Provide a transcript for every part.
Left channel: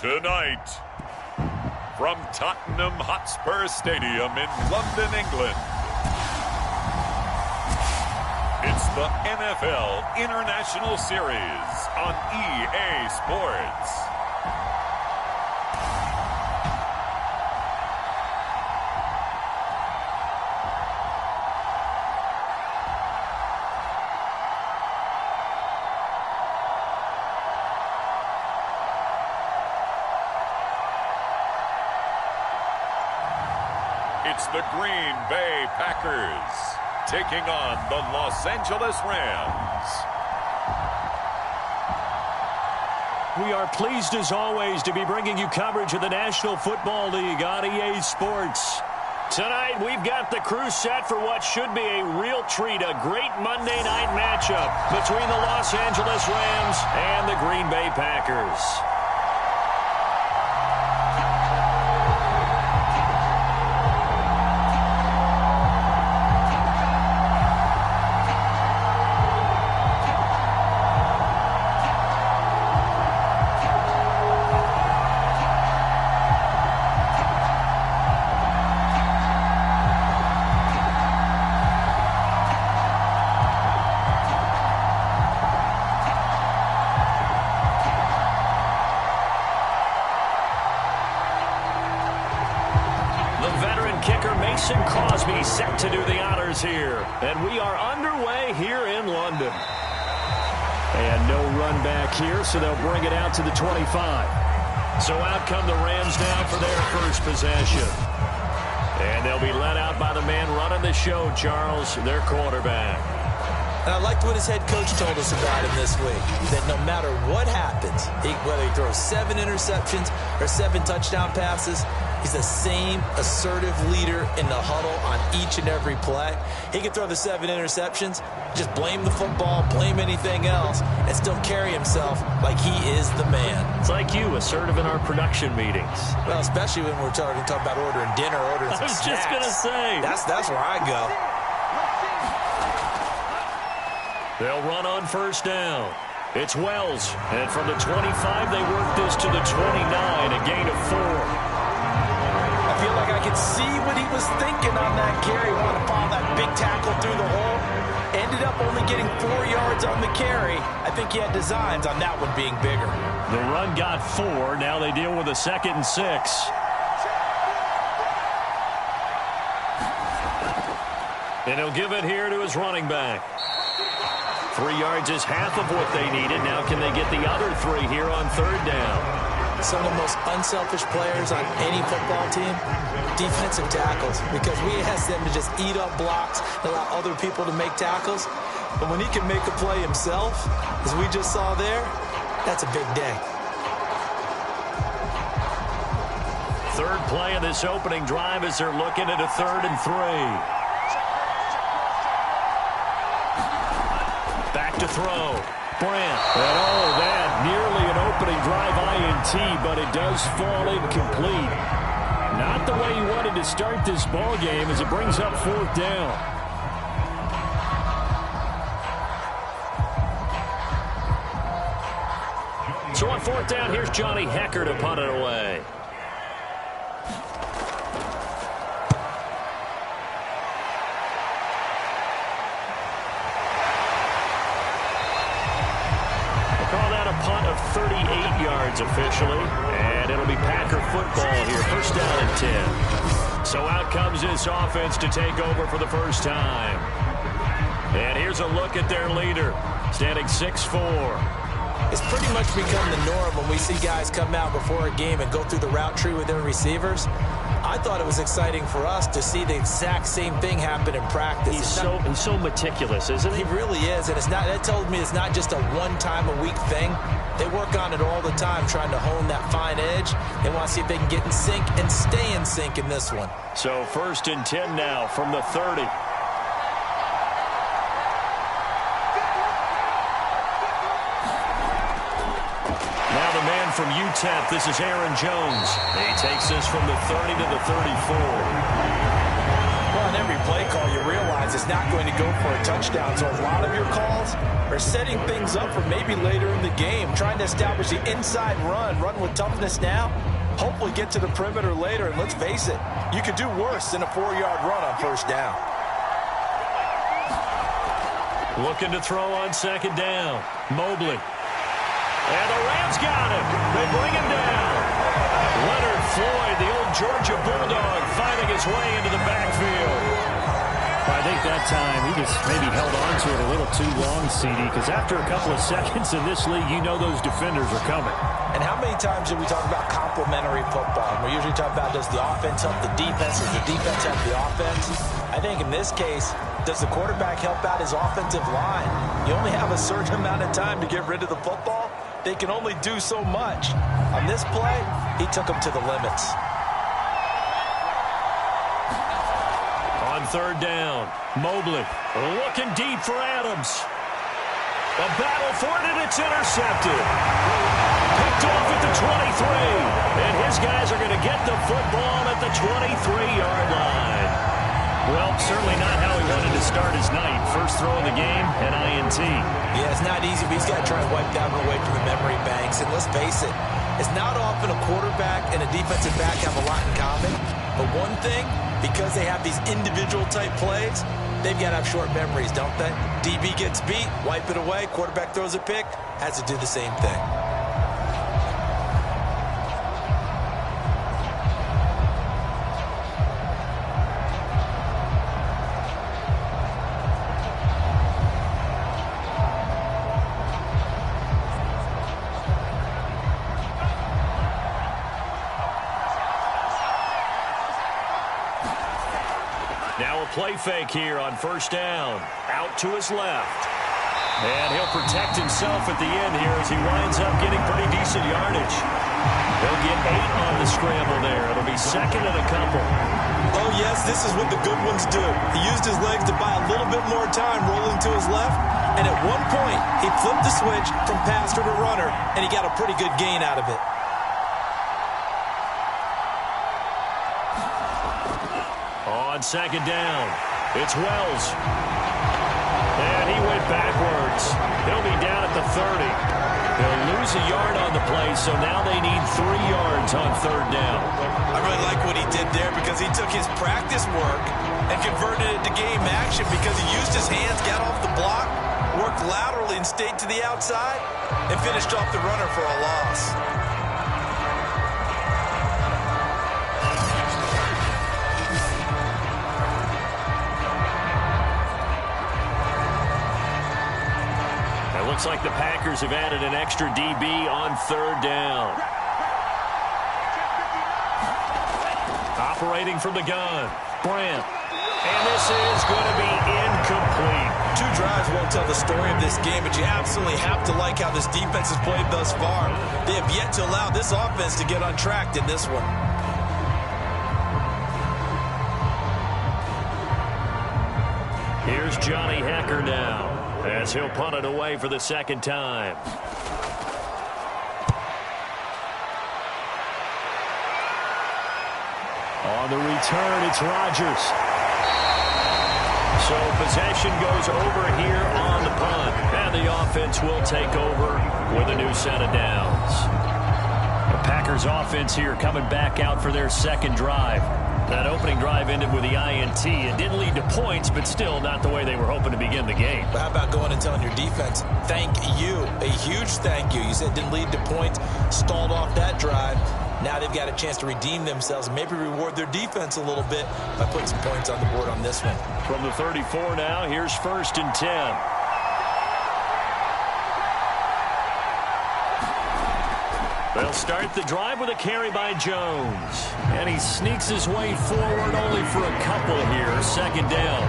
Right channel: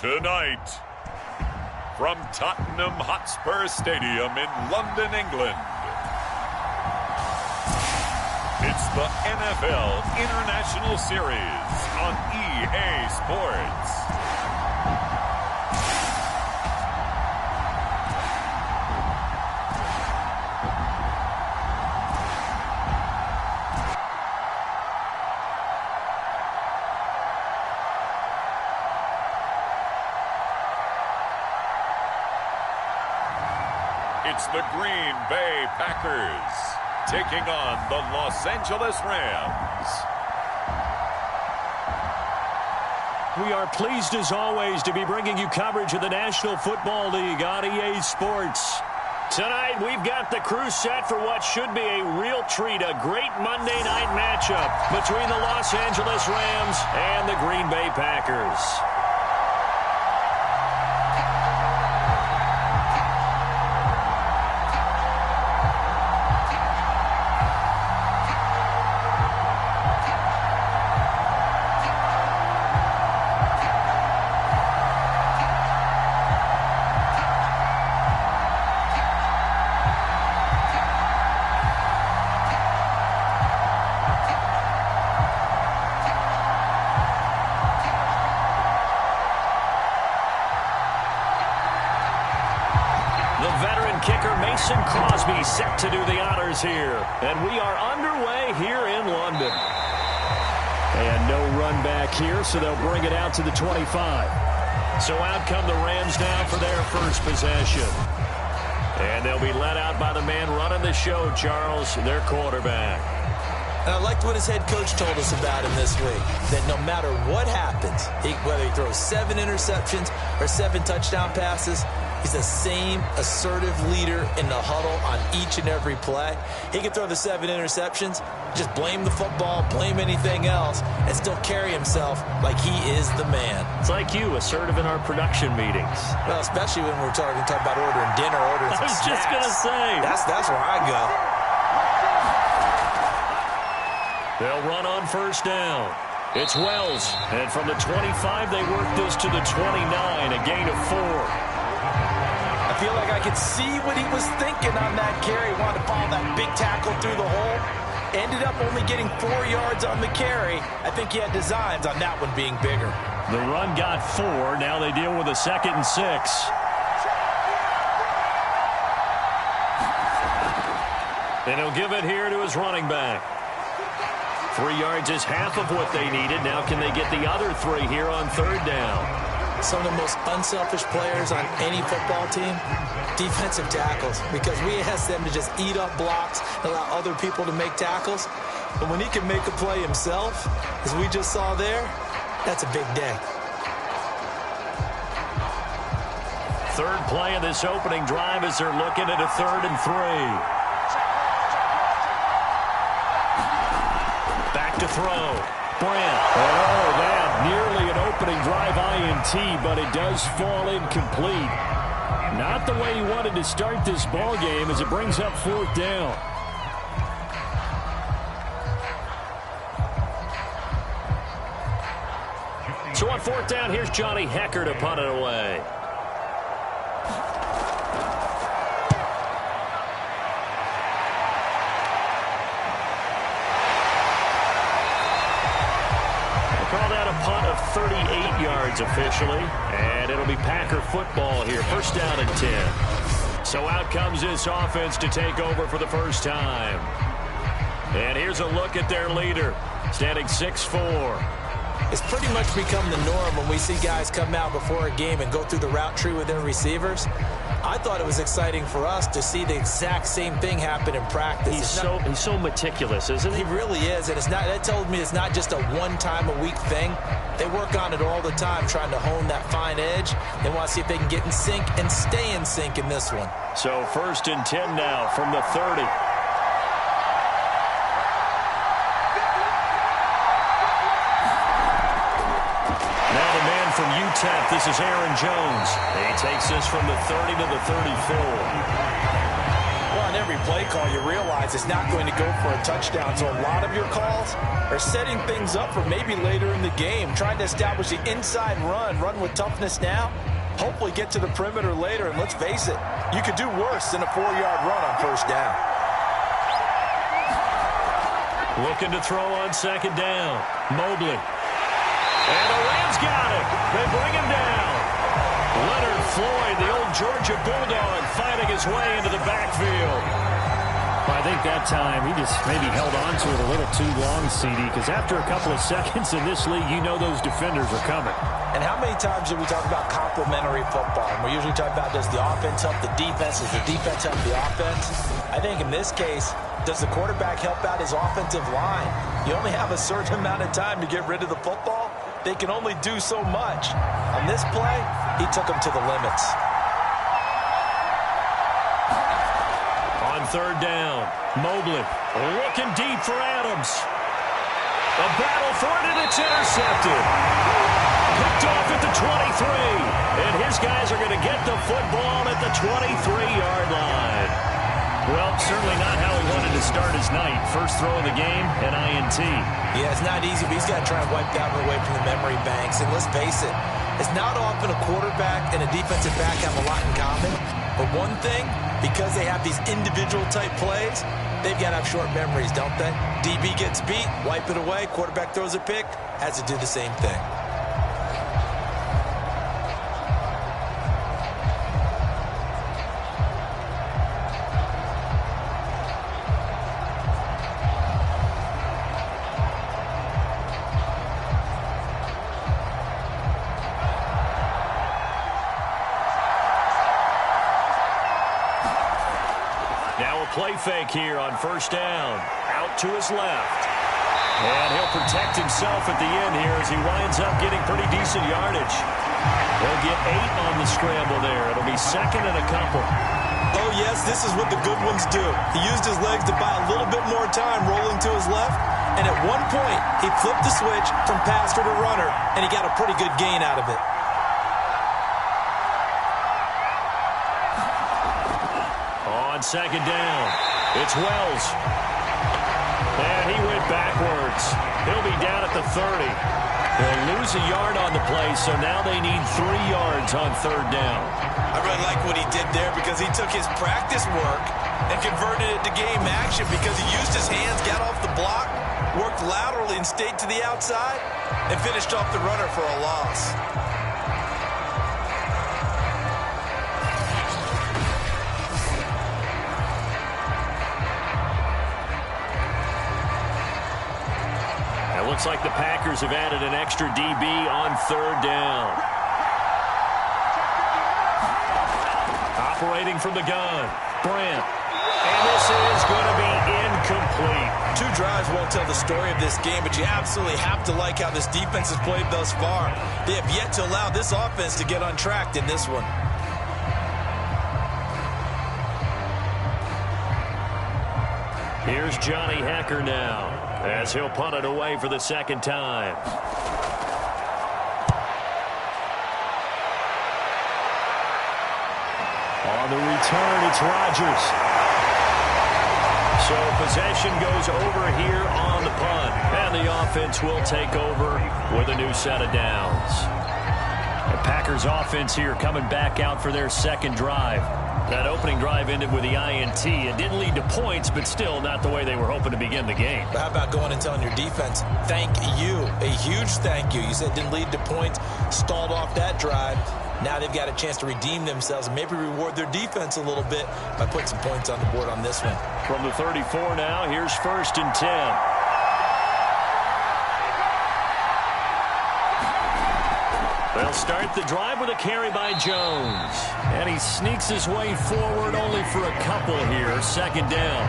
Tonight, from Tottenham Hotspur Stadium in London, England, it's the NFL International Series on EA Sports. It's the Green Bay Packers taking on the Los Angeles Rams. We are pleased as always to be bringing you coverage of the National Football League on EA Sports. Tonight we've got the crew set for what should be a real treat, a great Monday night matchup between the Los Angeles Rams and the Green Bay Packers. Set to do the honors here, and we are underway here in London. And no run back here, so they'll bring it out to the 25. So out come the Rams now for their first possession. And they'll be led out by the man running the show, Charles, their quarterback. And I liked what his head coach told us about him this week, that no matter what happens, whether he throws 7 interceptions or 7 touchdown passes, he's the same assertive leader in the huddle on each and every play. He can throw the 7 interceptions, just blame the football, blame anything else, and still carry himself like he is the man. It's like you, assertive in our production meetings. Well, especially when we're talking about ordering dinner, ordering some snacks. I was just going to say. That's where I go. They'll run on first down. It's Wells, and from the 25, they work this to the 29, a gain of 4. I feel like I could see what he was thinking on that carry. Wanted to follow that big tackle through the hole. Ended up only getting 4 yards on the carry. I think he had designs on that one being bigger. The run got 4. Now they deal with a 2nd and 6. And he'll give it here to his running back. 3 yards is half of what they needed. Now can they get the other 3 here on 3rd down? Some of the most unselfish players on any football team, defensive tackles, because we ask them to just eat up blocks and allow other people to make tackles. But when he can make a play himself, as we just saw there, that's a big day. 3rd play of this opening drive as they're looking at a 3rd and 3. Back to throw. Brandt. And that nearly an opening drive INT, but it does fall incomplete. Not the way he wanted to start this ball game as it brings up 4th down. So on 4th down, here's Johnny Hecker to punt it away. Call that a punt of 38 yards officially, and it'll be Packer football here. 1st down and 10. So out comes this offense to take over for the first time. And here's a look at their leader, standing 6'4". It's pretty much become the norm when we see guys come out before a game and go through the route tree with their receivers. I thought it was exciting for us to see the exact same thing happen in practice. He's so meticulous, isn't he? He really is, and that told me it's not just a one-time-a-week thing. They work on it all the time, trying to hone that fine edge. They want to see if they can get in sync and stay in sync in this one. So 1st and 10 now from the 30. Now the man from UTEP, this is Aaron Jones. He takes this from the 30 to the 34. Well, on every play call, you realize it's not going to go for a touchdown. So a lot of your calls are setting things up for maybe later in the game, trying to establish the inside run with toughness now, hopefully get to the perimeter later. And let's face it, you could do worse than a 4-yard run on first down. Looking to throw on second down. Mobley. And the Rams got him. They bring him down. Leonard Floyd, the old Georgia Bulldog, fighting his way into the backfield. I think that time he just maybe held on to it a little too long, CD, because after a couple of seconds in this league, you know those defenders are coming. And how many times did we talk about complementary football? And we usually talk about, does the offense help the defense? Does the defense help the offense? I think in this case, does the quarterback help out his offensive line? You only have a certain amount of time to get rid of the football. They can only do so much. On this play, he took them to the limits. On third down, Mobley looking deep for Adams. A battle for it, and it's intercepted. Picked off at the 23. And his guys are going to get the football at the 23-yard line. Well, certainly not how he wanted to start his night. First throw of the game, an INT. Yeah, it's not easy, but he's got to try and wipe that one away from the memory banks. And let's face it, it's not often a quarterback and a defensive back have a lot in common. But one thing, because they have these individual type plays, they've got to have short memories, don't they? DB gets beat, wipe it away. Quarterback throws a pick, has to do the same thing. Now a play fake here on first down. Out to his left. And he'll protect himself at the end here as he winds up getting pretty decent yardage. He'll get 8 on the scramble there. It'll be second and a couple. Oh, yes, this is what the good ones do. He used his legs to buy a little bit more time rolling to his left. And at one point, he flipped the switch from passer to runner, and he got a pretty good gain out of it. On second down, it's Wells. And he went backwards. He'll be down at the 30. They'll lose a yard on the play, so now they need 3 yards on third down. I really like what he did there because he took his practice work and converted it to game action because he used his hands, got off the block, worked laterally and stayed to the outside, and finished off the runner for a loss. It looks like the Packers have added an extra DB on third down. Operating from the gun, Brandt. And this is going to be incomplete. 2 drives won't tell the story of this game, but you absolutely have to like how this defense has played thus far. They have yet to allow this offense to get untracked in this one. Here's Johnny Hecker now, as he'll punt it away for the second time. On the return, it's Rodgers. So possession goes over here on the punt, and the offense will take over with a new set of downs. The Packers offense here coming back out for their second drive. That opening drive ended with the INT. It didn't lead to points, but still not the way they were hoping to begin the game. But how about going and telling your defense, thank you, a huge thank you. You said it didn't lead to points, stalled off that drive. Now they've got a chance to redeem themselves and maybe reward their defense a little bit by putting some points on the board on this one. From the 34 now, here's 1st and 10. They'll start the drive with a carry by Jones. And he sneaks his way forward only for a couple here. Second down.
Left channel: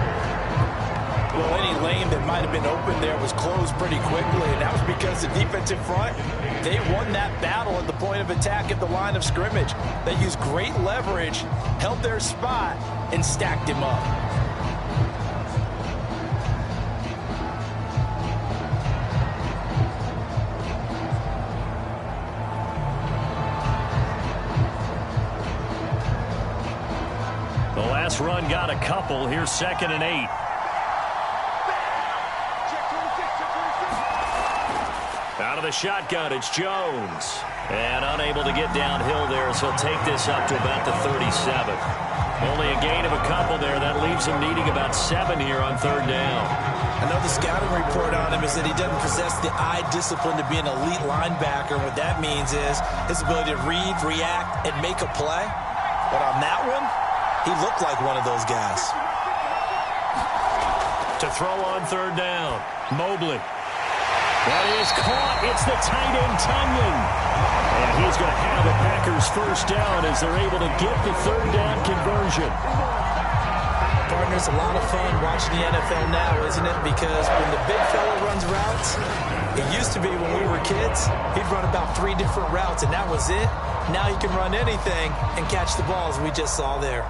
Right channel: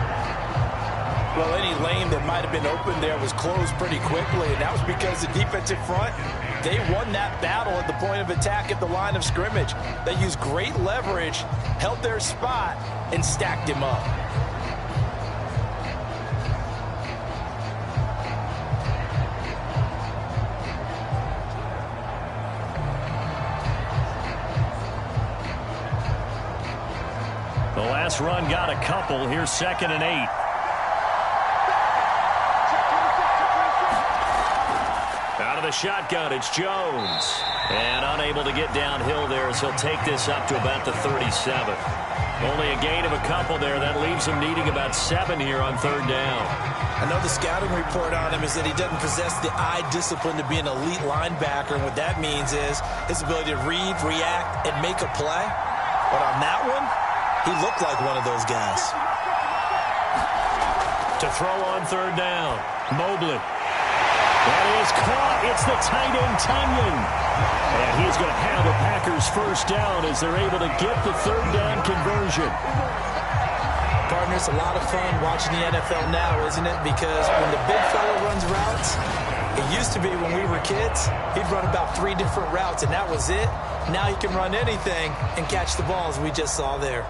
Well, any lane that might have been open there was closed pretty quickly, and that was because the defensive front, they won that battle at the point of attack at the line of scrimmage. They used great leverage, held their spot, and stacked him up. The pass run got a couple. Here's 2nd and 8. Out of the shotgun, it's Jones. And unable to get downhill there as he'll take this up to about the 37. Only a gain of a couple there. That leaves him needing about 7 here on 3rd down. I know the scouting report on him is that he doesn't possess the eye discipline to be an elite linebacker. And what that means is his ability to read, react, and make a play. But on that one, he looked like one of those guys. To throw on 3rd down, Mobley. That is caught. It's the tight end, Tunyon. And he's going to have a Packers 1st down as they're able to get the 3rd down conversion. Partner, it's a lot of fun watching the NFL now, isn't it? Because when the big fella runs routes, it used to be when we were kids, he'd run about 3 different routes, and that was it. Now he can run anything and catch the balls we just saw there.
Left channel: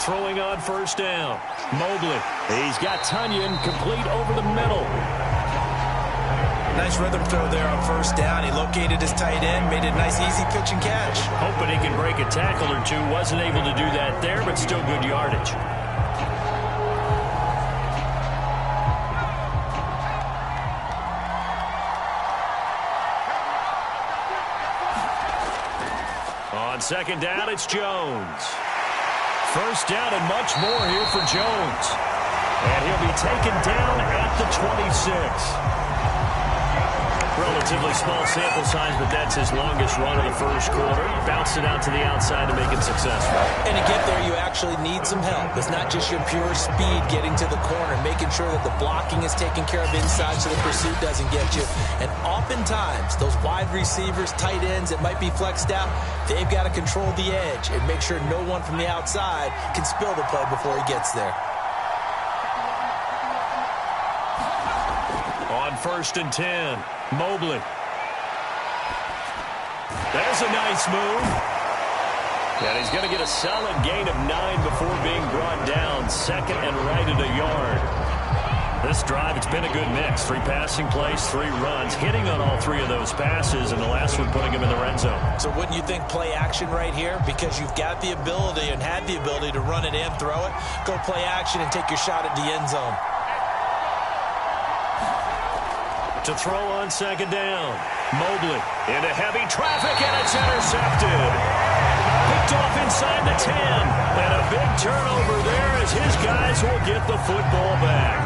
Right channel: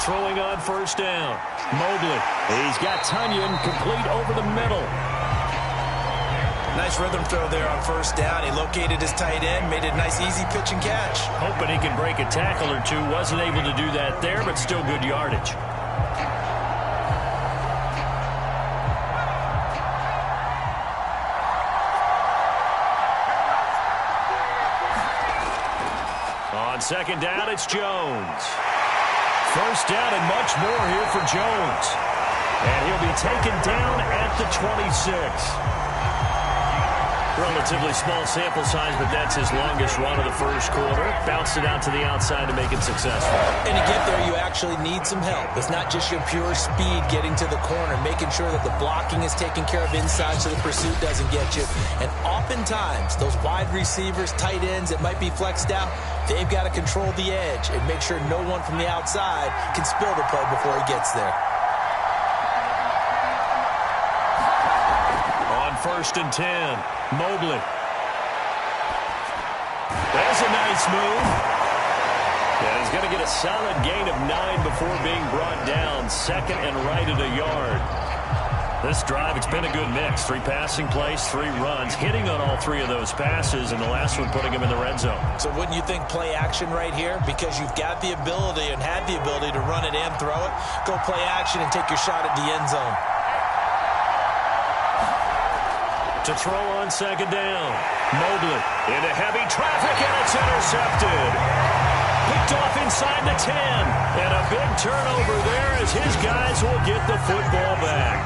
Throwing on 1st down, Mobley. He's got Tunyon complete over the middle. Nice rhythm throw there on 1st down. He located his tight end, made it a nice easy pitch and catch. Hoping he can break a tackle or two. Wasn't able to do that there, but still good yardage. On 2nd down, it's Jones. 1st down and much more here for Jones. And he'll be taken down at the 26. Relatively small sample size, but that's his longest run of the 1st quarter. Bounced it out to the outside to make it successful. And to get there, you actually need some help. It's not just your pure speed getting to the corner, making sure that the blocking is taken care of inside so the pursuit doesn't get you. And oftentimes, those wide receivers, tight ends that might be flexed out, they've got to control the edge and make sure no one from the outside can spill the play before he gets there. On 1st and 10, Mobley. There's a nice move. And he's going to get a solid gain of 9 before being brought down. 2nd and right at a yard. This drive, it's been a good mix. 3 passing plays, 3 runs, hitting on all 3 of those passes, and the last one putting him in the red zone. So wouldn't you think play action right here? Because you've got the ability and had the ability to run it and throw it. Go play action and take your shot at the end zone. To throw on 2nd down, Mobley into heavy traffic, and it's intercepted. Picked off inside the 10, and a big turnover there as his guys will get the football back.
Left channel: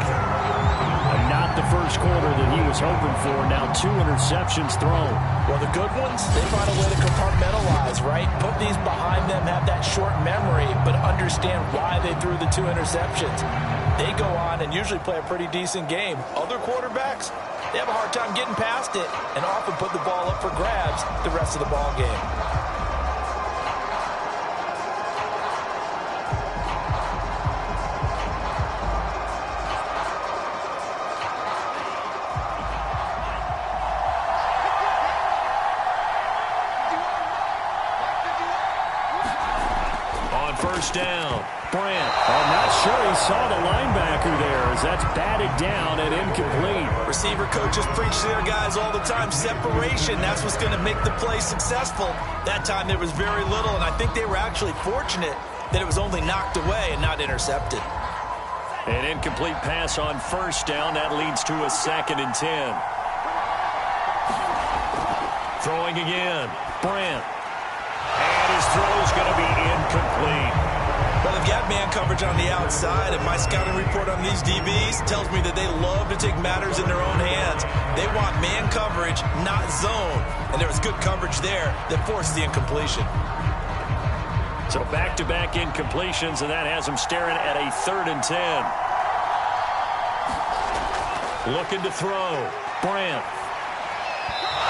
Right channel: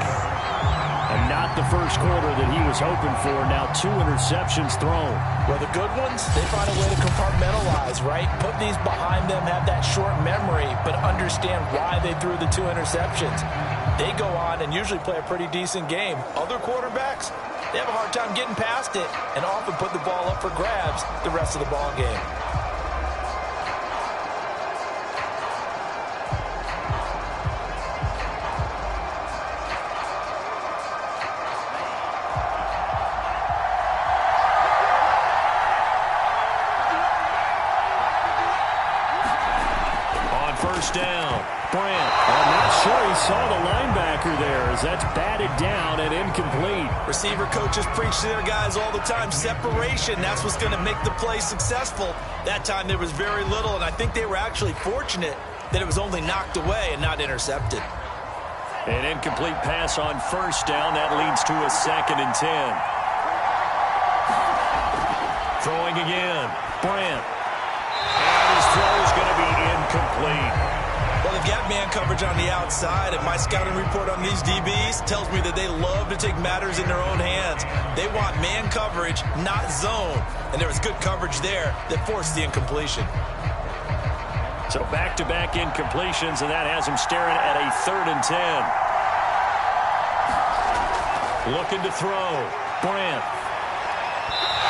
And not the 1st quarter that he was hoping for. Now 2 interceptions thrown. Well, the good ones, they find a way to compartmentalize, right? Put these behind them, have that short memory, but understand why they threw the 2 interceptions. They go on and usually play a pretty decent game. Other quarterbacks, they have a hard time getting past it and often put the ball up for grabs the rest of the ball game. On 1st down, Brandt. I'm not sure he saw the linebacker there as that's batted down and incomplete. Receiver coaches preach to their guys all the time. Separation, that's what's going to make the play successful. That time there was very little, and I think they were actually fortunate that it was only knocked away and not intercepted. An incomplete pass on 1st down. That leads to a 2nd and 10. Throwing again, Brandt. And his throw is going to be incomplete. Well, they've got man coverage on the outside, and my scouting report on these DBs tells me that they love to take matters in their own hands. They want man coverage, not zone. And there was good coverage there that forced the incompletion. So back-to-back incompletions, and that has him staring at a 3rd and 10. Looking to throw, Brandt.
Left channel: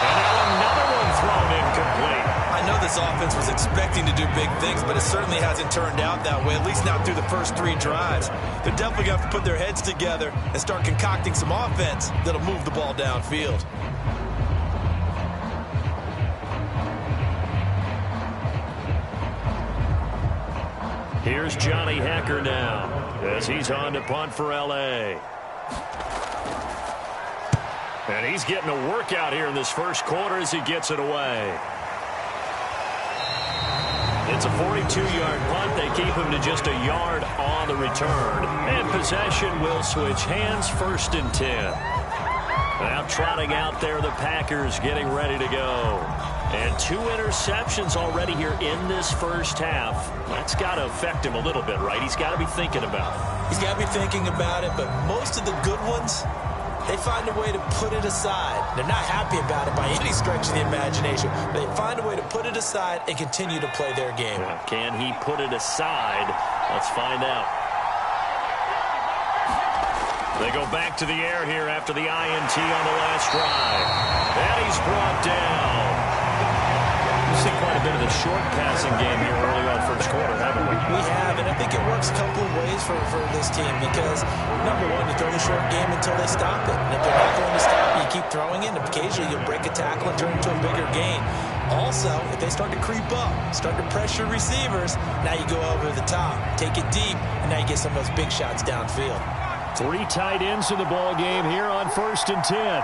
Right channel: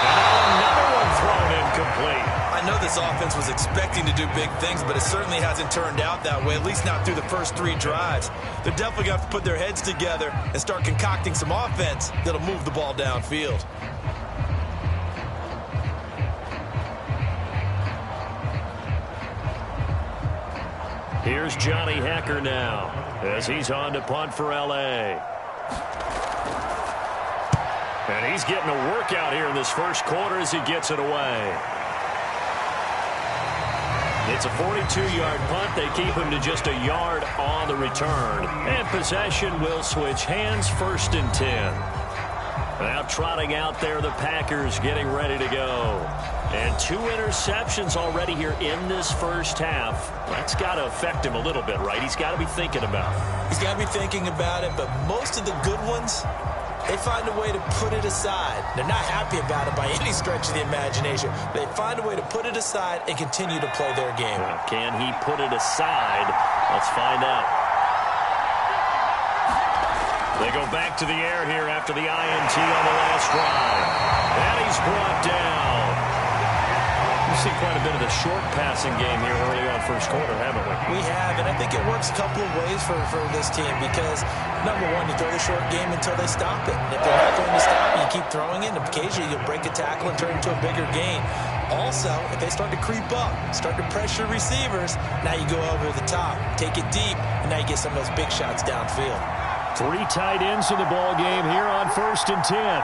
And now another one thrown incomplete. I know this offense was expecting to do big things, but it certainly hasn't turned out that way, at least not through the first 3 drives. They're definitely going to have to put their heads together and start concocting some offense that'll move the ball downfield. Here's Johnny Hacker now. as he's on to punt for L.A. And he's getting a workout here in this first quarter as he gets it away. It's a 42-yard punt. They keep him to just a yard on the return. And possession will switch hands, 1st and 10. Now trotting out there, the Packers getting ready to go. And 2 interceptions already here in this first half. That's got to affect him a little bit, right? He's got to be thinking about it. He's got to be thinking about it, but most of the good ones, they find a way to put it aside. They're not happy about it by any stretch of the imagination. They find a way to put it aside and continue to play their game. Can he put it aside? Let's find out. They go back to the air here after the INT on the last drive. And he's brought down. We've seen quite a bit of the short passing game here early on first quarter, haven't we? We have, and I think it works a couple of ways for this team because, number one, you throw the short game until they stop it. And if they're not going to stop it, you keep throwing it, and occasionally you'll break a tackle and turn it into a bigger gain. Also, if they start to creep up, start to pressure receivers, now you go over the top, take it deep, and now you get some of those big shots downfield. 3 tight ends in the ball game here on 1st and 10.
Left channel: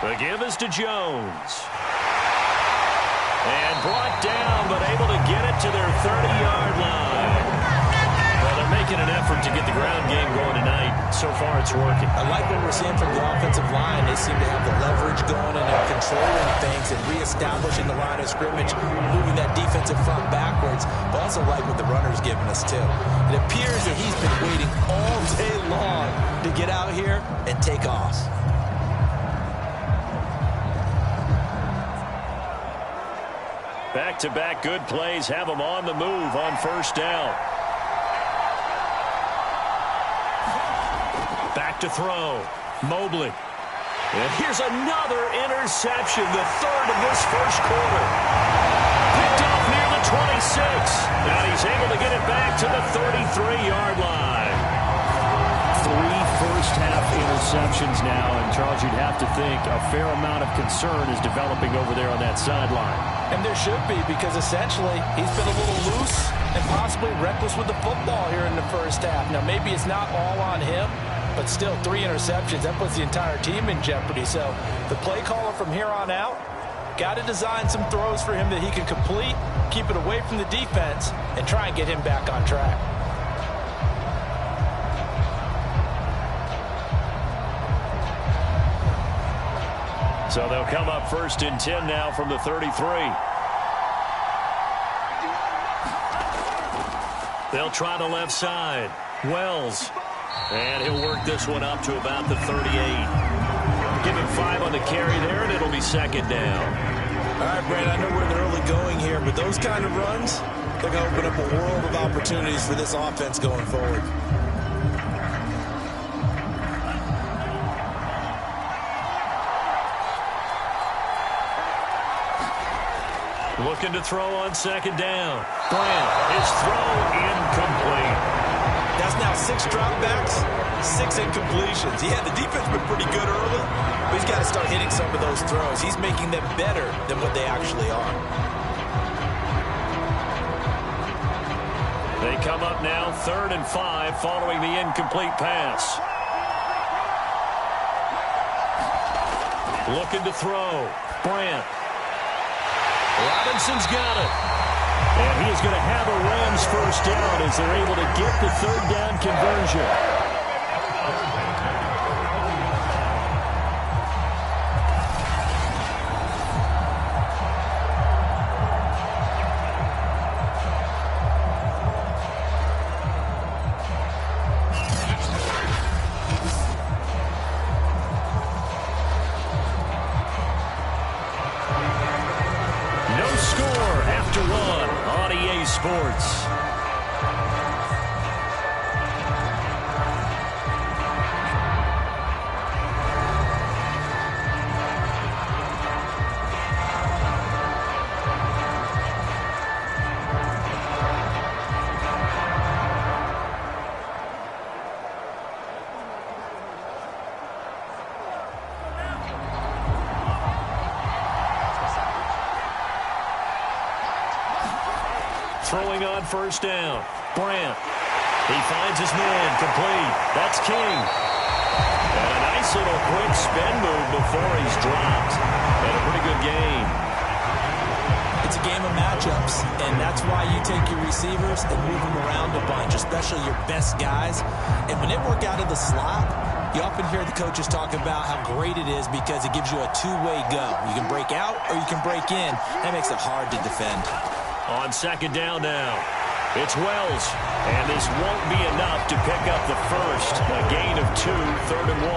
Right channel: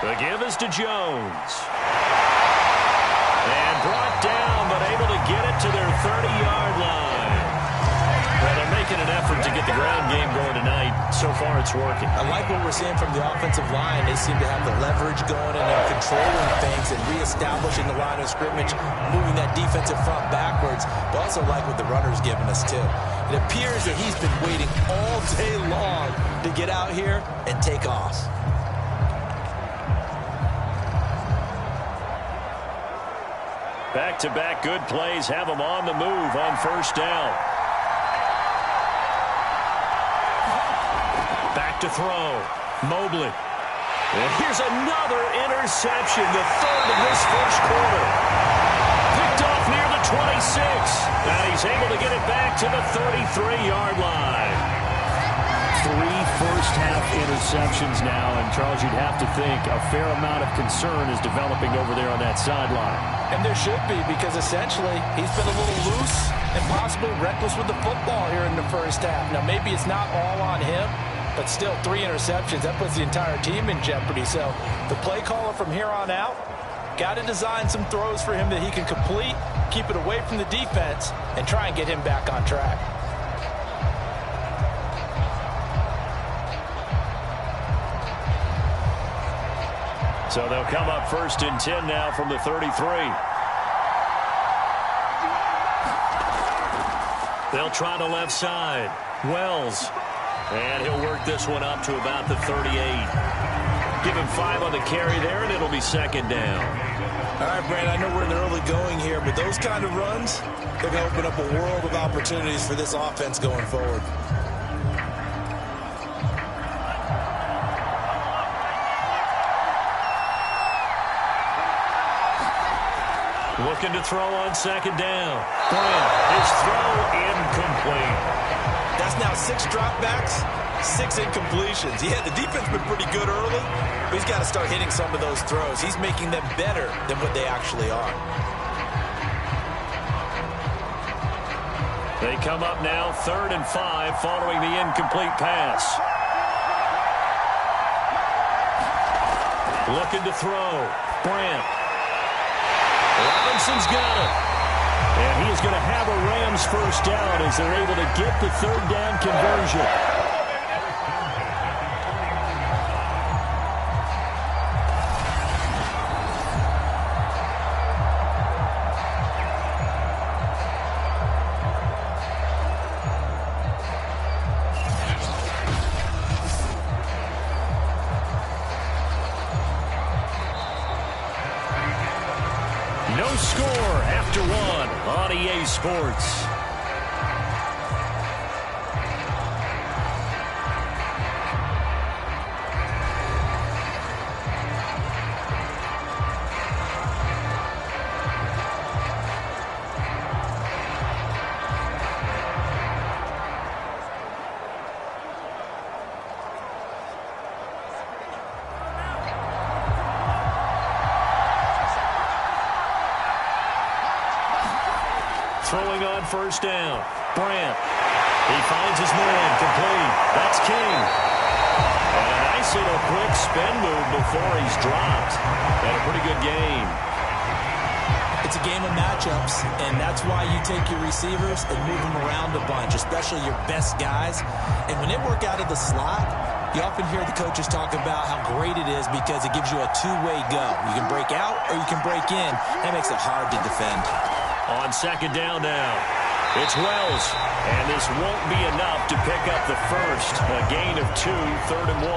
The give is to Jones. And brought down, but able to get it to their 30-yard line. Well, they're making an effort to get the ground game going tonight. So far, it's working. I like what we're seeing from the offensive line. They seem to have the leverage going and they're controlling things and reestablishing the line of scrimmage, moving that defensive front backwards. But also like what the runner's giving us, too. It appears that he's been waiting all day long to get out here and take off. Back-to-back good plays have them on the move on 1st down. Back to throw. Mobley. And here's another interception, the 3rd of this first quarter. Picked off near the 26. And he's able to get it back to the 33-yard line. 3 first-half interceptions now, and Charles, you'd have to think a fair amount of concern is developing over there on that sideline. And there should be, because essentially he's been a little loose and possibly reckless with the football here in the first half. Now, maybe it's not all on him, but still 3 interceptions. That puts the entire team in jeopardy. So the play caller from here on out got to design some throws for him that he can complete, keep it away from the defense, and try and get him back on track. So they'll come up 1st and 10 now from the 33. They'll try the left side. Wells. And he'll work this one up to about the 38. Give him 5 on the carry there, and it'll be 2nd down. All right, Brandon, I know we're in the early going here, but those kind of runs, they're going to open up a world of opportunities for this offense going forward. Looking to throw on 2nd down. Grant, his throw incomplete. That's now 6 dropbacks, 6 incompletions. Yeah, the defense has been pretty good early, but he's got to start hitting some of those throws. He's making them better than what they actually are. They come up now 3rd and 5 following the incomplete pass. Looking to throw. Brandt. Robinson's got it. And he is going to have a Rams first down as they're able to get the 3rd down conversion. No score after 1 on EA Sports. throwing on first down. Brandt. He finds his man, complete. That's King. And a nice little quick spin move before he's dropped. And a pretty good game. It's a game of matchups, and that's why you take your receivers and move them around a bunch, especially your best guys. And when they work out of the slot, you often hear the coaches talk about how great it is because it gives you a two-way go. You can break out or you can break in. That makes it hard to defend. On second down now, it's Wells. And this won't be enough to pick up the first. A gain of 2, 3rd and 1.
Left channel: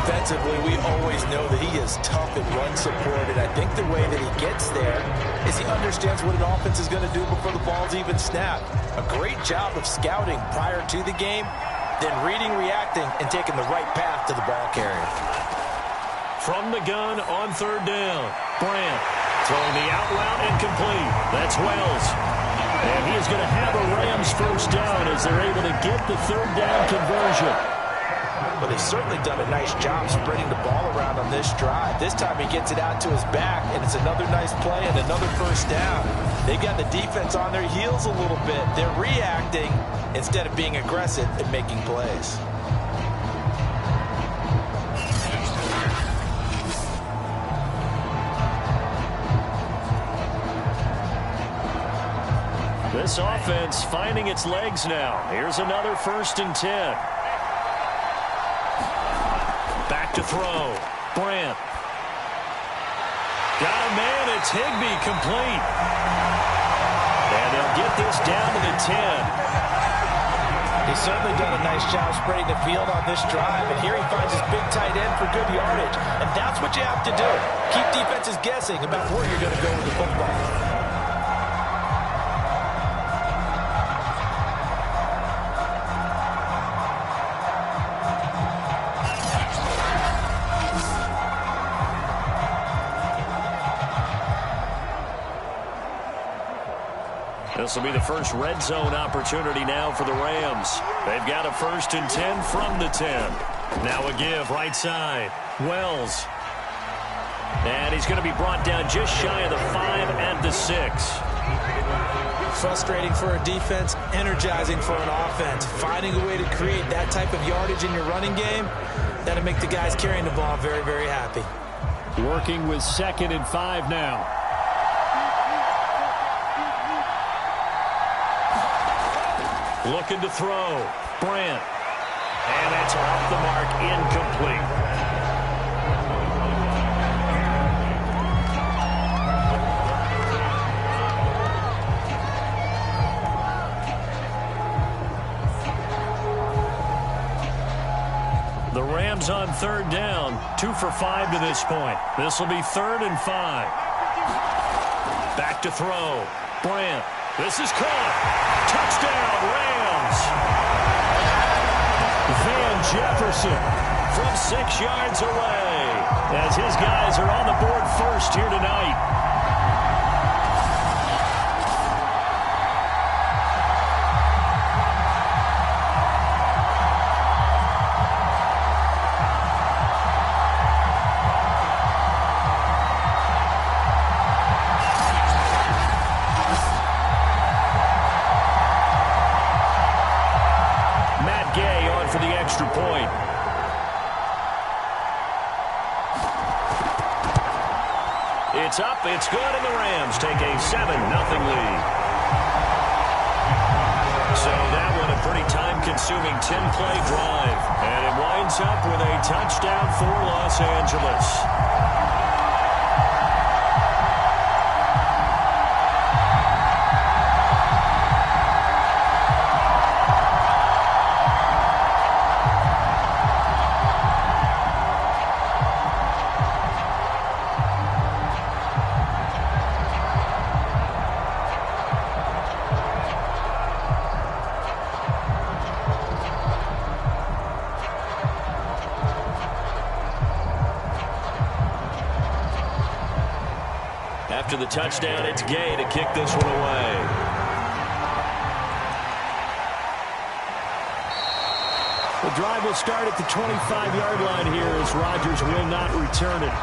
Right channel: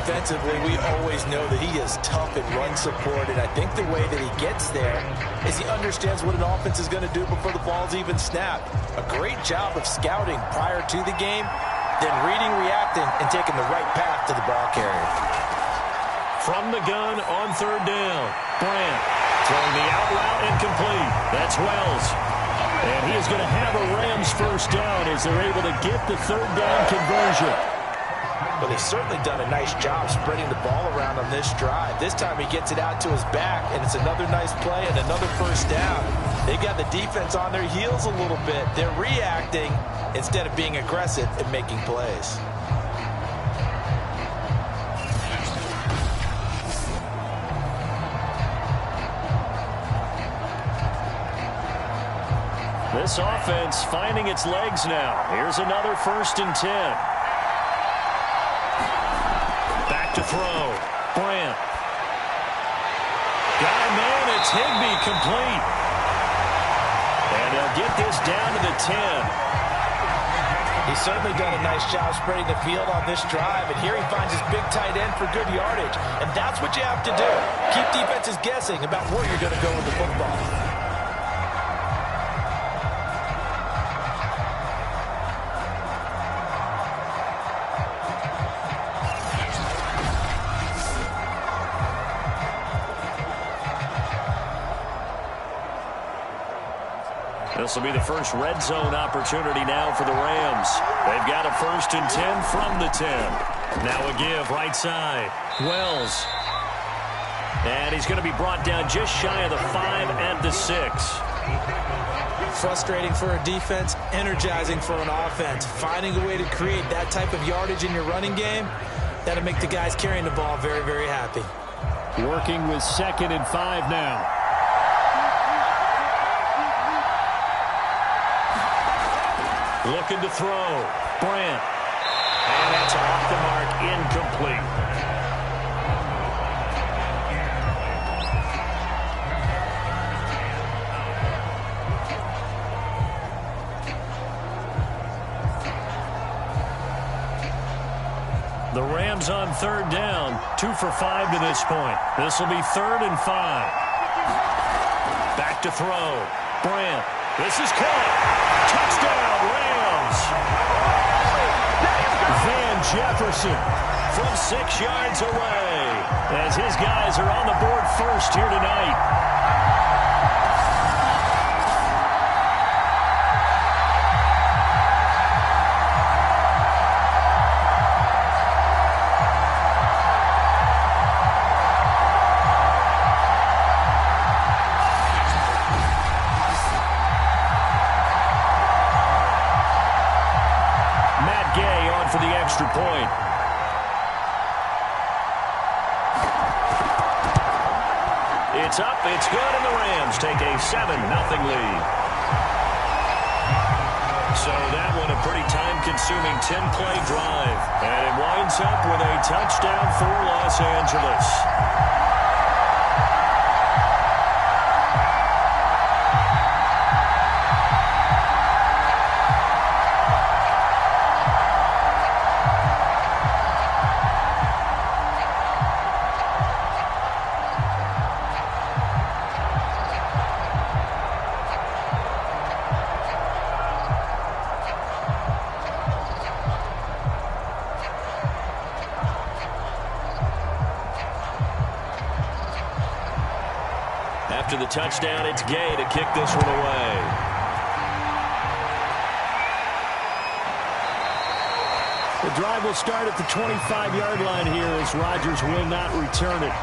Defensively, we always know that he is tough and run support, and I think the way that he gets there is he understands what an offense is going to do before the ball's even snapped. A great job of scouting prior to the game, then reading, reacting, and taking the right path to the ball carrier. From the gun on 3rd down, Brandt throwing the out route incomplete. That's Wells. And he is going to have a Rams first down as they're able to get the 3rd down conversion. Well, they've certainly done a nice job spreading the ball around on this drive. This time he gets it out to his back, and it's another nice play and another first down. They've got the defense on their heels a little bit. They're reacting instead of being aggressive and making plays. This offense finding its legs now. Here's another 1st and 10. Back to throw. Brandt. Got a man. It's Higbee, complete. And they'll get this down to the 10. He's certainly done a nice job spreading the field on this drive, and here he finds his big tight end for good yardage. And that's what you have to do. Keep defenses guessing about where you're going to go with the football. This will be the first red zone opportunity now for the Rams. They've got a 1st and 10 from the 10. Now a give right side. Wells. And he's going to be brought down just shy of the 5 at the 6. Frustrating for a defense, energizing for an offense. Finding a way to create that type of yardage in your running game, that'll make the guys carrying the ball very, very happy. Working with 2nd and 5 now. Looking to throw. Brandt. And that's off the mark, incomplete. The Rams on 3rd down, 2 for 5 to this point. This will be 3rd and 5. Back to throw. Brandt. This is caught. Touchdown, Rams. Van Jefferson from 6 yards away as his guys are on the board first here tonight. For the extra point. It's up, it's good, and the Rams take a 7-0 lead. So that one a pretty time-consuming 10-play drive. And it winds up with a touchdown for Los Angeles. After the touchdown, it's Gay to kick this one away. The drive will start at the 25-yard line here as Rodgers will not return it.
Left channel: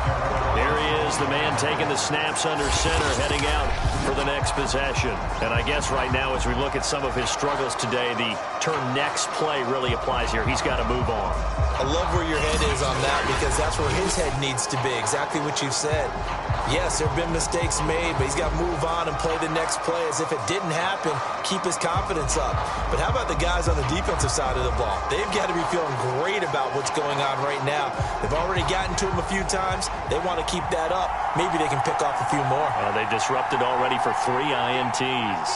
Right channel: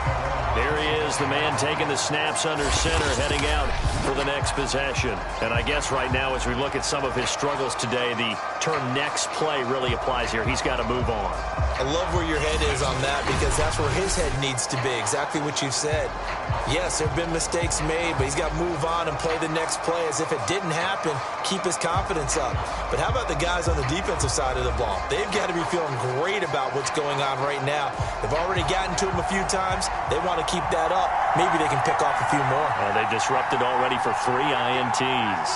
There he is, the man taking the snaps under center, heading out for the next possession. And I guess right now as we look at some of his struggles today, the term next play really applies here. He's got to move on. I love where your head is on that because that's where his head needs to be, exactly what you've said. Yes, there have been mistakes made, but he's got to move on and play the next play as if it didn't happen, keep his confidence up. But how about the guys on the defensive side of the ball? They've got to be feeling great about what's going on right now. They've already gotten to him a few times. They want to keep that up. Maybe they can pick off a few more. They disrupted already for 3 INTs.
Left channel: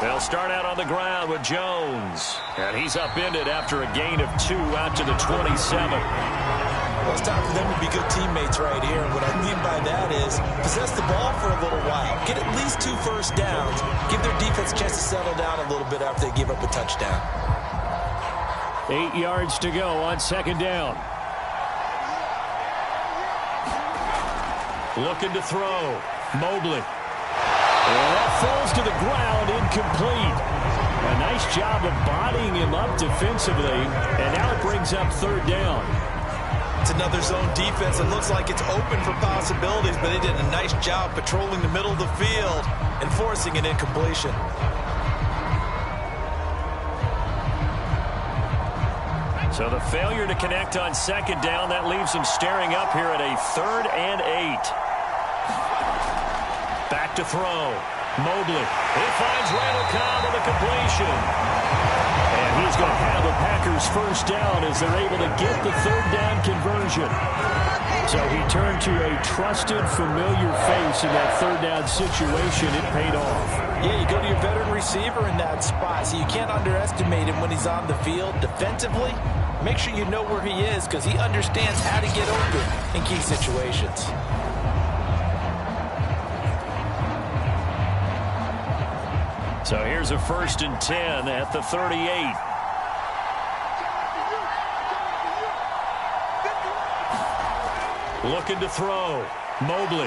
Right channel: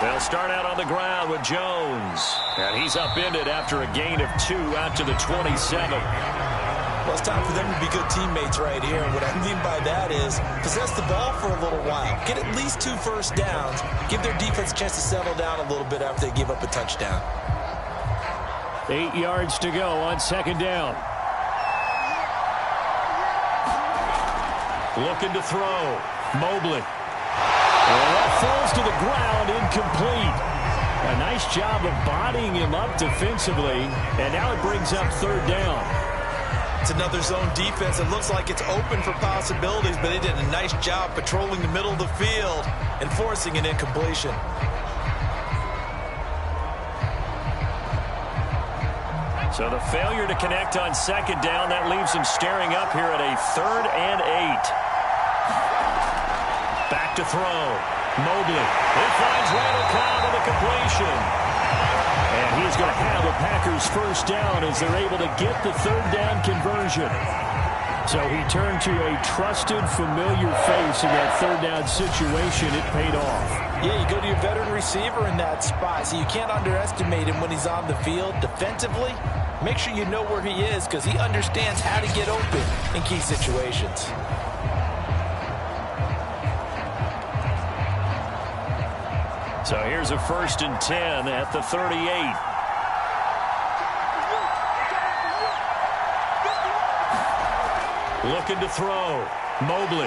They'll start out on the ground with Jones. And he's upended after a gain of 2 out to the 27. Well, it's time for them to be good teammates right here. And what I mean by that is possess the ball for a little while. Get at least 2 first downs. Give their defense a chance to settle down a little bit after they give up a touchdown. 8 yards to go on second down. Looking to throw. Mobley. And that falls to the ground, incomplete. A nice job of bodying him up defensively. And now it brings up third down. It's another zone defense. It looks like it's open for possibilities, but they did a nice job patrolling the middle of the field and forcing an incompletion. So the failure to connect on second down, that leaves them staring up here at a 3rd and 8. Back to throw. Mobley. It finds Randall Cobb on the completion. And he's going to have a Packers first down as they're able to get the third down conversion. So he turned to a trusted, familiar face in that third down situation. It paid off. Yeah, you go to your veteran receiver in that spot, so you can't underestimate him when he's on the field. Defensively, make sure you know where he is because he understands how to get open in key situations. So here's a 1st and 10 at the 38. Looking to throw. Mobley.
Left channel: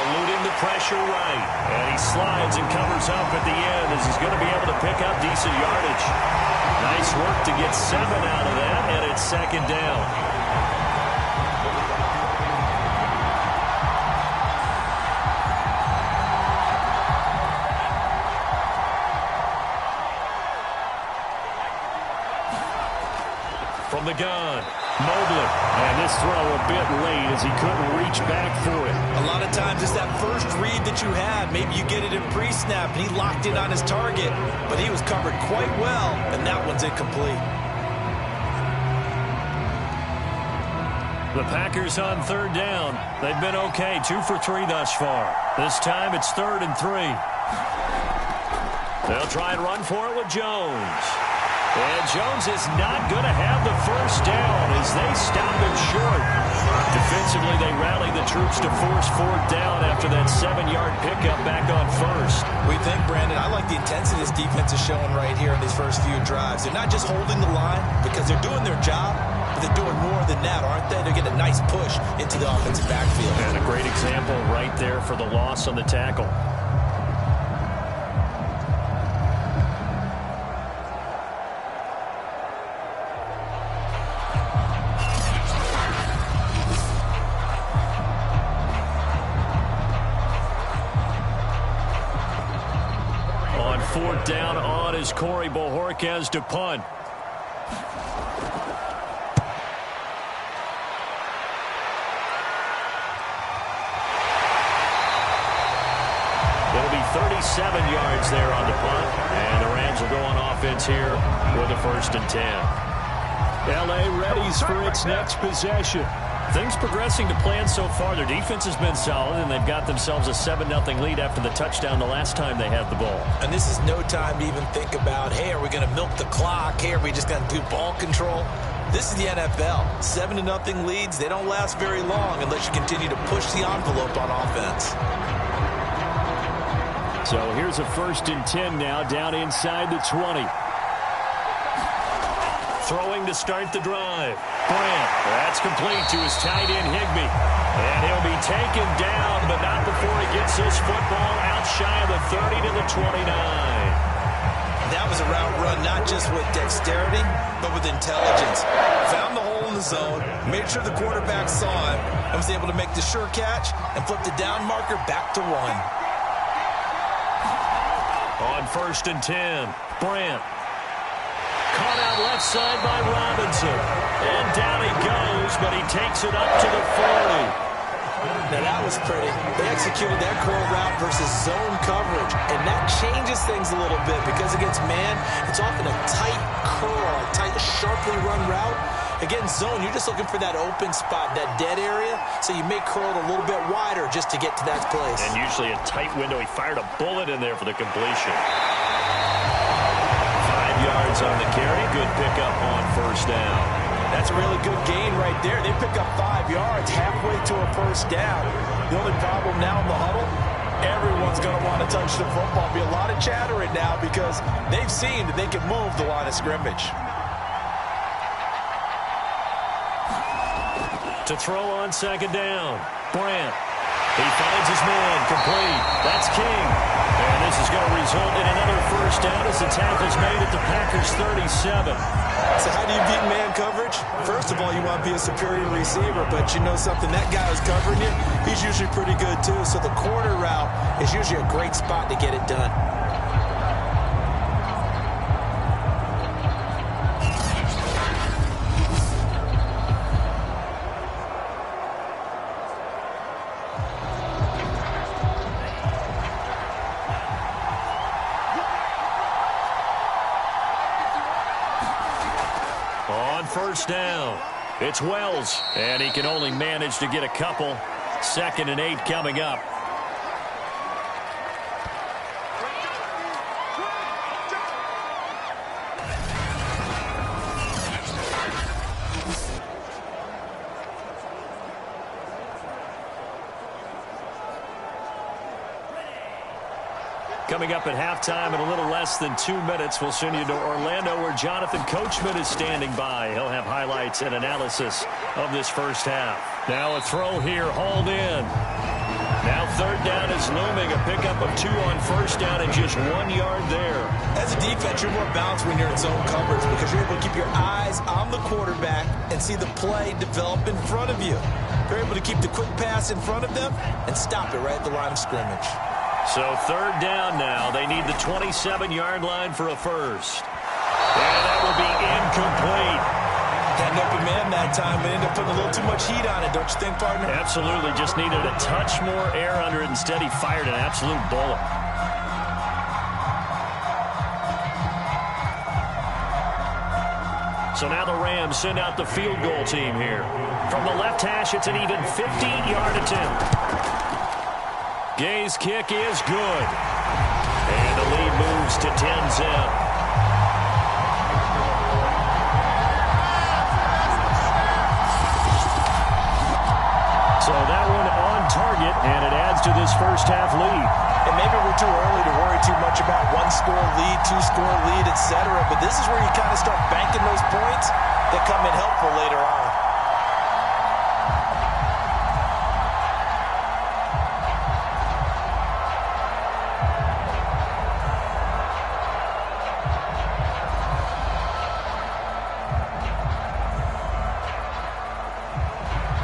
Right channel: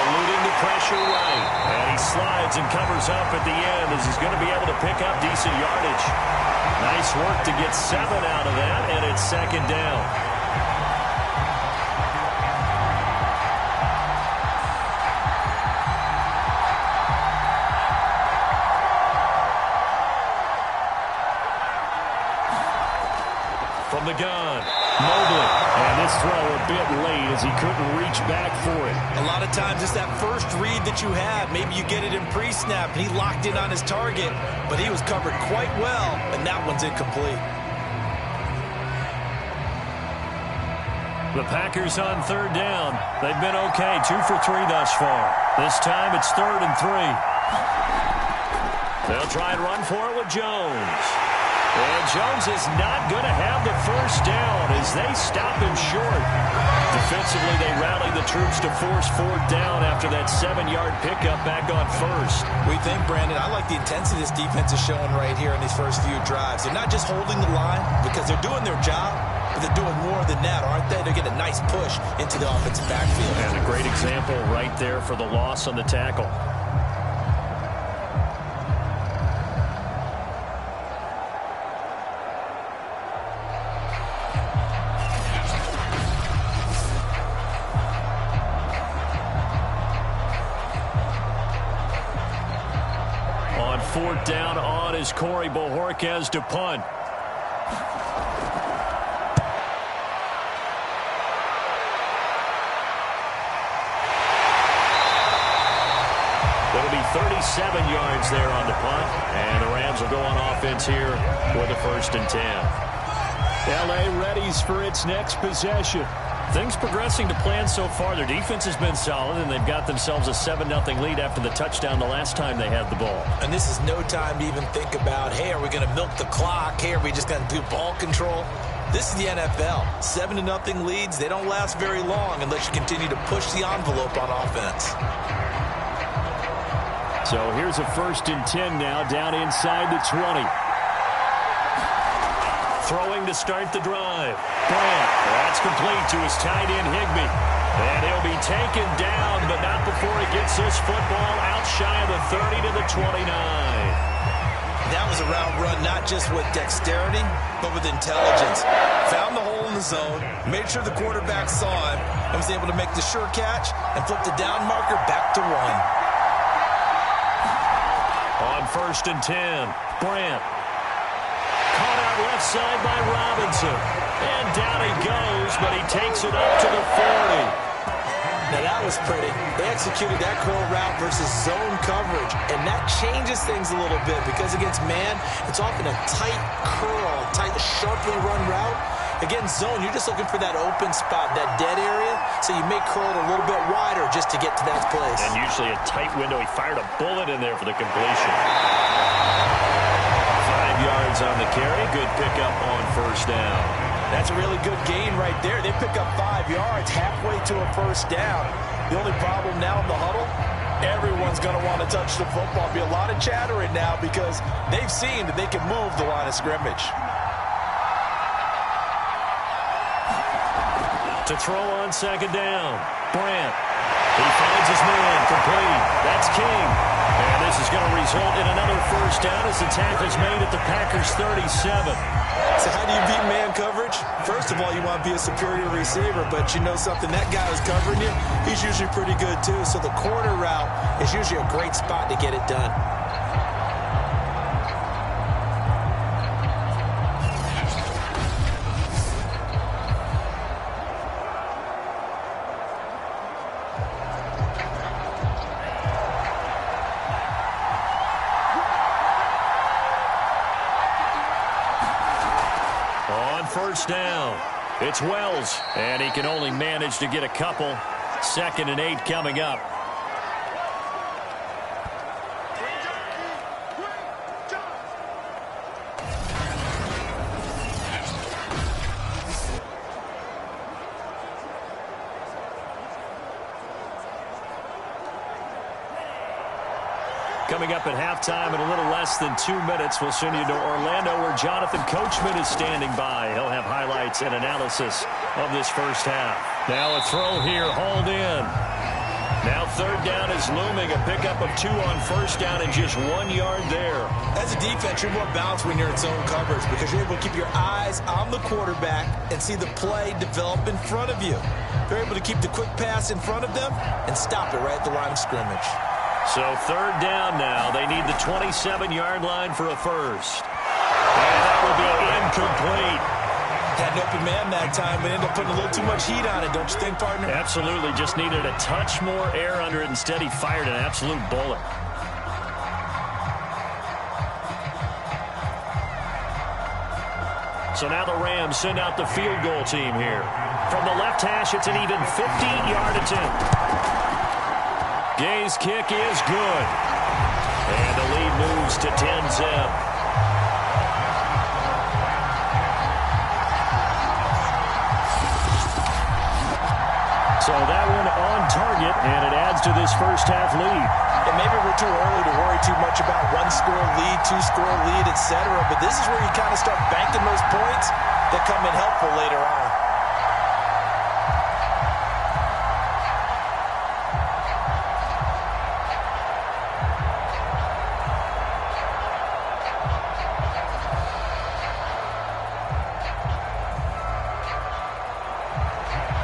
Eluding the pressure right. And he slides and covers up at the end as he's going to be able to pick up decent yardage. Nice work to get 7 out of that, and it's second down. From the gun, Mobley. And this throw a bit late as he couldn't reach back for it. A lot of times it's that first read that you had. Maybe you get it in pre-snap, and he locked in on his target, but he was covered quite well, and that one's incomplete. The Packers on third down. They've been okay, 2 for 3 thus far. This time it's 3rd and 3. They'll try and run for it with Jones. And Jones is not going to have the first down as they stop him short. Defensively, they rally the troops to force 4th down after that 7-yard pickup back on 1st. We think, Brandon, I like the intensity this defense is showing right here in these first few drives. They're not just holding the line because they're doing their job, but they're doing more than that, aren't they? They're getting a nice push into the offensive backfield. And a great example right there for the loss on the tackle. On 4th down on is Corey Bojorquez to punt. It'll be 37 yards there on the punt, and the Rams will go on offense here with a 1st and 10. L.A. readies for its next possession. Things progressing to plan so far. Their defense has been solid, and they've got themselves a 7-0 lead after the touchdown the last time they had the ball. And this is no time to even think about, hey, are we going to milk the clock? Hey, are we just going to do ball control? This is the NFL. 7-0 leads, they don't last very long unless you continue to push the envelope on offense. So here's a 1st and 10 now down inside the 20. Throwing to start the drive. Brandt, that's complete to his tight end Higbee. And he'll be taken down, but not before he gets this football out shy of the 30 to the 29. That was a route run not just with dexterity, but with intelligence. Found the hole in the zone, made sure the quarterback saw him, and was able to make the sure catch and flip the down marker back to 1. On 1st and 10, Brandt. Caught out left side by Robinson. And down he goes, but he takes it up to the 40. Now that was pretty. They executed that curl route versus zone coverage, and that changes things a little bit because against man, it's often a tight curl, tight, sharply run route. Against zone, you're just looking for that open spot, that dead area, so you may curl it a little bit wider just to get to that place. And usually a tight window. He fired a bullet in there for the completion. 5 yards on the carry. Good pickup on 1st down. That's a really good gain right there. They pick up 5 yards halfway to a 1st down. The only problem now in the huddle, everyone's going to want to touch the football. Be a lot of chattering now because they've seen that they can move the line of scrimmage. To throw on 2nd down, Brandt. He finds his man, complete. That's King. And this is going to result in another 1st down as the tackle's made at the Packers' 37. So how do you beat man coverage? First of all, you want to be a superior receiver, but you know something, that guy who's covering you, he's usually pretty good too. So the corner route is usually a great spot to get it done. On 1st down, it's Wells, and he can only manage to get a couple. 2nd and 8 coming up. Coming up at halftime in a little less than 2 minutes, we'll send you to Orlando where Jonathan Coachman is standing by. He'll have highlights and analysis of this 1st half. Now a throw here, hauled in. Now 3rd down is looming. A pickup of 2 on 1st down and just 1 yard there. As a defense, you're more balanced when you're in zone coverage because you're able to keep your eyes on the quarterback and see the play develop in front of you. They're able to keep the quick pass in front of them and stop it right at the line of scrimmage. So 3rd down now. They need the 27-yard line for a 1st. And that will be incomplete. Had an open man that time, but ended up putting a little too much heat on it, don't you think, partner? Absolutely. Just needed a touch more air under it. Instead, he fired an absolute bullet. So now the Rams send out the field goal team here. From the left hash, it's an even 50-yard attempt. Gay's kick is good. And the lead moves to 10-zip. So that one on target, and it adds to this 1st half lead. And maybe we're too early to worry too much about 1-score lead, 2-score lead, etc. But this is where you kind of start banking those points that come in helpful later on.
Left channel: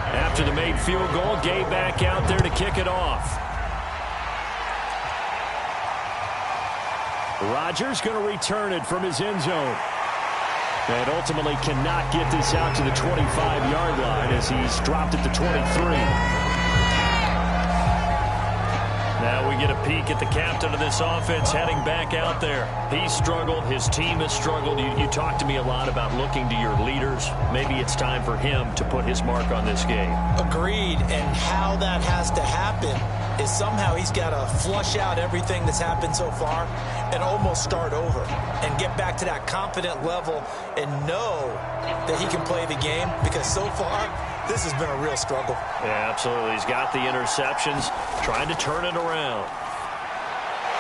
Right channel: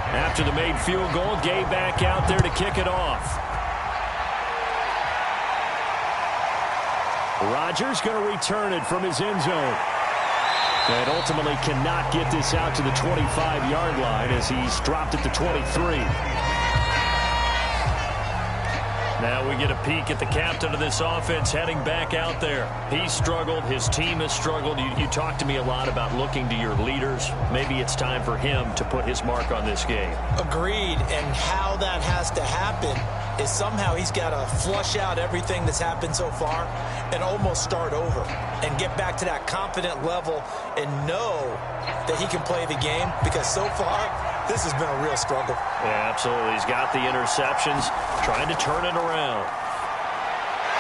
After the made field goal, Gay back out there to kick it off. Rodgers going to return it from his end zone. And ultimately cannot get this out to the 25-yard line as he's dropped at the 23. Now we get a peek at the captain of this offense heading back out there. He struggled. His team has struggled. You talked to me a lot about looking to your leaders. Maybe it's time for him to put his mark on this game. Agreed. And how that has to happen is somehow he's got to flush out everything that's happened so far and almost start over and get back to that confident level and know that he can play the game, because so far this has been a real struggle. Yeah, absolutely. He's got the interceptions, trying to turn it around.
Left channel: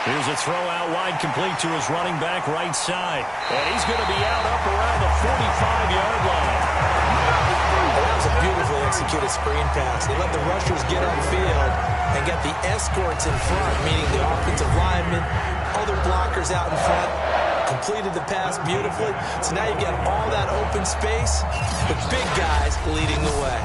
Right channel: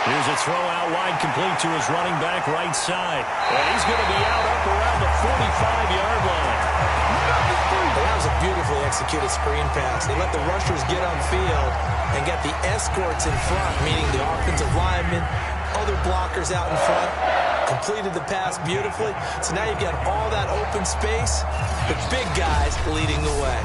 Here's a throw out wide, complete to his running back right side. And he's going to be out up around the 45-yard line. And that was a beautifully executed screen pass. They let the rushers get on field and get the escorts in front, meaning the offensive linemen, other blockers out in front. completed the pass beautifully. So now you've got all that open space with big guys leading the way.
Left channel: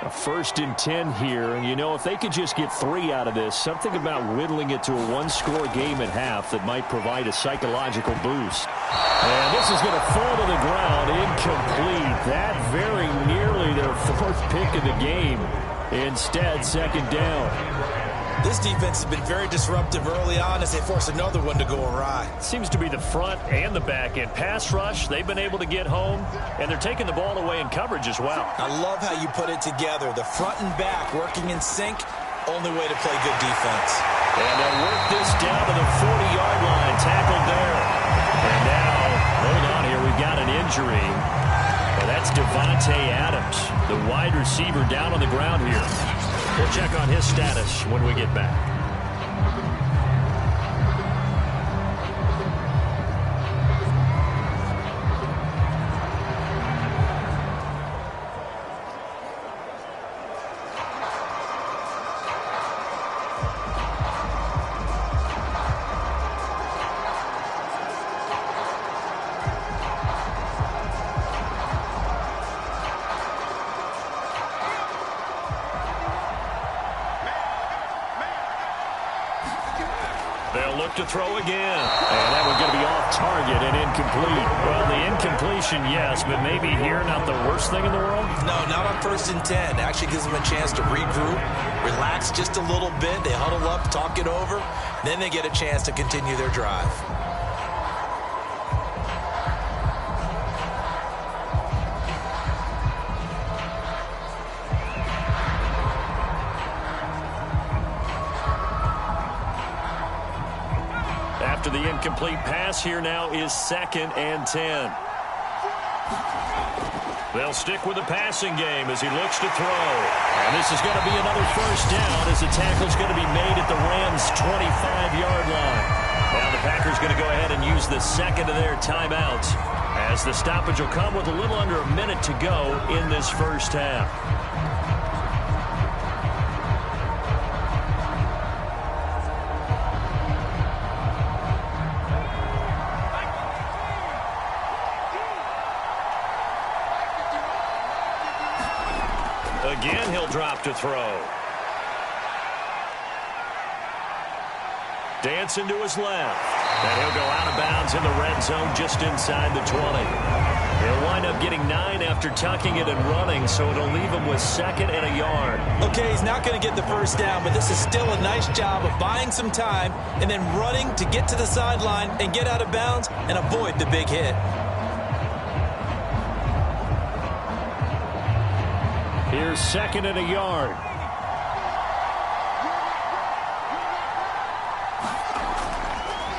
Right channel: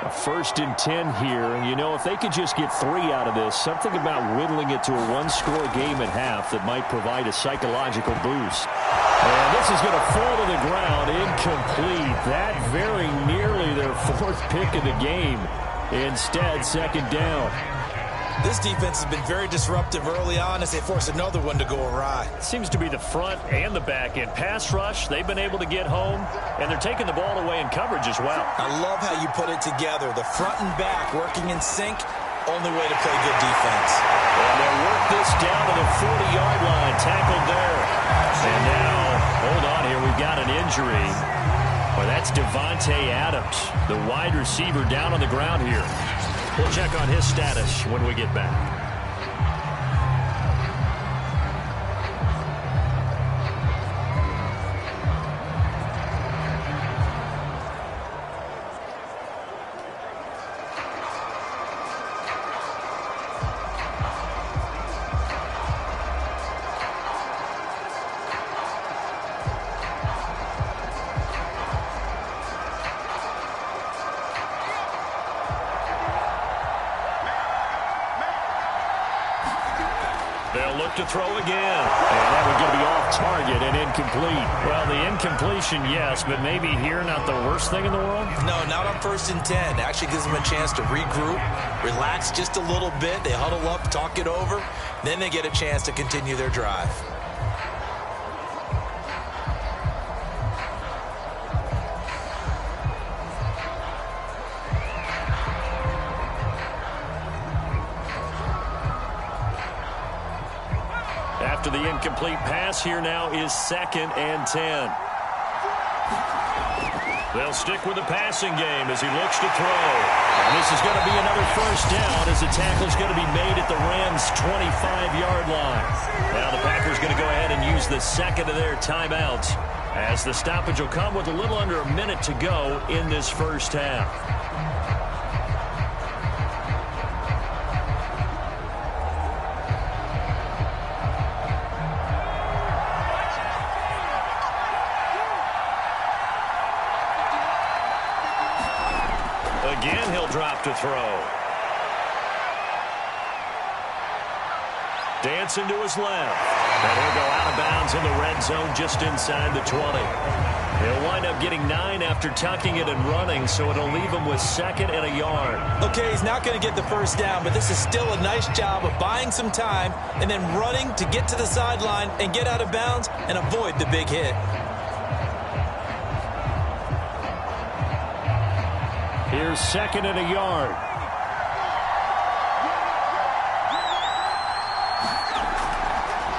A 1st and 10 here, and you know, if they could just get 3 out of this, something about whittling it to a 1-score game at half that might provide a psychological boost. And this is going to fall to the ground, incomplete. That very nearly their 4th pick of the game. Instead, 2nd down. This defense has been very disruptive early on as they force another one to go awry. Seems to be the front and the back end. Pass rush, they've been able to get home, and they're taking the ball away in coverage as well. I love how you put it together. The front and back working in sync, only way to play good defense. And they'll work this down to the 40-yard line, tackled there. And now, hold on here, we've got an injury. Well, that's Devontae Adams, the wide receiver down on the ground here. We'll check on his status when we get back. They'll look to throw again. And that one's going to be off target and incomplete. Well, the incompletion, yes, but maybe here not the worst thing in the world? No, not on 1st and 10. Actually gives them a chance to regroup, relax just a little bit. They huddle up, talk it over. Then they get a chance to continue their drive. After the incomplete pass, here now is 2nd and 10. They'll stick with the passing game as he looks to throw. And this is going to be another 1st down as the tackle's going to be made at the Rams' 25-yard line. Now the Packers going to go ahead and use the 2nd of their timeouts as the stoppage will come with a little under a minute to go in this 1st half. Again, he'll drop to throw. Dancing to his left. And he'll go out of bounds in the red zone just inside the 20. He'll wind up getting 9 after tucking it and running, so it'll leave him with 2nd and a yard. Okay, he's not going to get the 1st down, but this is still a nice job of buying some time and then running to get to the sideline and get out of bounds and avoid the big hit. Here's 2nd and a yard.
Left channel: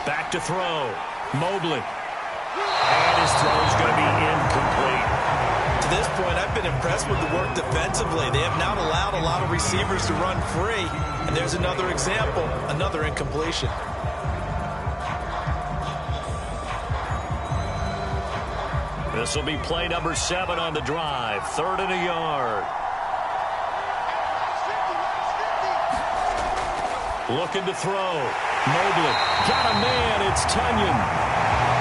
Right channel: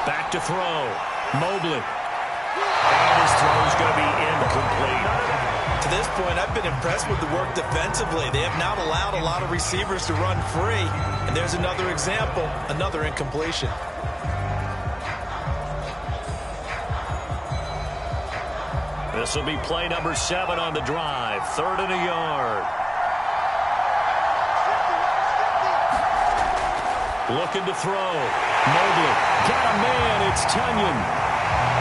Back to throw. Mobley. And his throw's going to be incomplete. To this point, I've been impressed with the work defensively. They have not allowed a lot of receivers to run free. And there's another example, another incompletion. This will be play number 7 on the drive. 3rd and a yard. Looking to throw. Mobley. Got a man. It's Tunyon.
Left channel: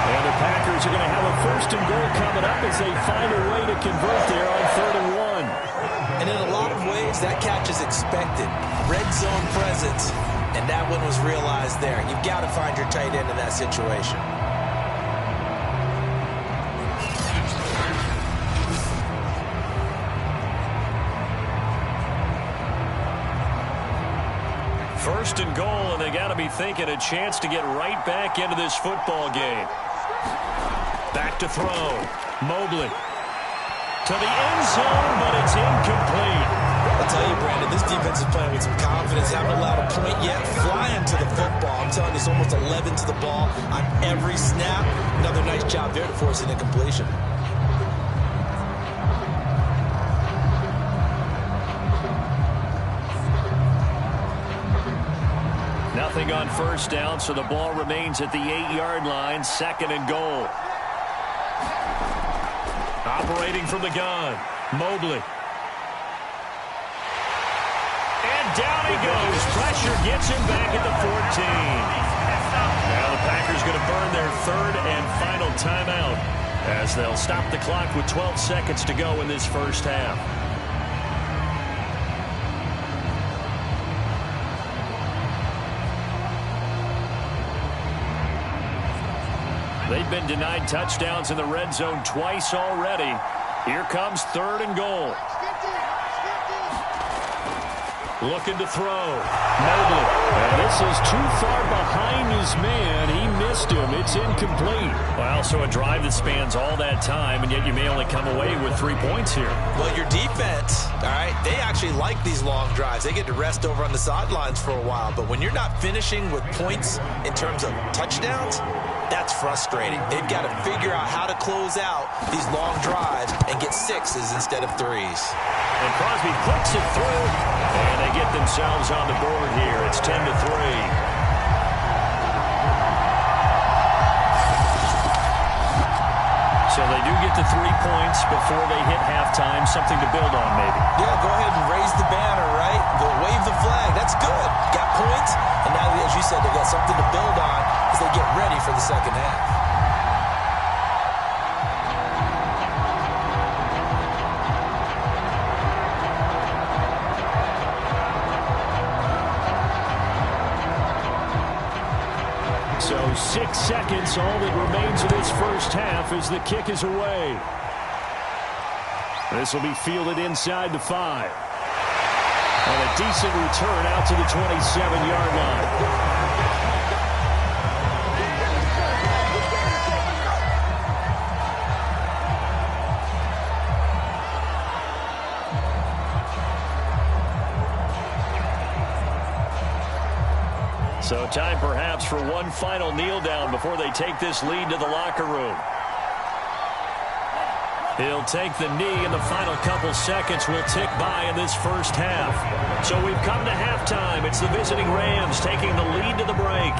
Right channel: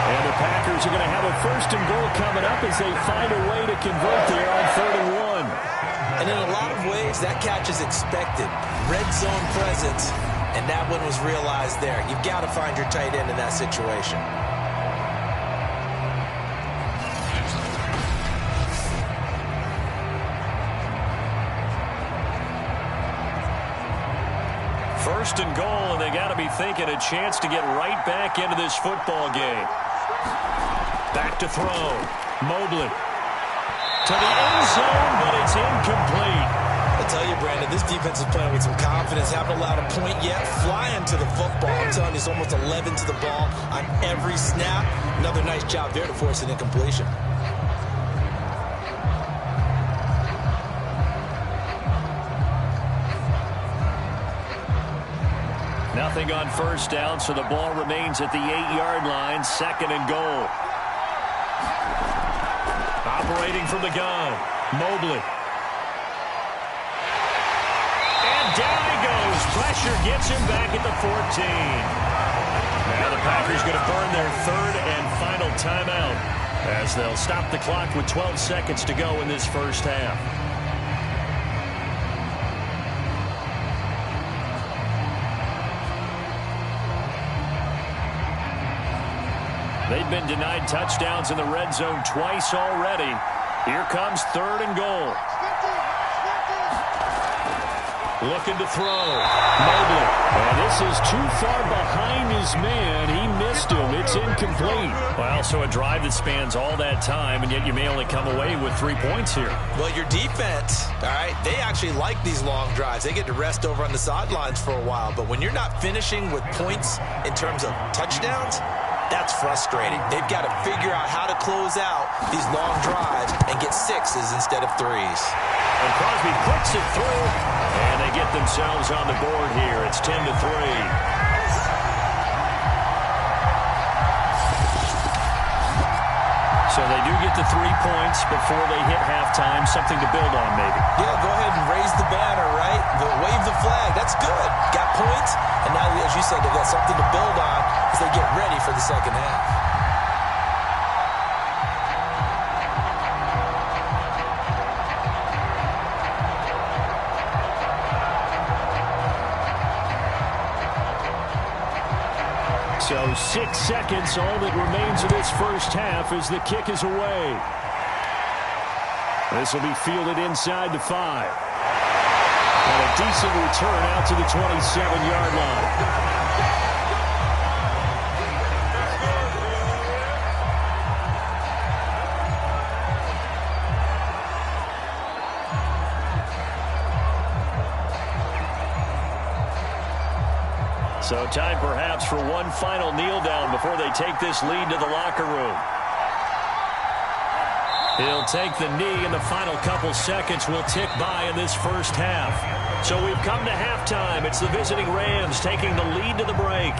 And the Packers are going to have a 1st and goal coming up as they find a way to convert there on 3rd and 1. And in a lot of ways, that catch is expected. Red zone presence. And that one was realized there. You've got to find your tight end in that situation. First and goal, and they got to be thinking a chance to get right back into this football game. Back to throw. Mobley. To the end zone, but it's incomplete. I'll tell you, Brandon, this defense is playing with some confidence. Haven't allowed a point yet. Flying to the football. I'm telling you, it's almost 11 to the ball on every snap. Another nice job there to force an incompletion. Nothing on 1st down, so the ball remains at the 8-yard line. 2nd and goal. Operating from the gun. Mobley. pressure gets him back at the 14. Now the Packers going to burn their third and final timeout as they'll stop the clock with 12 seconds to go in this first half. They've been denied touchdowns in the red zone twice already. Here comes 3rd and goal. Looking to throw. Mobley. And this is too far behind his man. He missed him. It's incomplete. Well, so a drive that spans all that time, and yet you may only come away with 3 points here. Well, your defense, all right, they actually like these long drives. They get to rest over on the sidelines for a while. But when you're not finishing with points in terms of touchdowns, that's frustrating. They've got to figure out how to close out these long drives and get 6s instead of 3s. And Crosby puts it through, and they get themselves on the board here. It's 10-3. So they do get the 3 points before they hit halftime, something to build on maybe. Yeah, go ahead and raise the banner, right? Wave the flag. That's good. Got points, and now, as you said, they've got something to build on as they get ready for the second half. So 6 seconds, all that remains of this first half as the kick is away. This will be fielded inside the 5. And a decent return out to the 27-yard line. So time perhaps for one final kneel down before they take this lead to the locker room. He'll take the knee, and the final couple seconds will tick by in this first half. So we've come to halftime. It's the visiting Rams taking the lead to the break.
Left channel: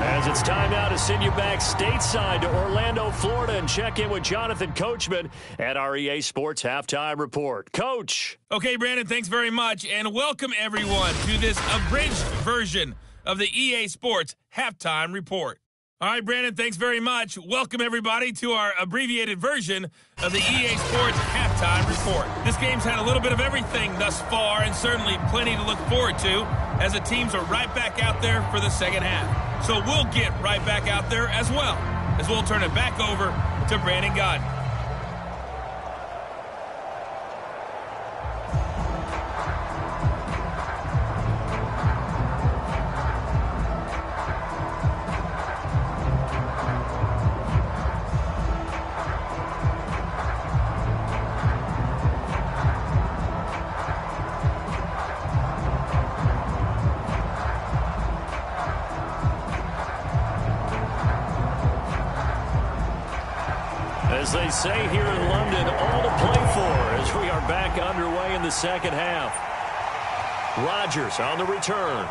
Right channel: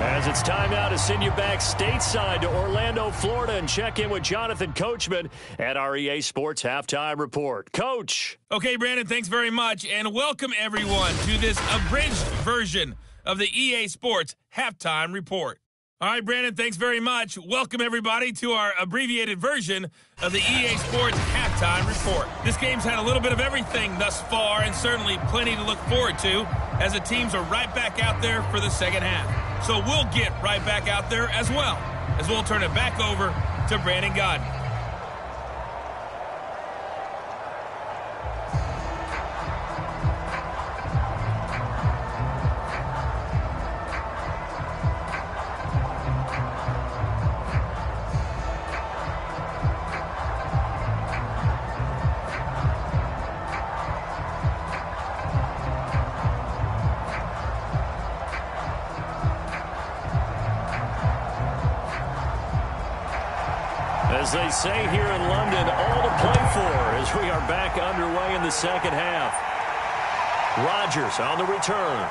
As it's time now to send you back stateside to Orlando, Florida, and check in with Jonathan Coachman at our EA Sports Halftime Report. Coach. Okay, Brandon, thanks very much, and welcome everyone to this abridged version of the EA Sports Halftime Report. All right, Brandon, thanks very much. Welcome, everybody, to our abbreviated version of the EA Sports Halftime Report. This game's had a little bit of everything thus far, and certainly plenty to look forward to, as the teams are right back out there for the second half. So we'll get right back out there as well, as we'll turn it back over to Brandon Godden. As they say here in London, all to play for as we are back underway in the second half. Rodgers on the return.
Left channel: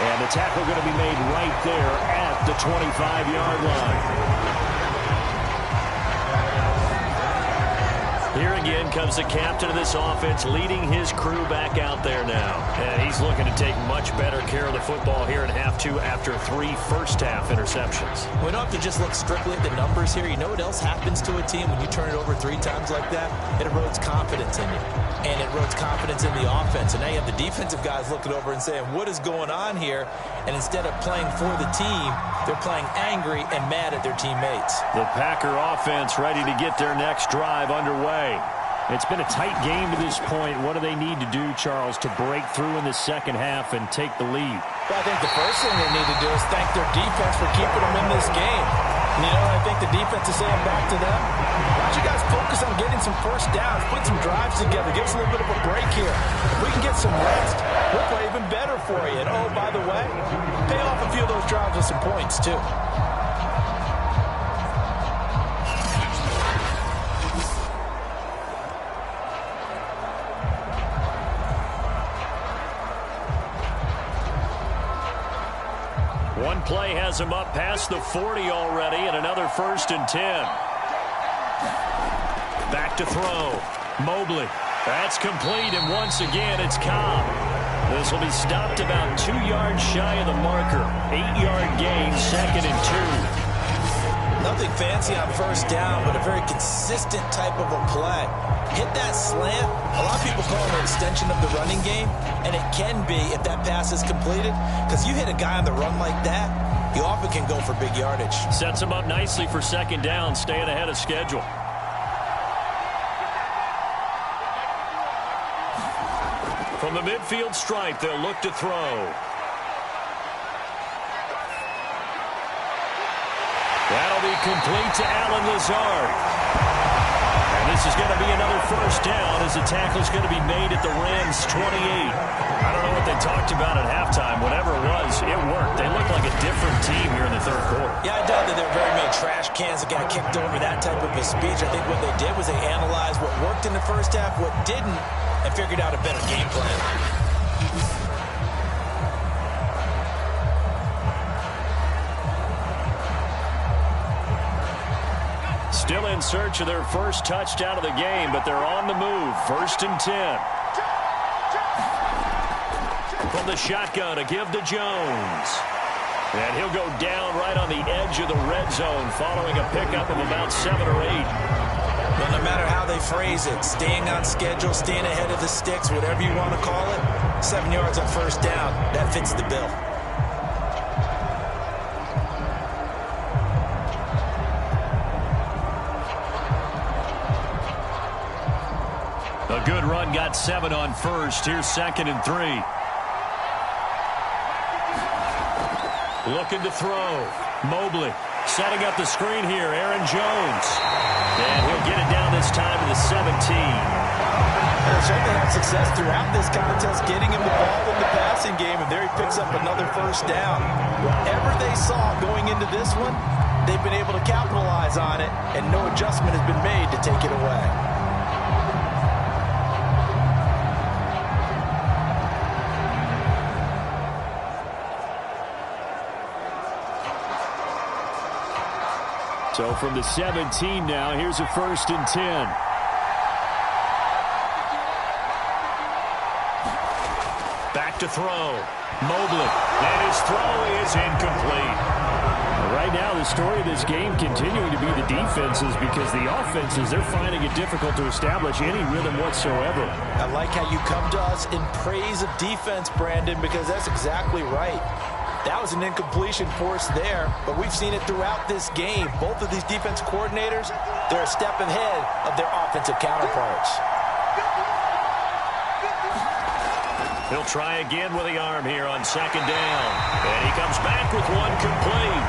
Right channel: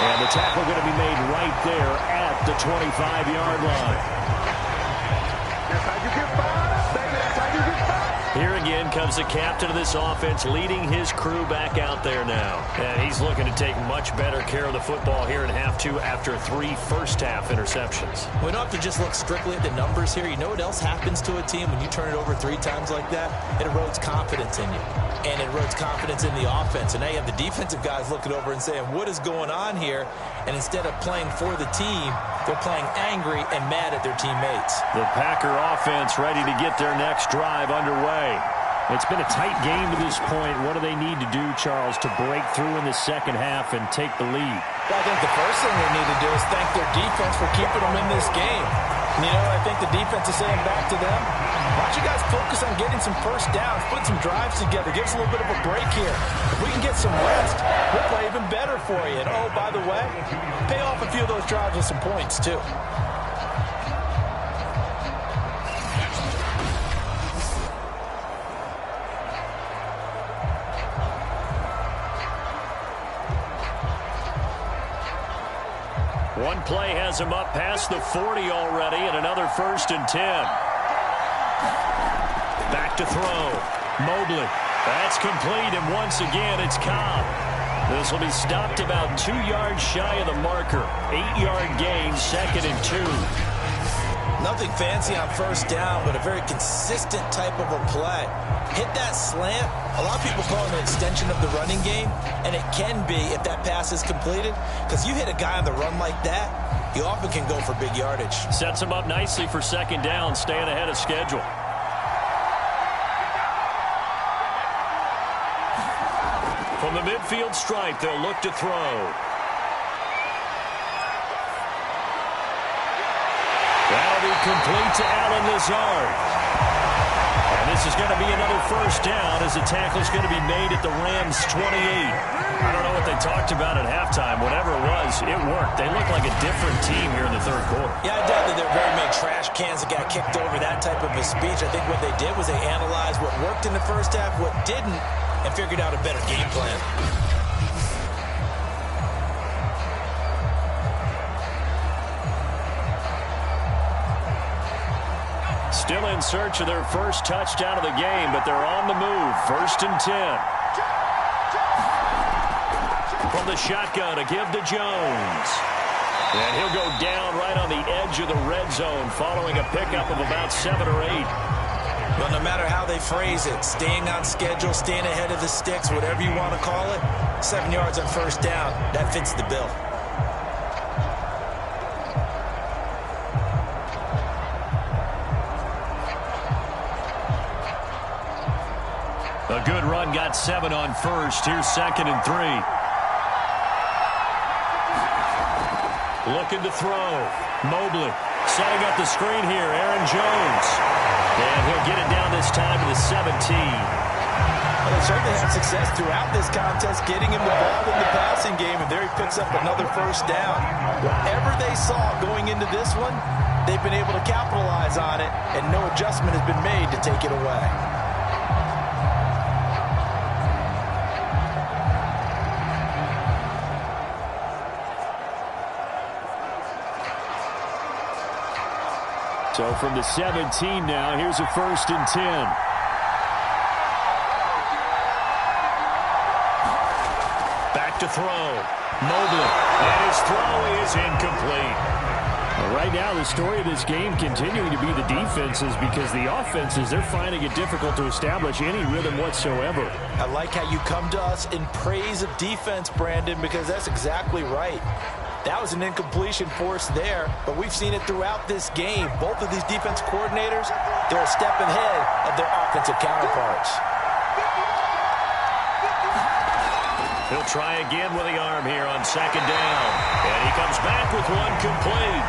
And the tackle going to be made right there at the 25-yard line. Here again comes the captain of this offense, leading his crew back out there now. And he's looking to take much better care of the football here in half two after 3 first-half interceptions. We don't have to just look strictly at the numbers here. You know what else happens to a team when you turn it over 3 times like that? It erodes confidence in you. And it erodes confidence in the offense. And now you have the defensive guys looking over and saying, what is going on here? And instead of playing for the team, they're playing angry and mad at their teammates. The Packer offense ready to get their next drive underway. It's been a tight game to this point. What do they need to do, Charles, to break through in the second half and take the lead? Well, I think the first thing they need to do is thank their defense for keeping them in this game. And, you know, I think the defense is saying back to them, why don't you guys focus on getting some first downs, put some drives together, give us a little bit of a break here. If we can get some rest, we'll play even better for you. And, oh, by the way, pay off a few of those drives with some points, too. One play has him up past the 40 already, and another 1st and 10. Back to throw. Mobley. That's complete, and once again, it's Cobb. This will be stopped about 2 yards shy of the marker. 8-yard gain, 2nd and 2. Nothing fancy on first down, but a very consistent type of a play. Hit that slant. A lot of people call it an extension of the running game, and it can be if that pass is completed, because you hit a guy on the run like that, you often can go for big yardage. Sets him up nicely for 2nd down, staying ahead of schedule. From the midfield stripe, they'll look to throw. That'll be complete to Allen Lazard. And this is going to be another first down as the tackle's going to be made at the Rams' 28. I don't know what they talked about at halftime. Whatever it was, it worked. They looked like a different team here in the third quarter. Yeah, I doubt that there were very many trash cans that got kicked over, that type of a speech. I think what they did was they analyzed what worked in the first half, what didn't, and figured out a better game plan. Still in search of their first touchdown of the game, but they're on the move. 1st and 10. From the shotgun, a give to Jones. And he'll go down right on the edge of the red zone following a pickup of about 7 or 8. Well, no matter how they phrase it, staying on schedule, staying ahead of the sticks, whatever you want to call it, 7 yards on first down, that fits the bill. A good run, got 7 on first. Here's 2nd and 3. Looking to throw. Mobley setting up the screen here. Aaron Jones. And he'll get it down this time to the 17. Well, they certainly had success throughout this contest, getting him the ball in the passing game, and there he picks up another first down. Whatever they saw going into this one, they've been able to capitalize on it, and no adjustment has been made to take it away. So from the 17 now, here's a 1st and 10. Back to throw. Mobley. And his throw is incomplete. Right now, the story of this game continuing to be the defenses, because the offenses, they're finding it difficult to establish any rhythm whatsoever. I like how you come to us in praise of defense, Brandon, because that's exactly right. That was an incompletion force there, but we've seen it throughout this game. Both of these defense coordinators, they're a step ahead of their offensive counterparts. He'll try again with the arm here on 2nd down. And he comes back with one complete.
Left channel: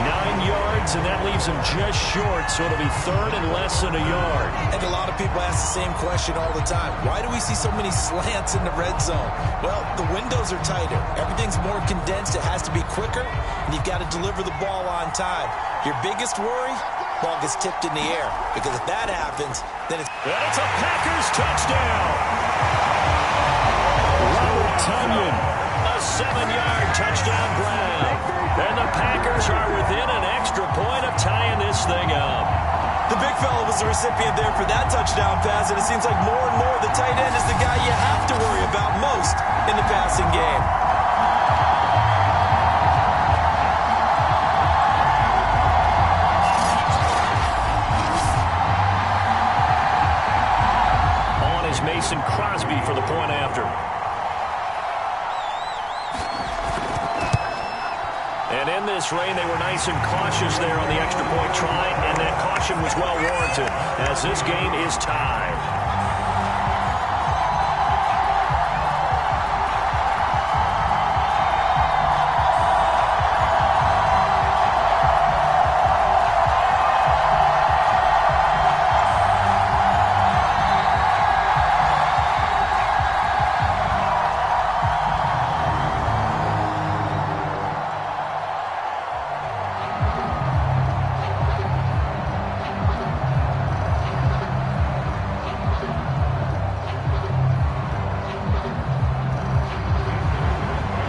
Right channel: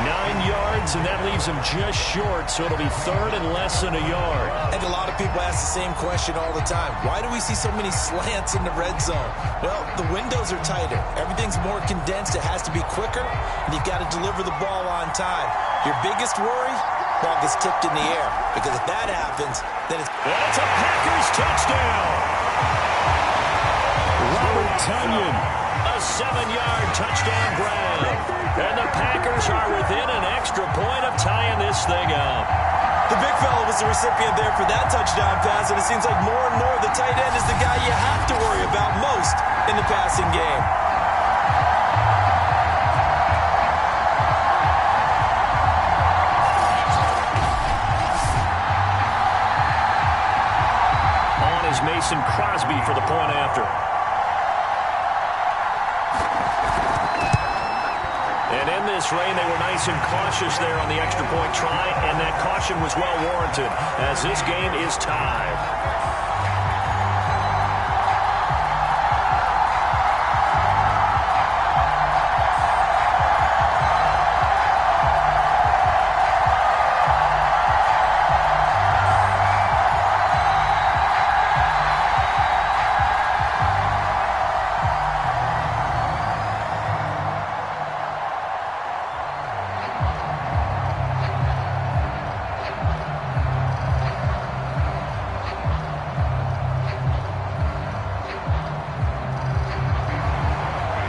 9 yards, and that leaves him just short, so it'll be 3rd and less than a yard. And a lot of people ask the same question all the time. Why do we see so many slants in the red zone? Well, the windows are tighter. Everything's more condensed. It has to be quicker, and you've got to deliver the ball on time. Your biggest worry? Ball gets tipped in the air, because if that happens, then it's... And it's a Packers touchdown. Robert Tonyan. A 7-yard touchdown grab. And the Packers are within an extra point of tying this thing up. The big fella was the recipient there for that touchdown pass, and it seems like more and more the tight end is the guy you have to worry about most in the passing game. On is Mason Crosby for the point after. And in this rain, they were nice and cautious there on the extra point try, and that caution was well warranted as this game is tied.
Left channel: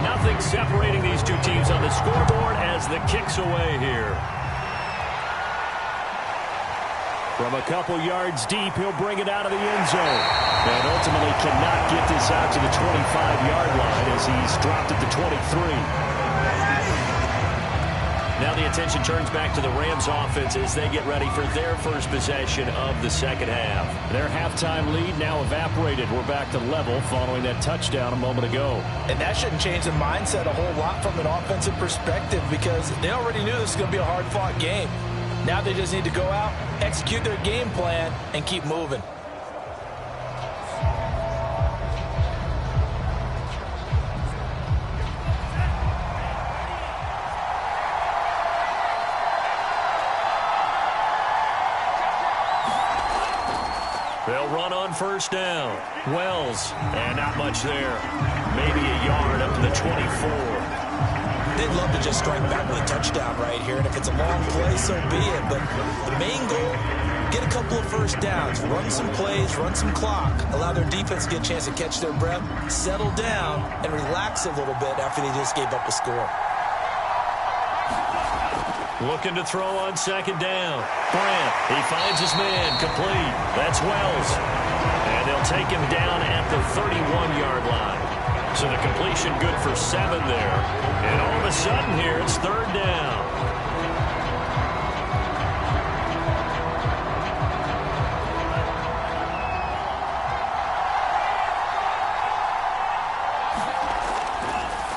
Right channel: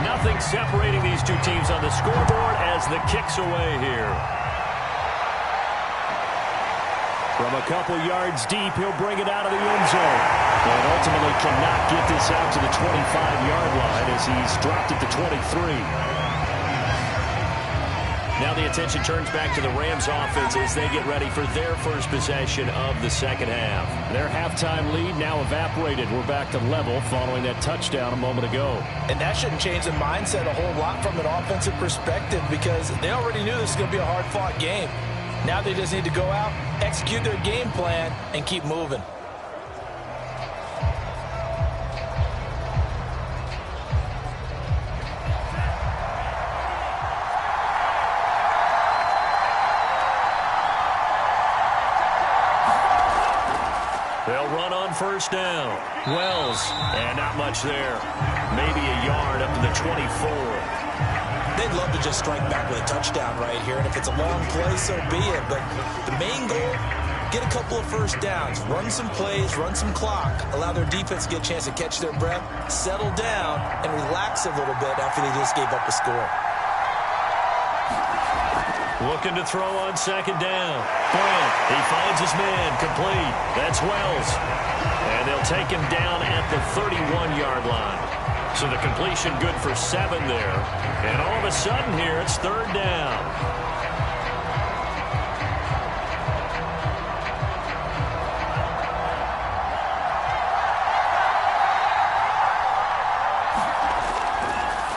Nothing separating these two teams on the scoreboard as the kick's away here. From a couple yards deep, he'll bring it out of the end zone. And ultimately cannot get this out to the 25-yard line as he's dropped at the 23. Now the attention turns back to the Rams offense as they get ready for their first possession of the second half. Their halftime lead now evaporated. We're back to level following that touchdown a moment ago. And that shouldn't change the mindset a whole lot from an offensive perspective because they already knew this was going to be a hard-fought game. Now they just need to go out, execute their game plan, and keep moving. They'll run on first down. Wells, and not much there. Maybe a yard up to the 24. They'd love to just strike back with a touchdown right here, and if it's a long play, so be it. But the main goal, get a couple of first downs, run some plays, run some clock, allow their defense to get a chance to catch their breath, settle down, and relax a little bit after they just gave up a score. Looking to throw on second down. Brandt, he finds his man, complete. That's Wells. And they'll take him down at the 31-yard line. So the completion good for 7 there. And all of a sudden here, it's third down.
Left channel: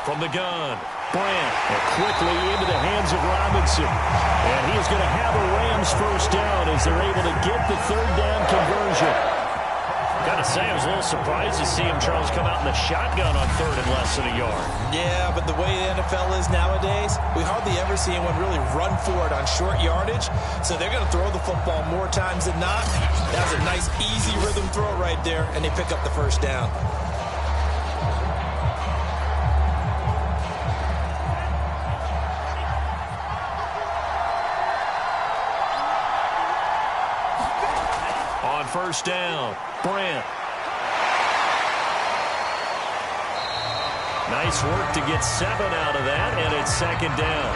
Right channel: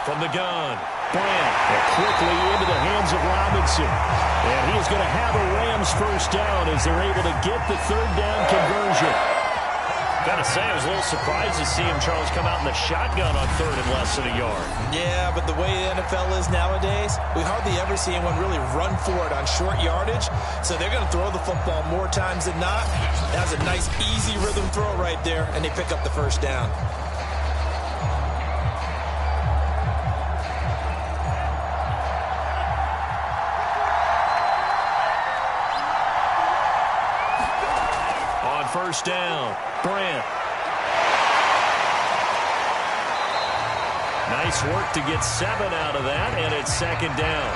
From the gun, Brandt. And quickly into the hands of Robinson. And he is going to have a Rams first down as they're able to get the third down conversion. Got to say, I was a little surprised to see him, Charles, come out in the shotgun on third and less than a yard. Yeah, but the way the NFL is nowadays, we hardly ever see anyone really run for it on short yardage. So they're going to throw the football more times than not. That was a nice, easy rhythm throw right there, and they pick up the first down. On first down, Brandt. Nice work to get 7 out of that, and it's second down.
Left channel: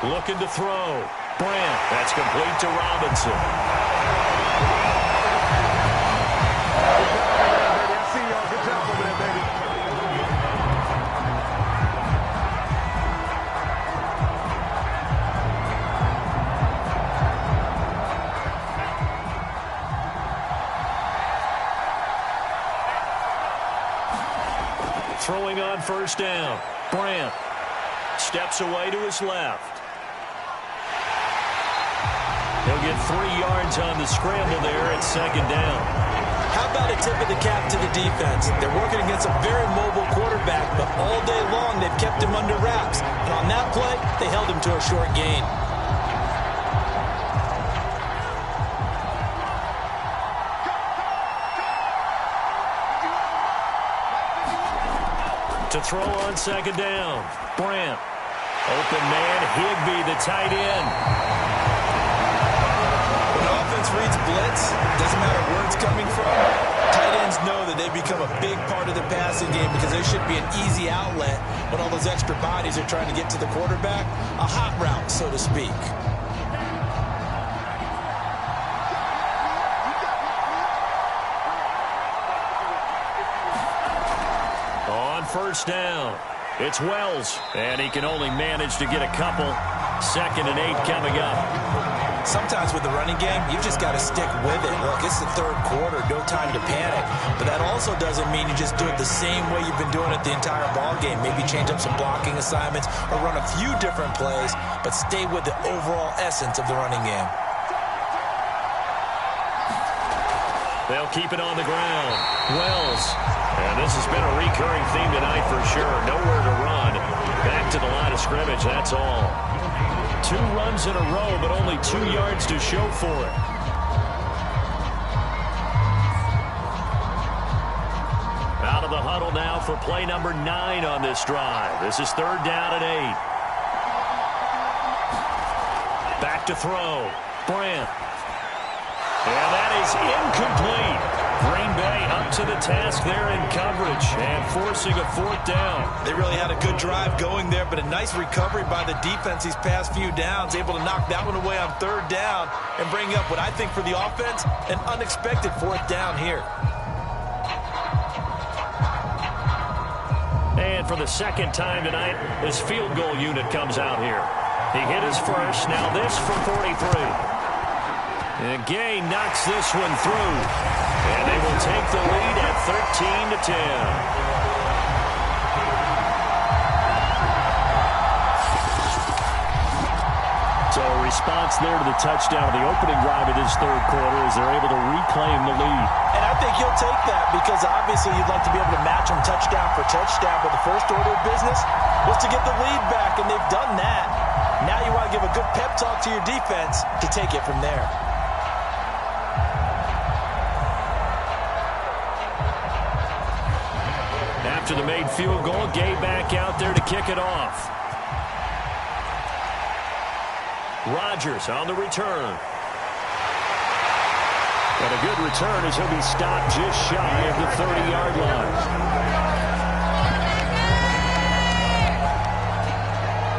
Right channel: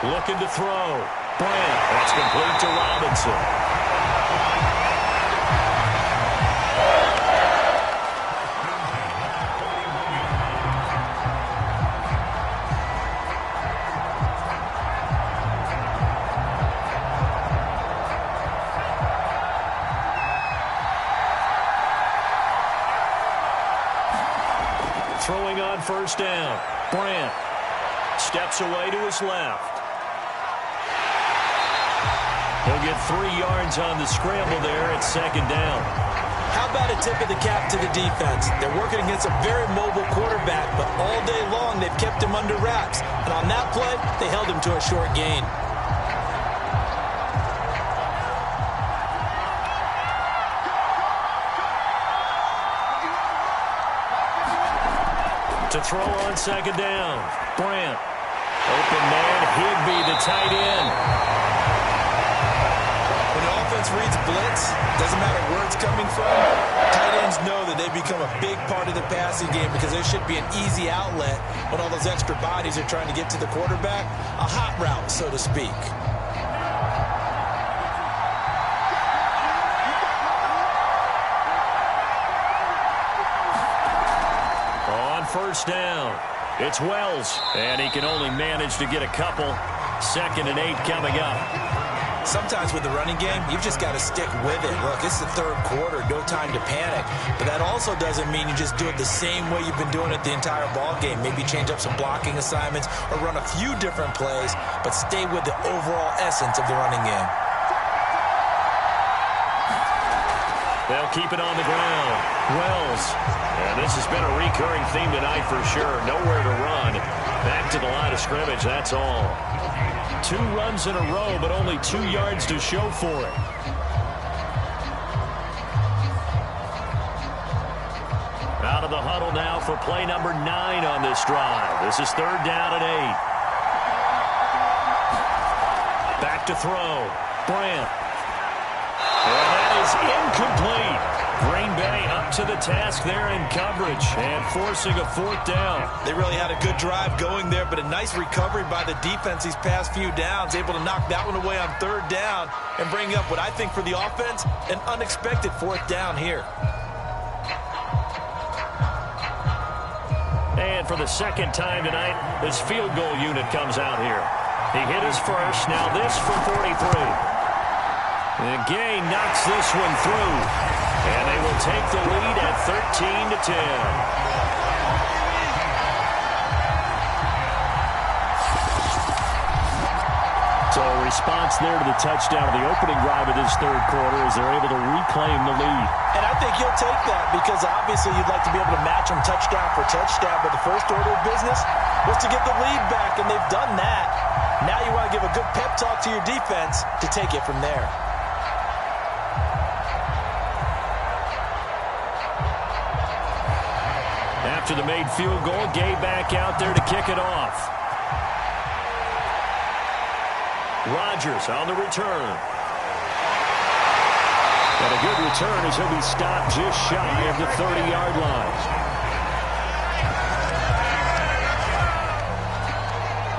Looking to throw. Brandt. That's complete to Robinson. Throwing on first down. Brandt steps away to his left. He'll get 3 yards on the scramble there at second down. How about a tip of the cap to the defense? They're working against a very mobile quarterback, but all day long they've kept him under wraps. And on that play, they held him to a short gain. To throw on second down. Brandt. Open man, Higbee, the tight end. When offense reads blitz, doesn't matter where it's coming from, tight ends know that they become a big part of the passing game because there should be an easy outlet when all those extra bodies are trying to get to the quarterback. A hot route, so to speak. On first down, it's Wells, and he can only manage to get a couple. 2nd and 8 coming up. Sometimes with the running game, you've just got to stick with it. Look, it's the third quarter, no time to panic. But that also doesn't mean you just do it the same way you've been doing it the entire ball game. Maybe change up some blocking assignments or run a few different plays, but stay with the overall essence of the running game. They'll keep it on the ground. Wells. And this has been a recurring theme tonight for sure. Nowhere to run. Back to the line of scrimmage, that's all. 2 runs in a row, but only 2 yards to show for it. Out of the huddle now for play number 9 on this drive. This is 3rd down and 8. Back to throw. Brandt. And that is incomplete. Green Bay up to the task there in coverage and forcing a 4th down. They really had a good drive going there, but a nice recovery by the defense these past few downs, able to knock that one away on 3rd down and bring up what I think for the offense, an unexpected 4th down here. And for the 2nd time tonight, this field goal unit comes out here. He hit his first, now this from 43. And Gay knocks this one through. And they will take the lead at 13-10. So a response there to the touchdown of the opening drive of this 3rd quarter as they're able to reclaim the lead. And I think you'll take that because obviously you'd like to be able to match them touchdown for touchdown, but the first order of business was to get the lead back, and they've done that. Now you want to give a good pep talk to your defense to take it from there. After the made field goal, Gay back out there to kick it off. Rodgers on the return. Got a good return as he'll be stopped just shy of the 30-yard line.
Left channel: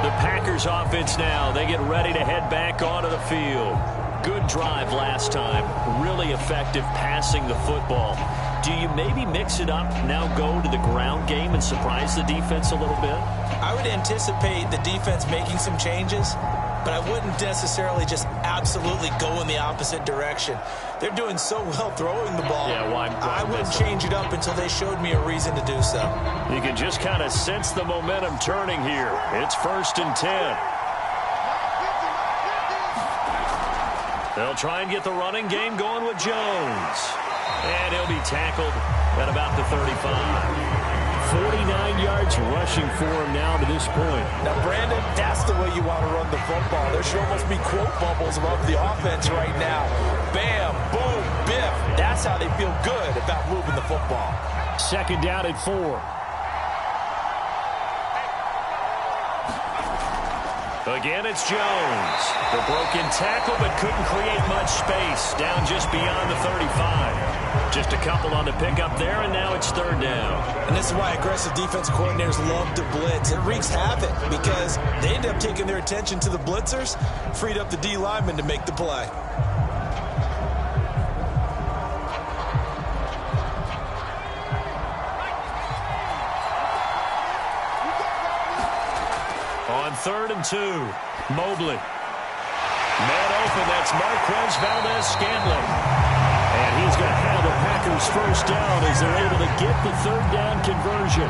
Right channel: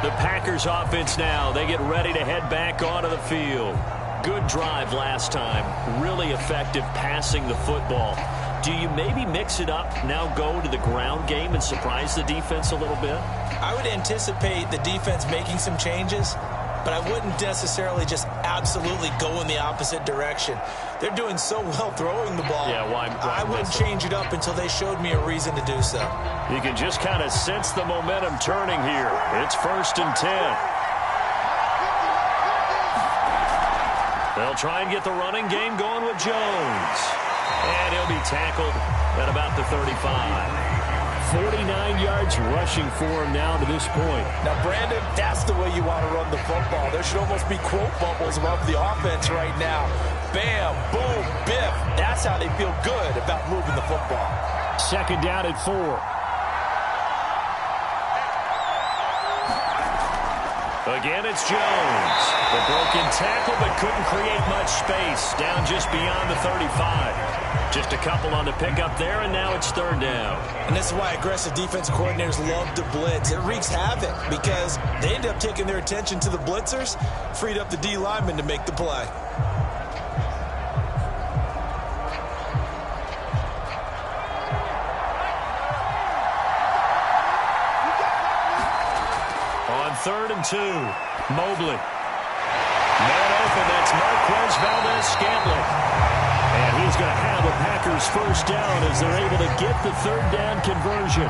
The Packers offense now, they get ready to head back onto the field. Good drive last time. Really effective passing the football. Do you maybe mix it up, now go to the ground game and surprise the defense a little bit? I would anticipate the defense making some changes, but I wouldn't necessarily just absolutely go in the opposite direction. They're doing so well throwing the ball. Yeah, why I wouldn't change it up until they showed me a reason to do so. You can just kind of sense the momentum turning here. It's 1st and 10. They'll try and get the running game going with Jones. And he'll be tackled at about the 35. 49 yards rushing for him now to this point. Now, Brandon, that's the way you want to run the football. There should almost be quote bubbles above the offense right now. Bam, boom, biff. That's how they feel good about moving the football. 2nd down and 4. Again, it's Jones. The broken tackle, but couldn't create much space. Down just beyond the 35. Just a couple on the pickup there, and now it's 3rd down. And this is why aggressive defense coordinators love to blitz. It wreaks havoc because they end up taking their attention to the blitzers, freed up the D lineman to make the play. On 3rd and 2, Mobley. Man open, that's Marquez Valdez-Scantling. And he's going to have the Packers 1st down as they're able to get the 3rd down conversion.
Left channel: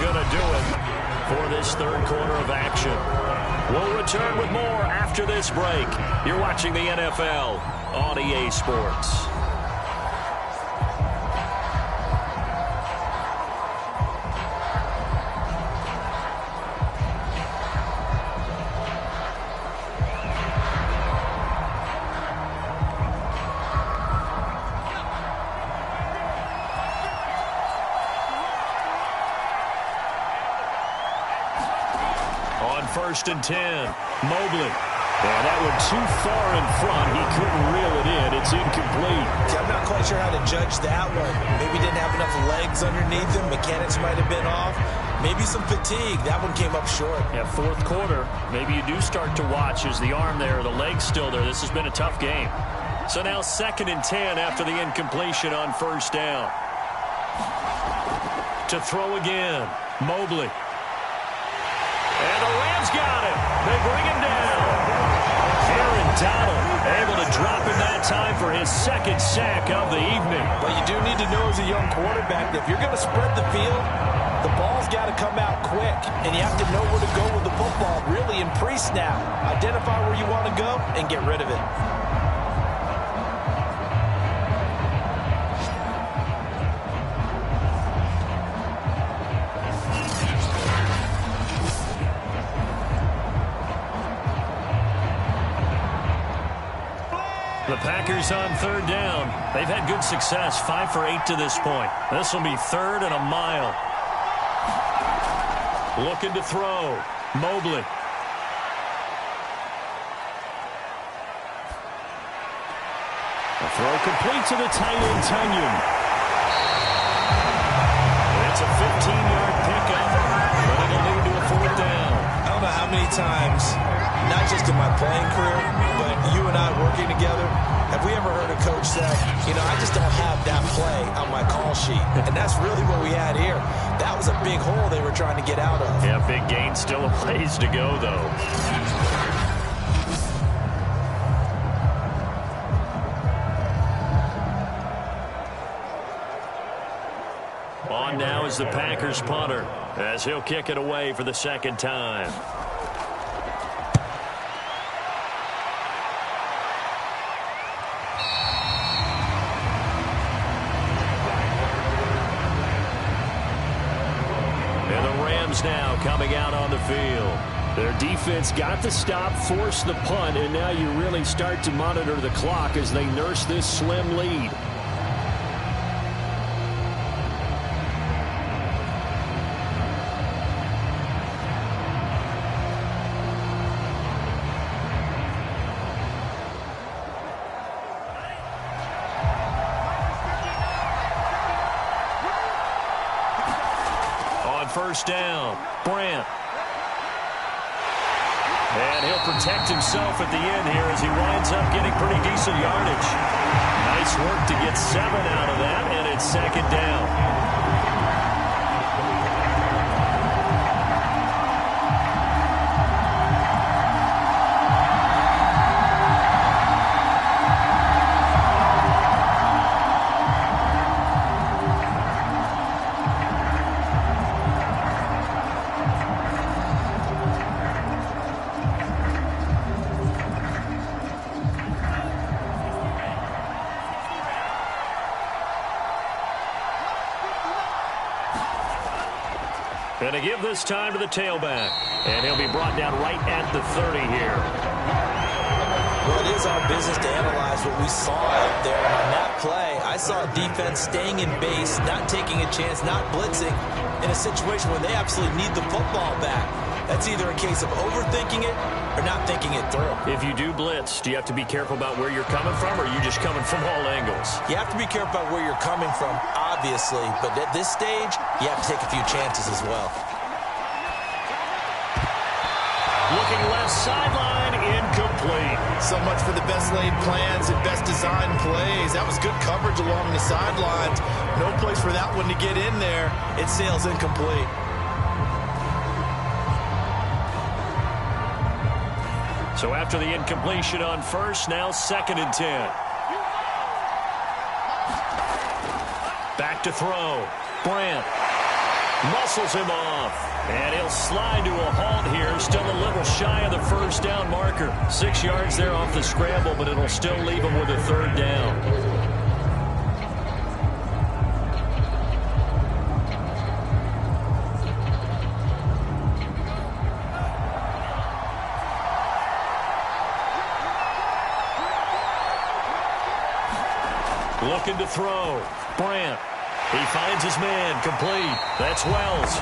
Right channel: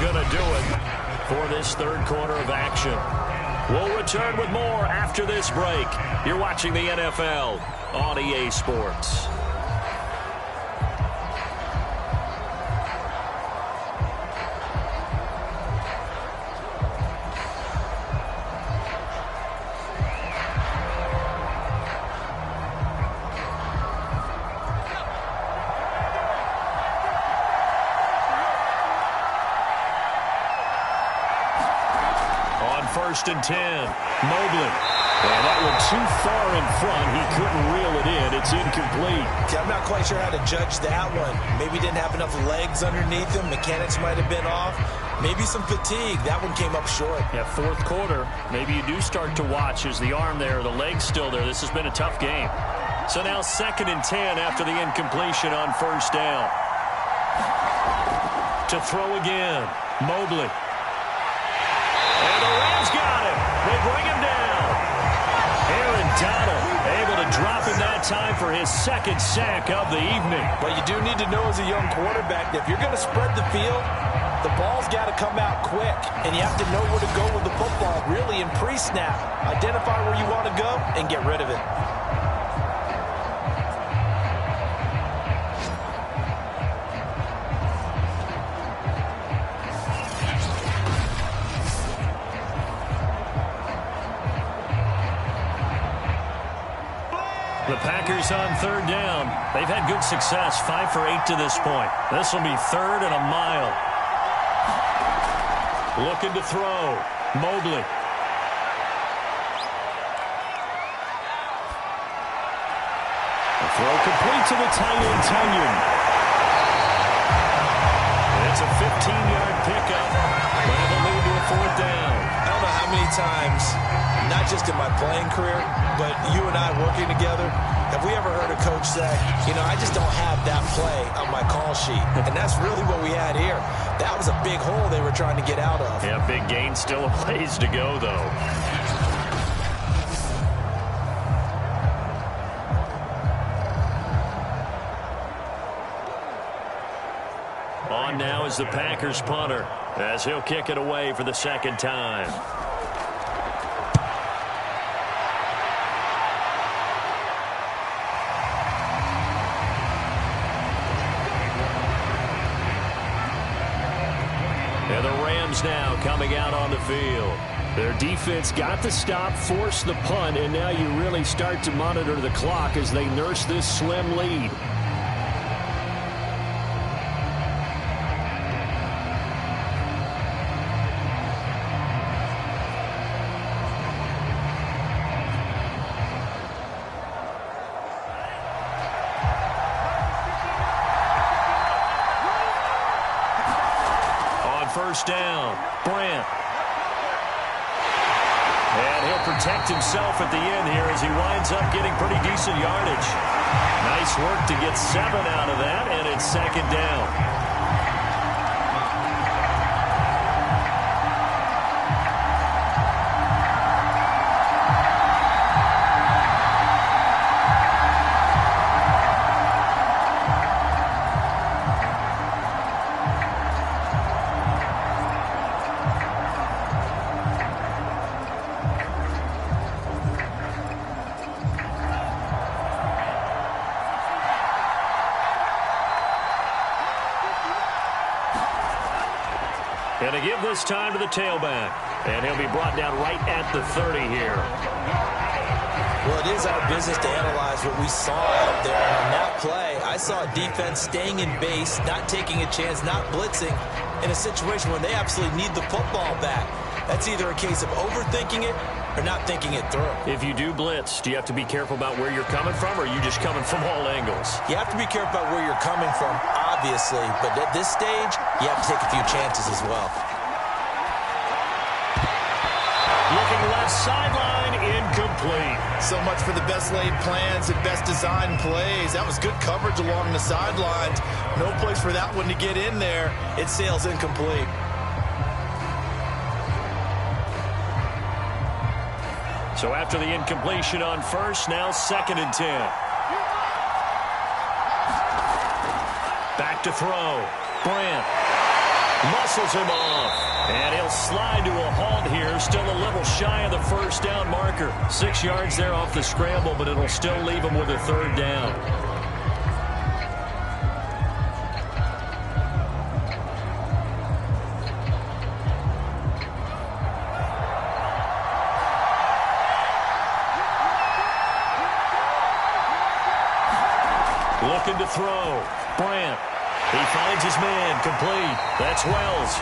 Going to do it for this 3rd quarter of action. We'll return with more after this break. You're watching the NFL on EA Sports. On 1st and 10, Mobley. And that one too far in front. He couldn't reel it in. It's incomplete. I'm not quite sure how to judge that one. Maybe didn't have enough legs underneath him. Mechanics might have been off. Maybe some fatigue. That one came up short. Yeah, 4th quarter. Maybe you do start to watch as the arm there, the leg's still there. This has been a tough game. So now 2nd and 10 after the incompletion on 1st down. To throw again. Mobley. And the Rams got him. They bring him down. Aaron Donald able to drop him that time for his second sack of the evening. But you do need to know as a young quarterback that if you're going to spread the field, the ball's got to come out quick. And you have to know where to go with the football, really, in pre-snap. Identify where you want to go and get rid of it. The Packers on third down. They've had good success, 5 for 8 to this point. This will be 3rd and a mile. Looking to throw. Mobley. A throw complete to the tight end, Tunyon. It's a 15-yard pickup, but it'll lead to a 4th down. I don't know how many times, not just in my playing career, but you and I working together, have we ever heard a coach say, you know, I just don't have that play on my call sheet. And that's really what we had here. That was a big hole they were trying to get out of. Yeah, big gain, still a ways to go, though. On now is the Packers punter, as he'll kick it away for the second time. And the Rams now coming out on the field. Their defense got the stop, forced the punt, and now you really start to monitor the clock as they nurse this slim lead. First down, Brandt. And he'll protect himself at the end here as he winds up getting pretty decent yardage. Nice work to get 7 out of that, and it's 2nd down. And to give this time to the tailback. And he'll be brought down right at the 30 here. Well, it is our business to analyze what we saw out there. And on that play, I saw a defense staying in base, not taking a chance, not blitzing in a situation where they absolutely need the football back. That's either a case of overthinking it or not thinking it through. If you do blitz, do you have to be careful about where you're coming from, or are you just coming from all angles? You have to be careful about where you're coming from, obviously. But at this stage, you have to take a few chances as well. Looking left sideline, incomplete. So much for the best laid plans and best designed plays. That was good coverage along the sidelines. No place for that one to get in there. It sails incomplete. So after the incompletion on first, now 2nd and 10. Back to throw. Brandt muscles him off. And he'll slide to a halt here. Still a little shy of the first down marker. 6 yards there off the scramble, but it'll still leave him with a 3rd down. Looking to throw. Brandt. He finds his man. Complete. That's Wells.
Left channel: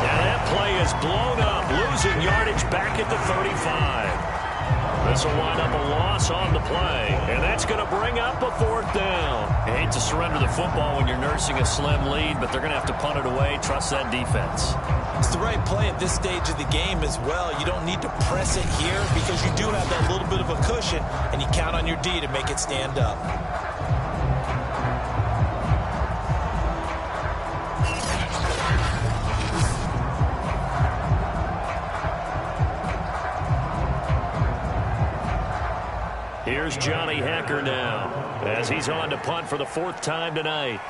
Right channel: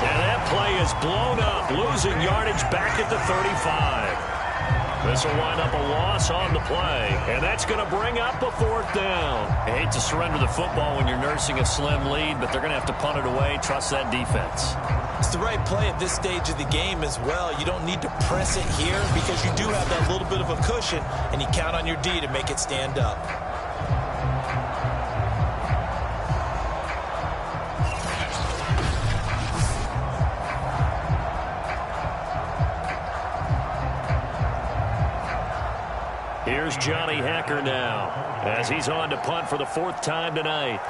And that play is blown up. Losing yardage back at the 35. This will wind up a loss on the play. And that's going to bring up a 4th down. I hate to surrender the football when you're nursing a slim lead, but they're going to have to punt it away. Trust that defense. It's the right play at this stage of the game as well. You don't need to press it here because you do have that little bit of a cushion, and you count on your D to make it stand up. here's Johnny Hacker now as he's on to punt for the 4th time tonight.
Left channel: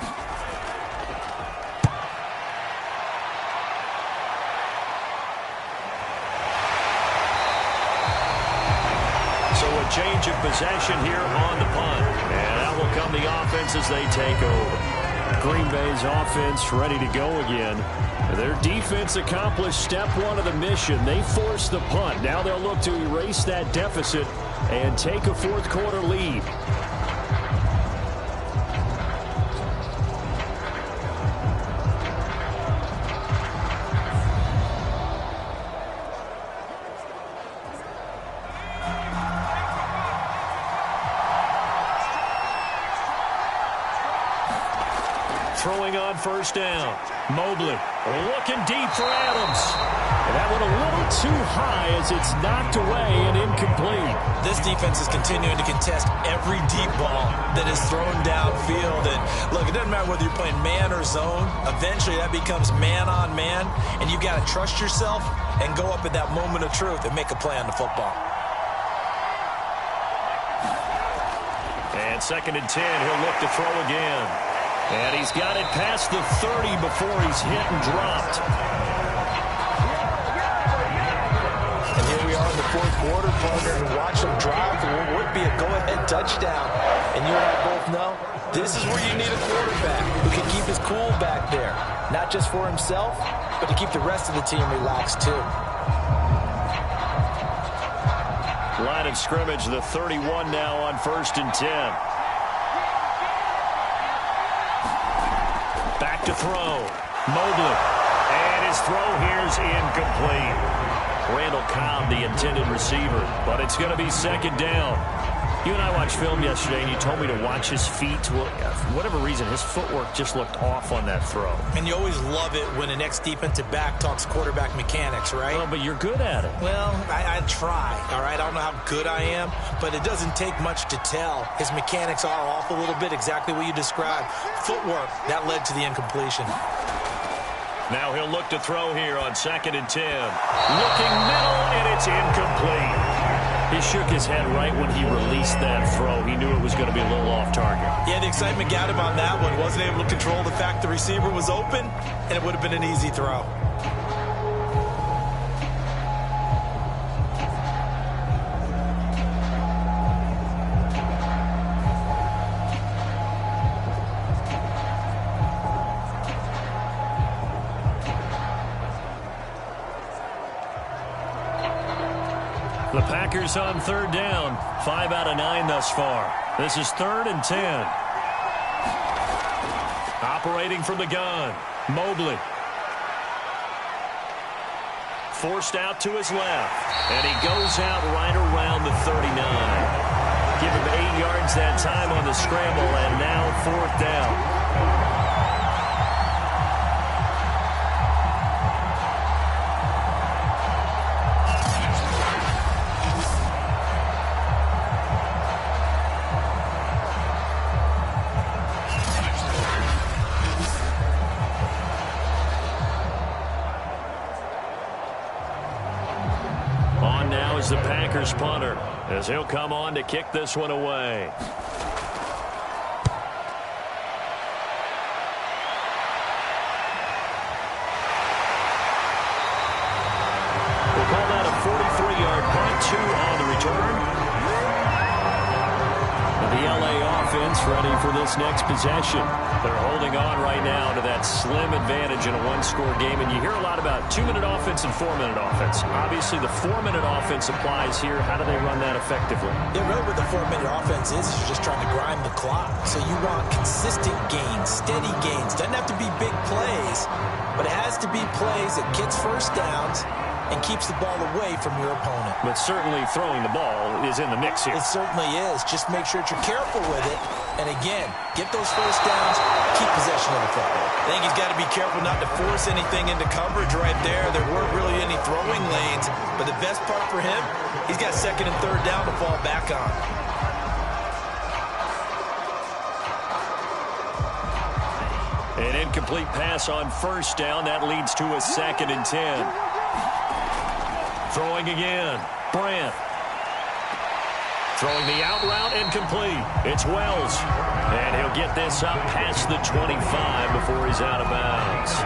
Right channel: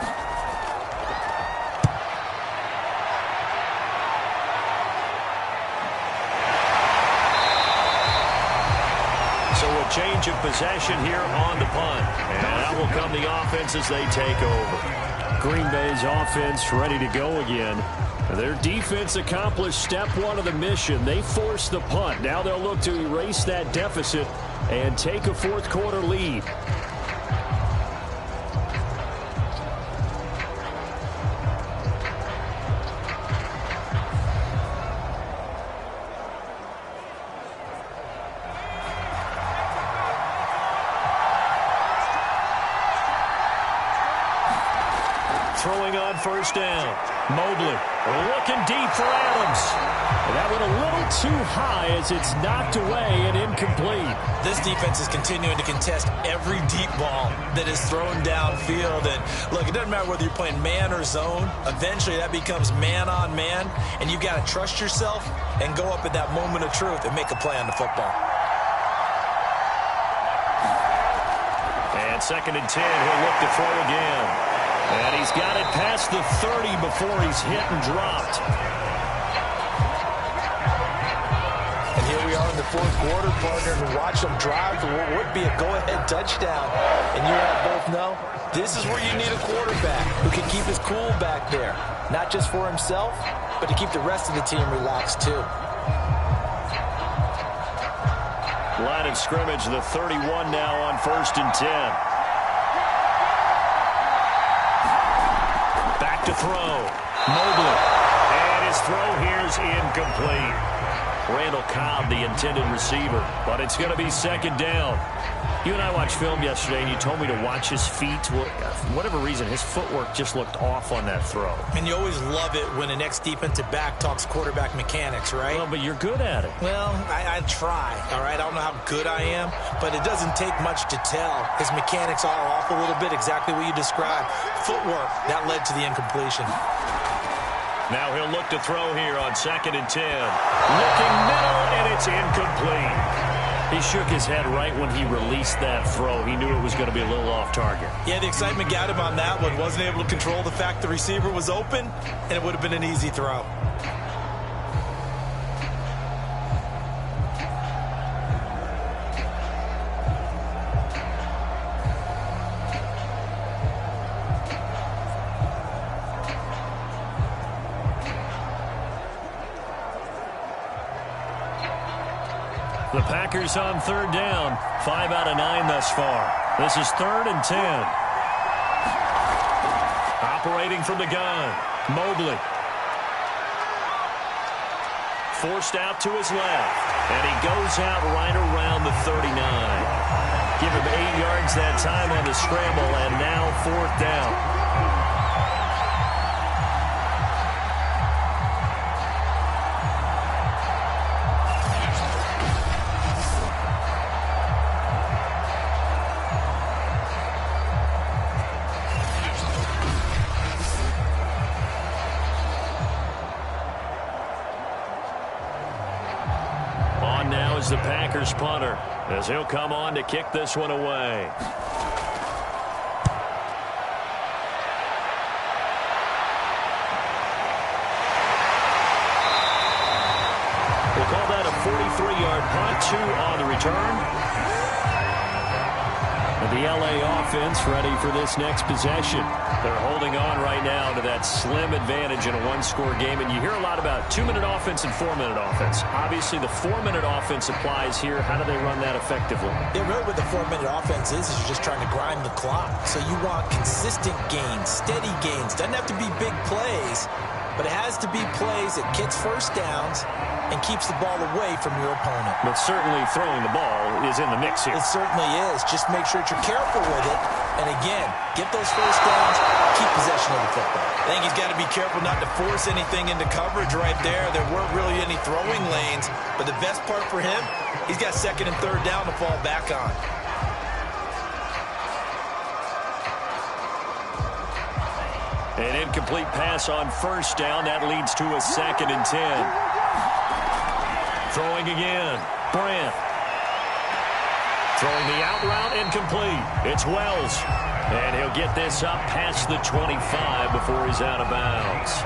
So a change of possession here on the punt. And out will come the offense as they take over. Green Bay's offense ready to go again. Their defense accomplished step 1 of the mission. They forced the punt. Now they'll look to erase that deficit and take a 4th quarter lead. Throwing on 1st down. Mobley looking deep for Adams. And that went a little too high as it's knocked away and incomplete. This defense is continuing to contest every deep ball that is thrown downfield. And look, it doesn't matter whether you're playing man or zone. Eventually that becomes man on man. And you've got to trust yourself and go up at that moment of truth and make a play on the football. And 2nd and 10, he'll look to throw again. And he's got it past the 30 before he's hit and dropped. And here we are in the 4th quarter, partner, and watch them drive for what would be a go-ahead touchdown. And you and I both know this is where you need a quarterback who can keep his cool back there. Not just for himself, but to keep the rest of the team relaxed too. Line of scrimmage, the 31 now on 1st and 10. Back to throw. Mobley. And his throw here's incomplete. Randall Cobb, the intended receiver. But it's going to be 2nd down. You and I watched film yesterday, and you told me to watch his feet. Well, for whatever reason, his footwork just looked off on that throw. And you always love it when an ex-defensive back talks quarterback mechanics, right? Well, but you're good at it. Well, I try, all right? I don't know how good I am, but it doesn't take much to tell. His mechanics are off a little bit, exactly what you described. Footwork, that led to the incompletion. Now he'll look to throw here on 2nd and 10. Looking middle, and it's incomplete. He shook his head right when he released that throw. He knew it was going to be a little off target. Yeah, the excitement got him on that one. Wasn't able to control the fact the receiver was open, and it would have been an easy throw. The Packers on 3rd down. 5 out of 9 thus far. This is 3rd and 10. Operating from the gun. Mobley. Forced out to his left. And he goes out right around the 39. Give him 8 yards that time on the scramble, and now 4th down. The Packers punter as he'll come on to kick this one away. We'll call that a 43-yard punt. 2 on the return. The LA offense ready for this next possession. They're holding on right now to that slim advantage in a 1-score game. And you hear a lot about 2-minute offense and 4-minute offense. Obviously, the 4-minute offense applies here. How do they run that effectively? Yeah, really what the 4-minute offense is you're just trying to grind the clock. So you want consistent gains, steady gains. Doesn't have to be big plays, but it has to be plays that gets 1st downs and keeps the ball away from your opponent. But certainly throwing the ball is in the mix here. It certainly is. Just make sure that you're careful with it. And again, get those 1st downs, keep possession of the football. I think he's got to be careful not to force anything into coverage right there. There weren't really any throwing lanes. But the best part for him, he's got 2nd and 3rd down to fall back on. An incomplete pass on 1st down. That leads to a 2nd and 10. Throwing again. Brandt. Throwing the out route incomplete. It's Wells. And he'll get this up past the 25 before he's out of bounds.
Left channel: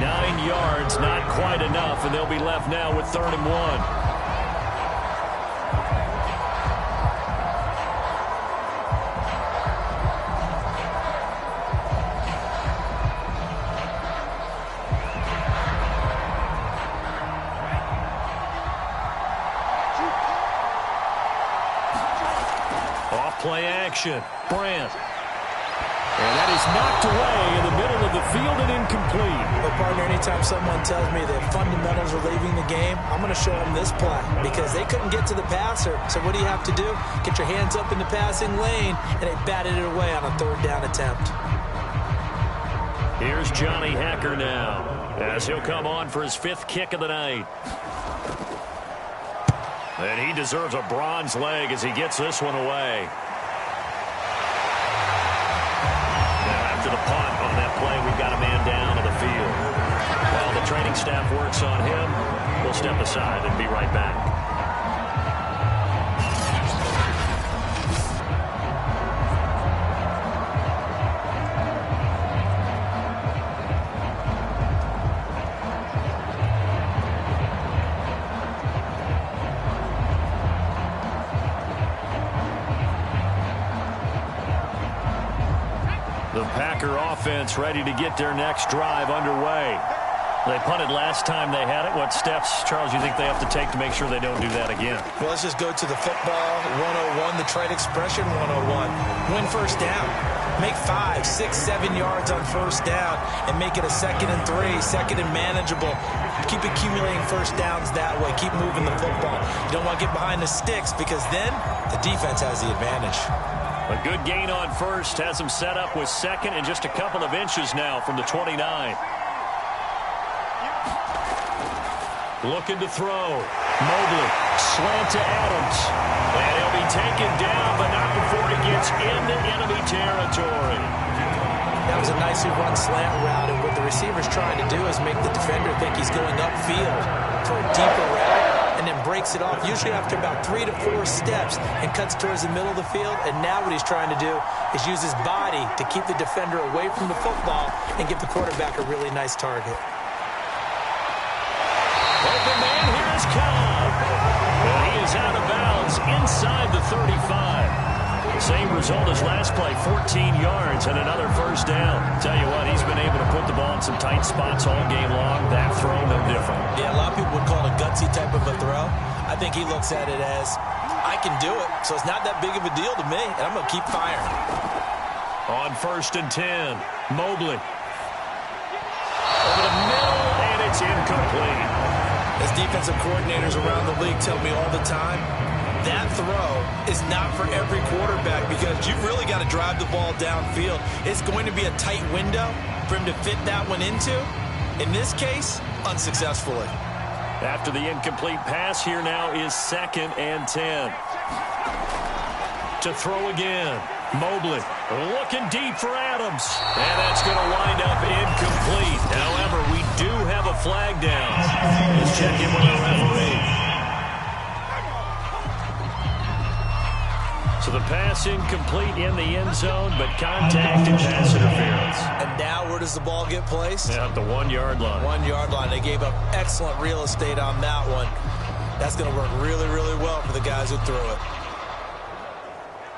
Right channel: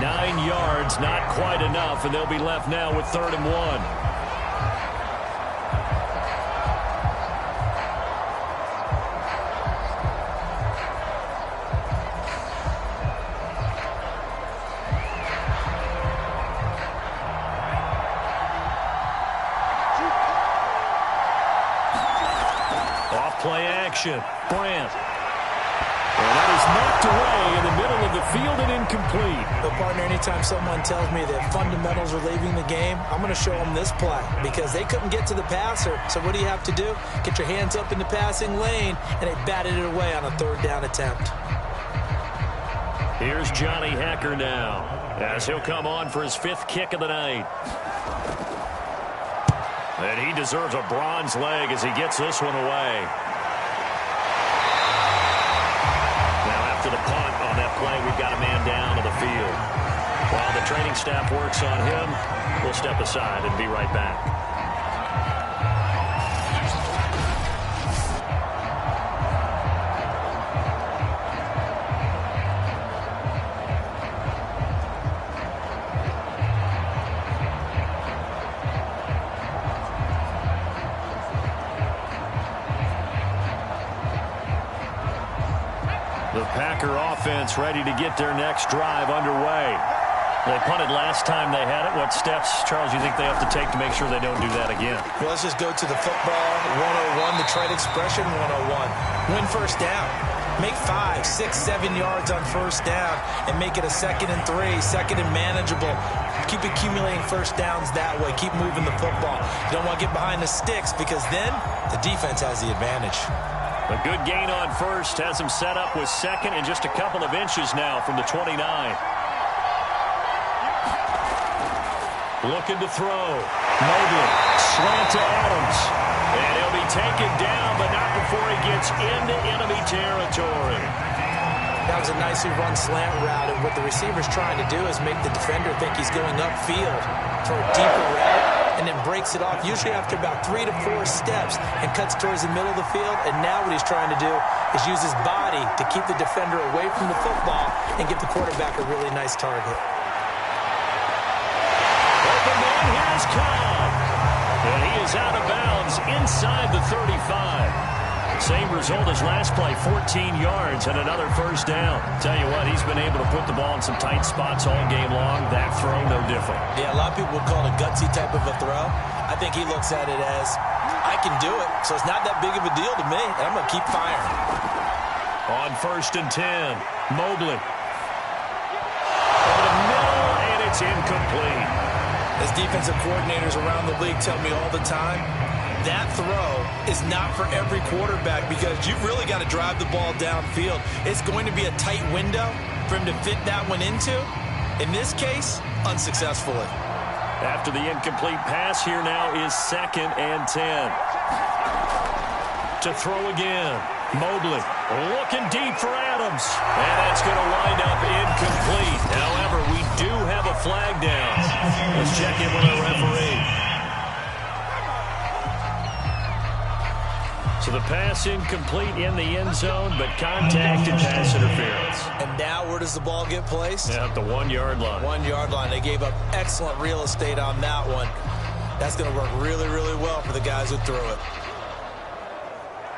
9 yards, not quite enough, and they'll be left now with 3rd and 1. Play action. Brandt. And that is knocked away in the middle of the field and incomplete. Well, partner, anytime someone tells me that fundamentals are leaving the game, I'm going to show them this play because they couldn't get to the passer. So what do you have to do? Get your hands up in the passing lane, and they batted it away on a 3rd down attempt. Here's Johnny Hacker now as he'll come on for his 5th kick of the night. And he deserves a bronze leg as he gets this one away. To the punt on that play, we've got a man down on the field. While the training staff works on him, we'll step aside and be right back. The Packer offense ready to get their next drive underway. They punted last time they had it. What steps, Charles, you think they have to take to make sure they don't do that again? Well, let's just go to the football 101, the trite expression 101. Win 1st down. Make 5, 6, 7 yards on 1st down and make it a 2nd and 3, 2nd and manageable. Keep accumulating 1st downs that way. Keep moving the football. You don't want to get behind the sticks because then the defense has the advantage. A good gain on 1st has him set up with 2nd and just a couple of inches now from the 29. Looking to throw. Mobley, slant to Adams. And he'll be taken down, but not before he gets into enemy territory. That was a nicely run slant route, and what the receiver's trying to do is make the defender think he's going upfield for a deeper route, and then breaks it off, usually after about 3 to 4 steps, and cuts towards the middle of the field. And now what he's trying to do is use his body to keep the defender away from the football and give the quarterback a really nice target. Open man, here is Cobb. And he is out of bounds inside the 35. Same result as last play, 14 yards and another 1st down. Tell you what, he's been able to put the ball in some tight spots all game long. That throw, no different. Yeah, a lot of people would call it a gutsy type of a throw. I think he looks at it as, I can do it, so it's not that big of a deal to me, and I'm going to keep firing. On 1st and 10, Mobley. Over the middle, and it's incomplete. As defensive coordinators around the league tell me all the time, that throw is not for every quarterback because you've really got to drive the ball downfield. It's going to be a tight window for him to fit that one into. In this case, unsuccessfully. After the incomplete pass, here now is 2nd and 10. To throw again. Mobley looking deep for Adams. And that's going to wind up incomplete. However, we do have a flag down. Let's check in with our referee. So the pass incomplete in the end zone, but contact and pass interference. And now where does the ball get placed? Yeah, at the 1 yard line. 1 yard line. They gave up excellent real estate on that one. That's going to work really, really well for the guys who threw it.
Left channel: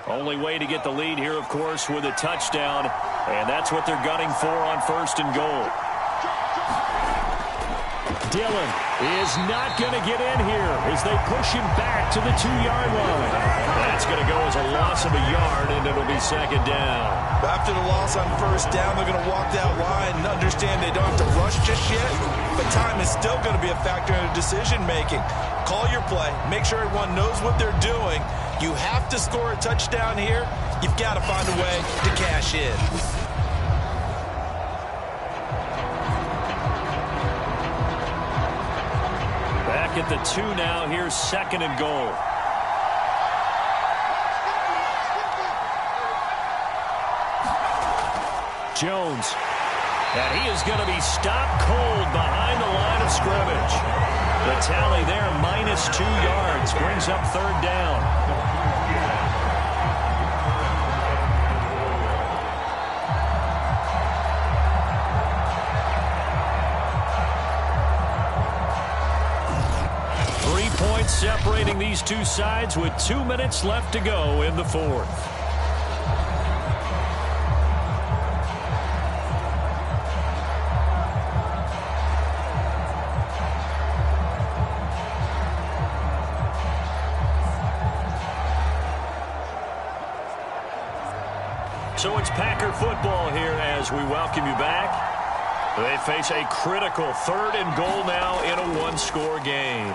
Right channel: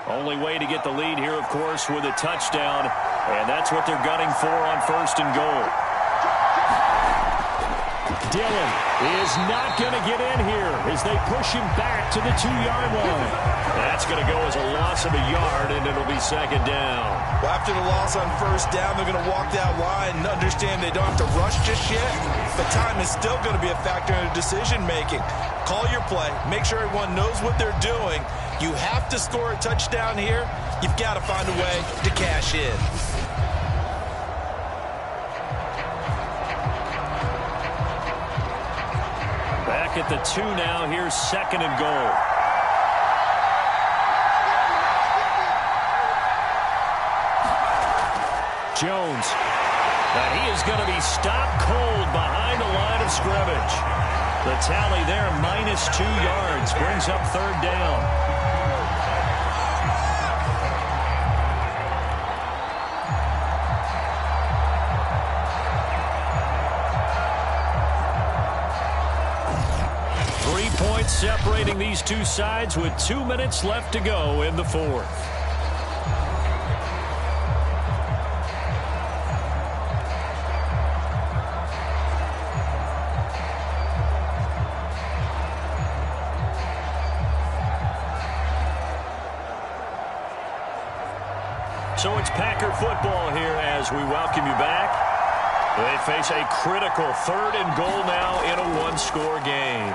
Only way to get the lead here, of course, with a touchdown. And that's what they're gunning for on 1st and goal. Dillon is not going to get in here as they push him back to the 2 yard line. That's going to go as a loss of a yard, and it'll be 2nd down. After the loss on 1st down, they're going to walk that line and understand they don't have to rush just yet. But time is still going to be a factor in decision-making. Call your play. Make sure everyone knows what they're doing. You have to score a touchdown here. You've got to find a way to cash in. Back at the 2 now. Here's 2nd and goal. Jones. And he is going to be stopped cold behind the line of scrimmage. The tally there, -2 yards, brings up 3rd down. separating these two sides with 2 minutes left to go in the fourth. So it's Packer football here as we welcome you back. They face a critical 3rd and goal now in a one-score game.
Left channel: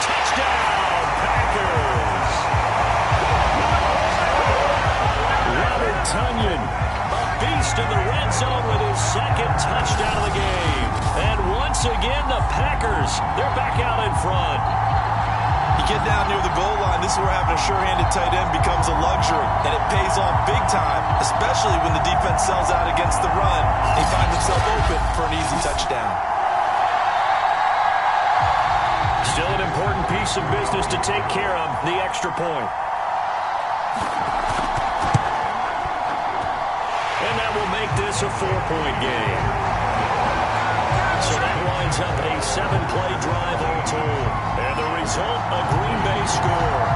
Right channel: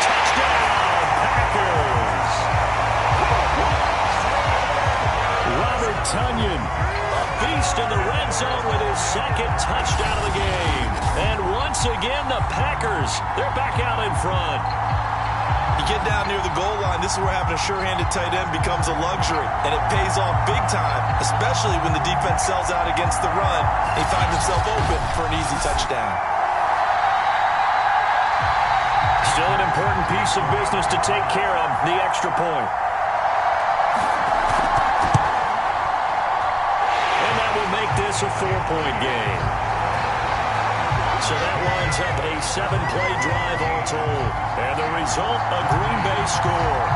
Touchdown, Packers! Robert Tonyan, a beast in the red zone with his 2nd touchdown of the game. And once again, the Packers, they're back out in front. You get down near the goal line, this is where having a sure-handed tight end becomes a luxury, and it pays off big time, especially when the defense sells out against the run. He finds himself open for an easy touchdown. Still an important piece of business to take care of, the extra point. And that will make this a 4-point game. So that winds up a 7-play drive all told. And the result, a Green Bay score.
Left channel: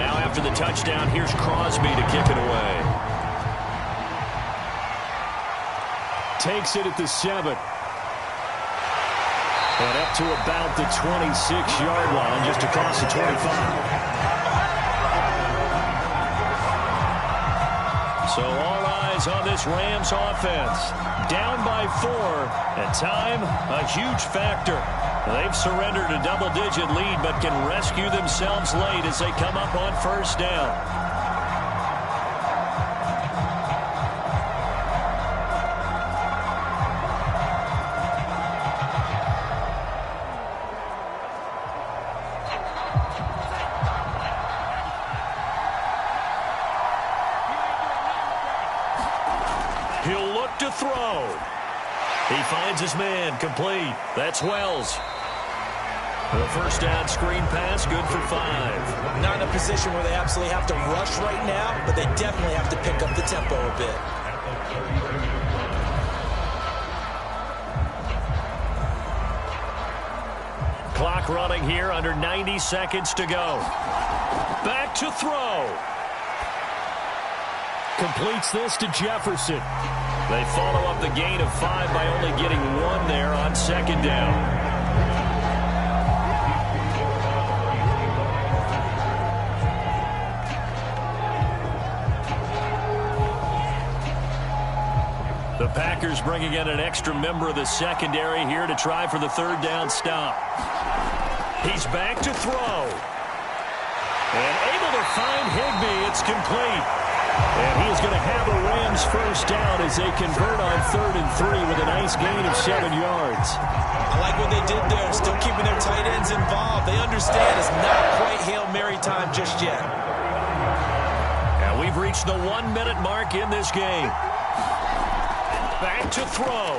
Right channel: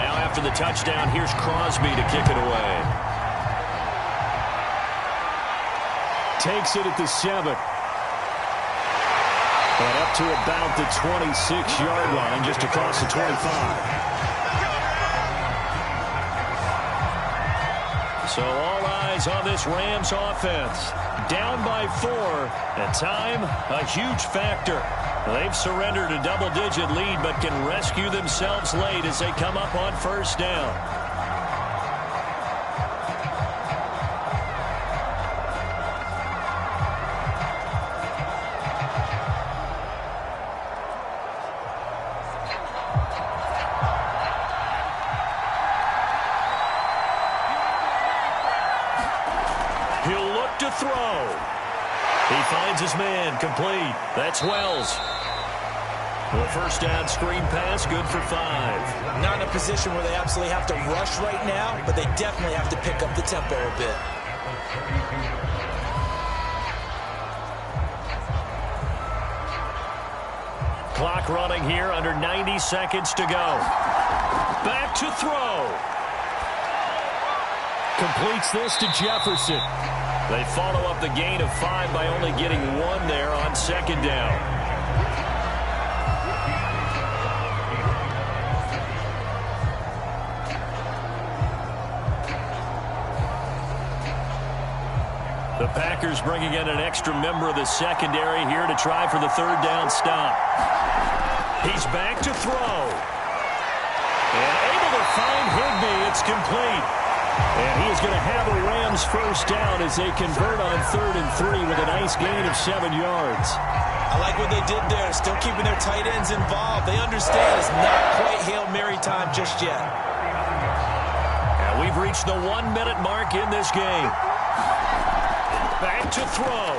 After the touchdown, here's Crosby to kick it away. Takes it at the 7. And up to about the 26-yard line, just across the 25. So all eyes on this Rams offense. Down by 4, and time, a huge factor. They've surrendered a double-digit lead, but can rescue themselves late as they come up on 1st down. He'll look to throw. He finds his man, complete. That's Wells. The 1st down screen pass, good for 5. Not in a position where they absolutely have to rush right now, but they definitely have to pick up the tempo a bit. Clock running here, under 90 seconds to go. Back to throw. Completes this to Jefferson. They follow up the gain of 5 by only getting 1 there on 2nd down. The Packers bringing in an extra member of the secondary here to try for the 3rd down stop. He's back to throw. And able to find Higbee. It's complete. And he is going to have a Rams 1st down as they convert on 3rd and 3 with a nice gain of 7 yards. I like what they did there, still keeping their tight ends involved. They understand it's not quite Hail Mary time just yet. And we've reached the 1-minute mark in this game. Back to throw.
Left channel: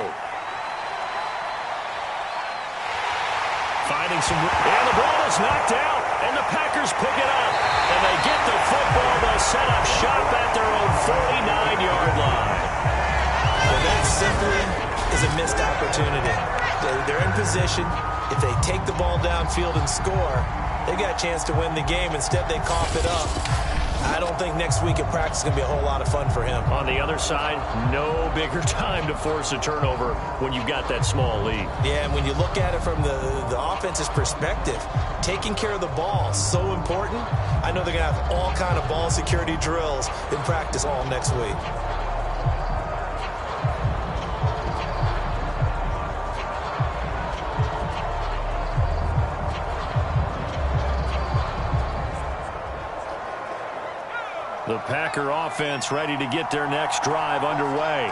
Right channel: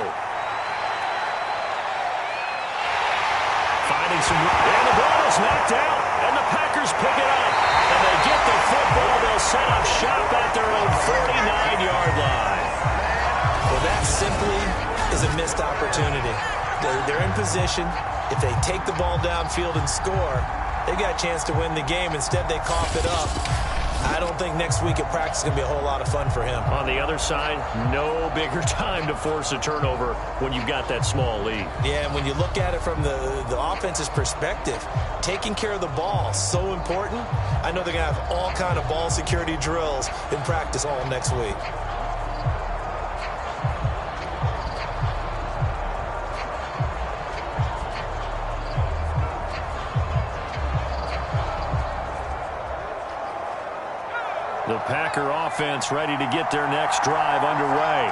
Finding some... And the ball is knocked out. And the Packers pick it up. And they get the football. They'll set up shop at their own 49-yard line. Well, that simply is a missed opportunity. They're in position. If they take the ball downfield and score, they got a chance to win the game. Instead, they cough it up. I don't think next week at practice is going to be a whole lot of fun for him. On the other side, no bigger time to force a turnover when you've got that small lead. Yeah, and when you look at it from the offense's perspective, taking care of the ball, so important. I know they're going to have all kind of ball security drills in practice all next week. The Packer offense ready to get their next drive underway.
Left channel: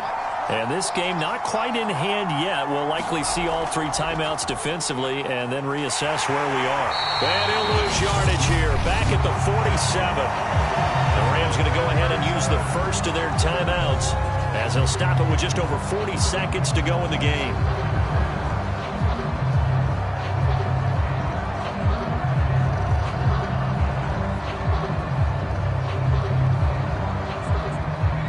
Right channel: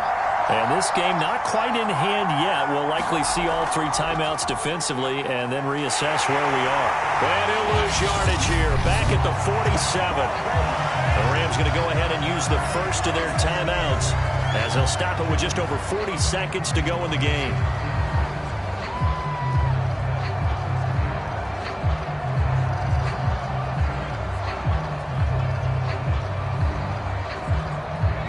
And this game not quite in hand yet. We'll likely see all 3 timeouts defensively and then reassess where we are. And he'll lose yardage here, back at the 47. The Rams going to go ahead and use the first of their timeouts as they'll stop it with just over 40 seconds to go in the game.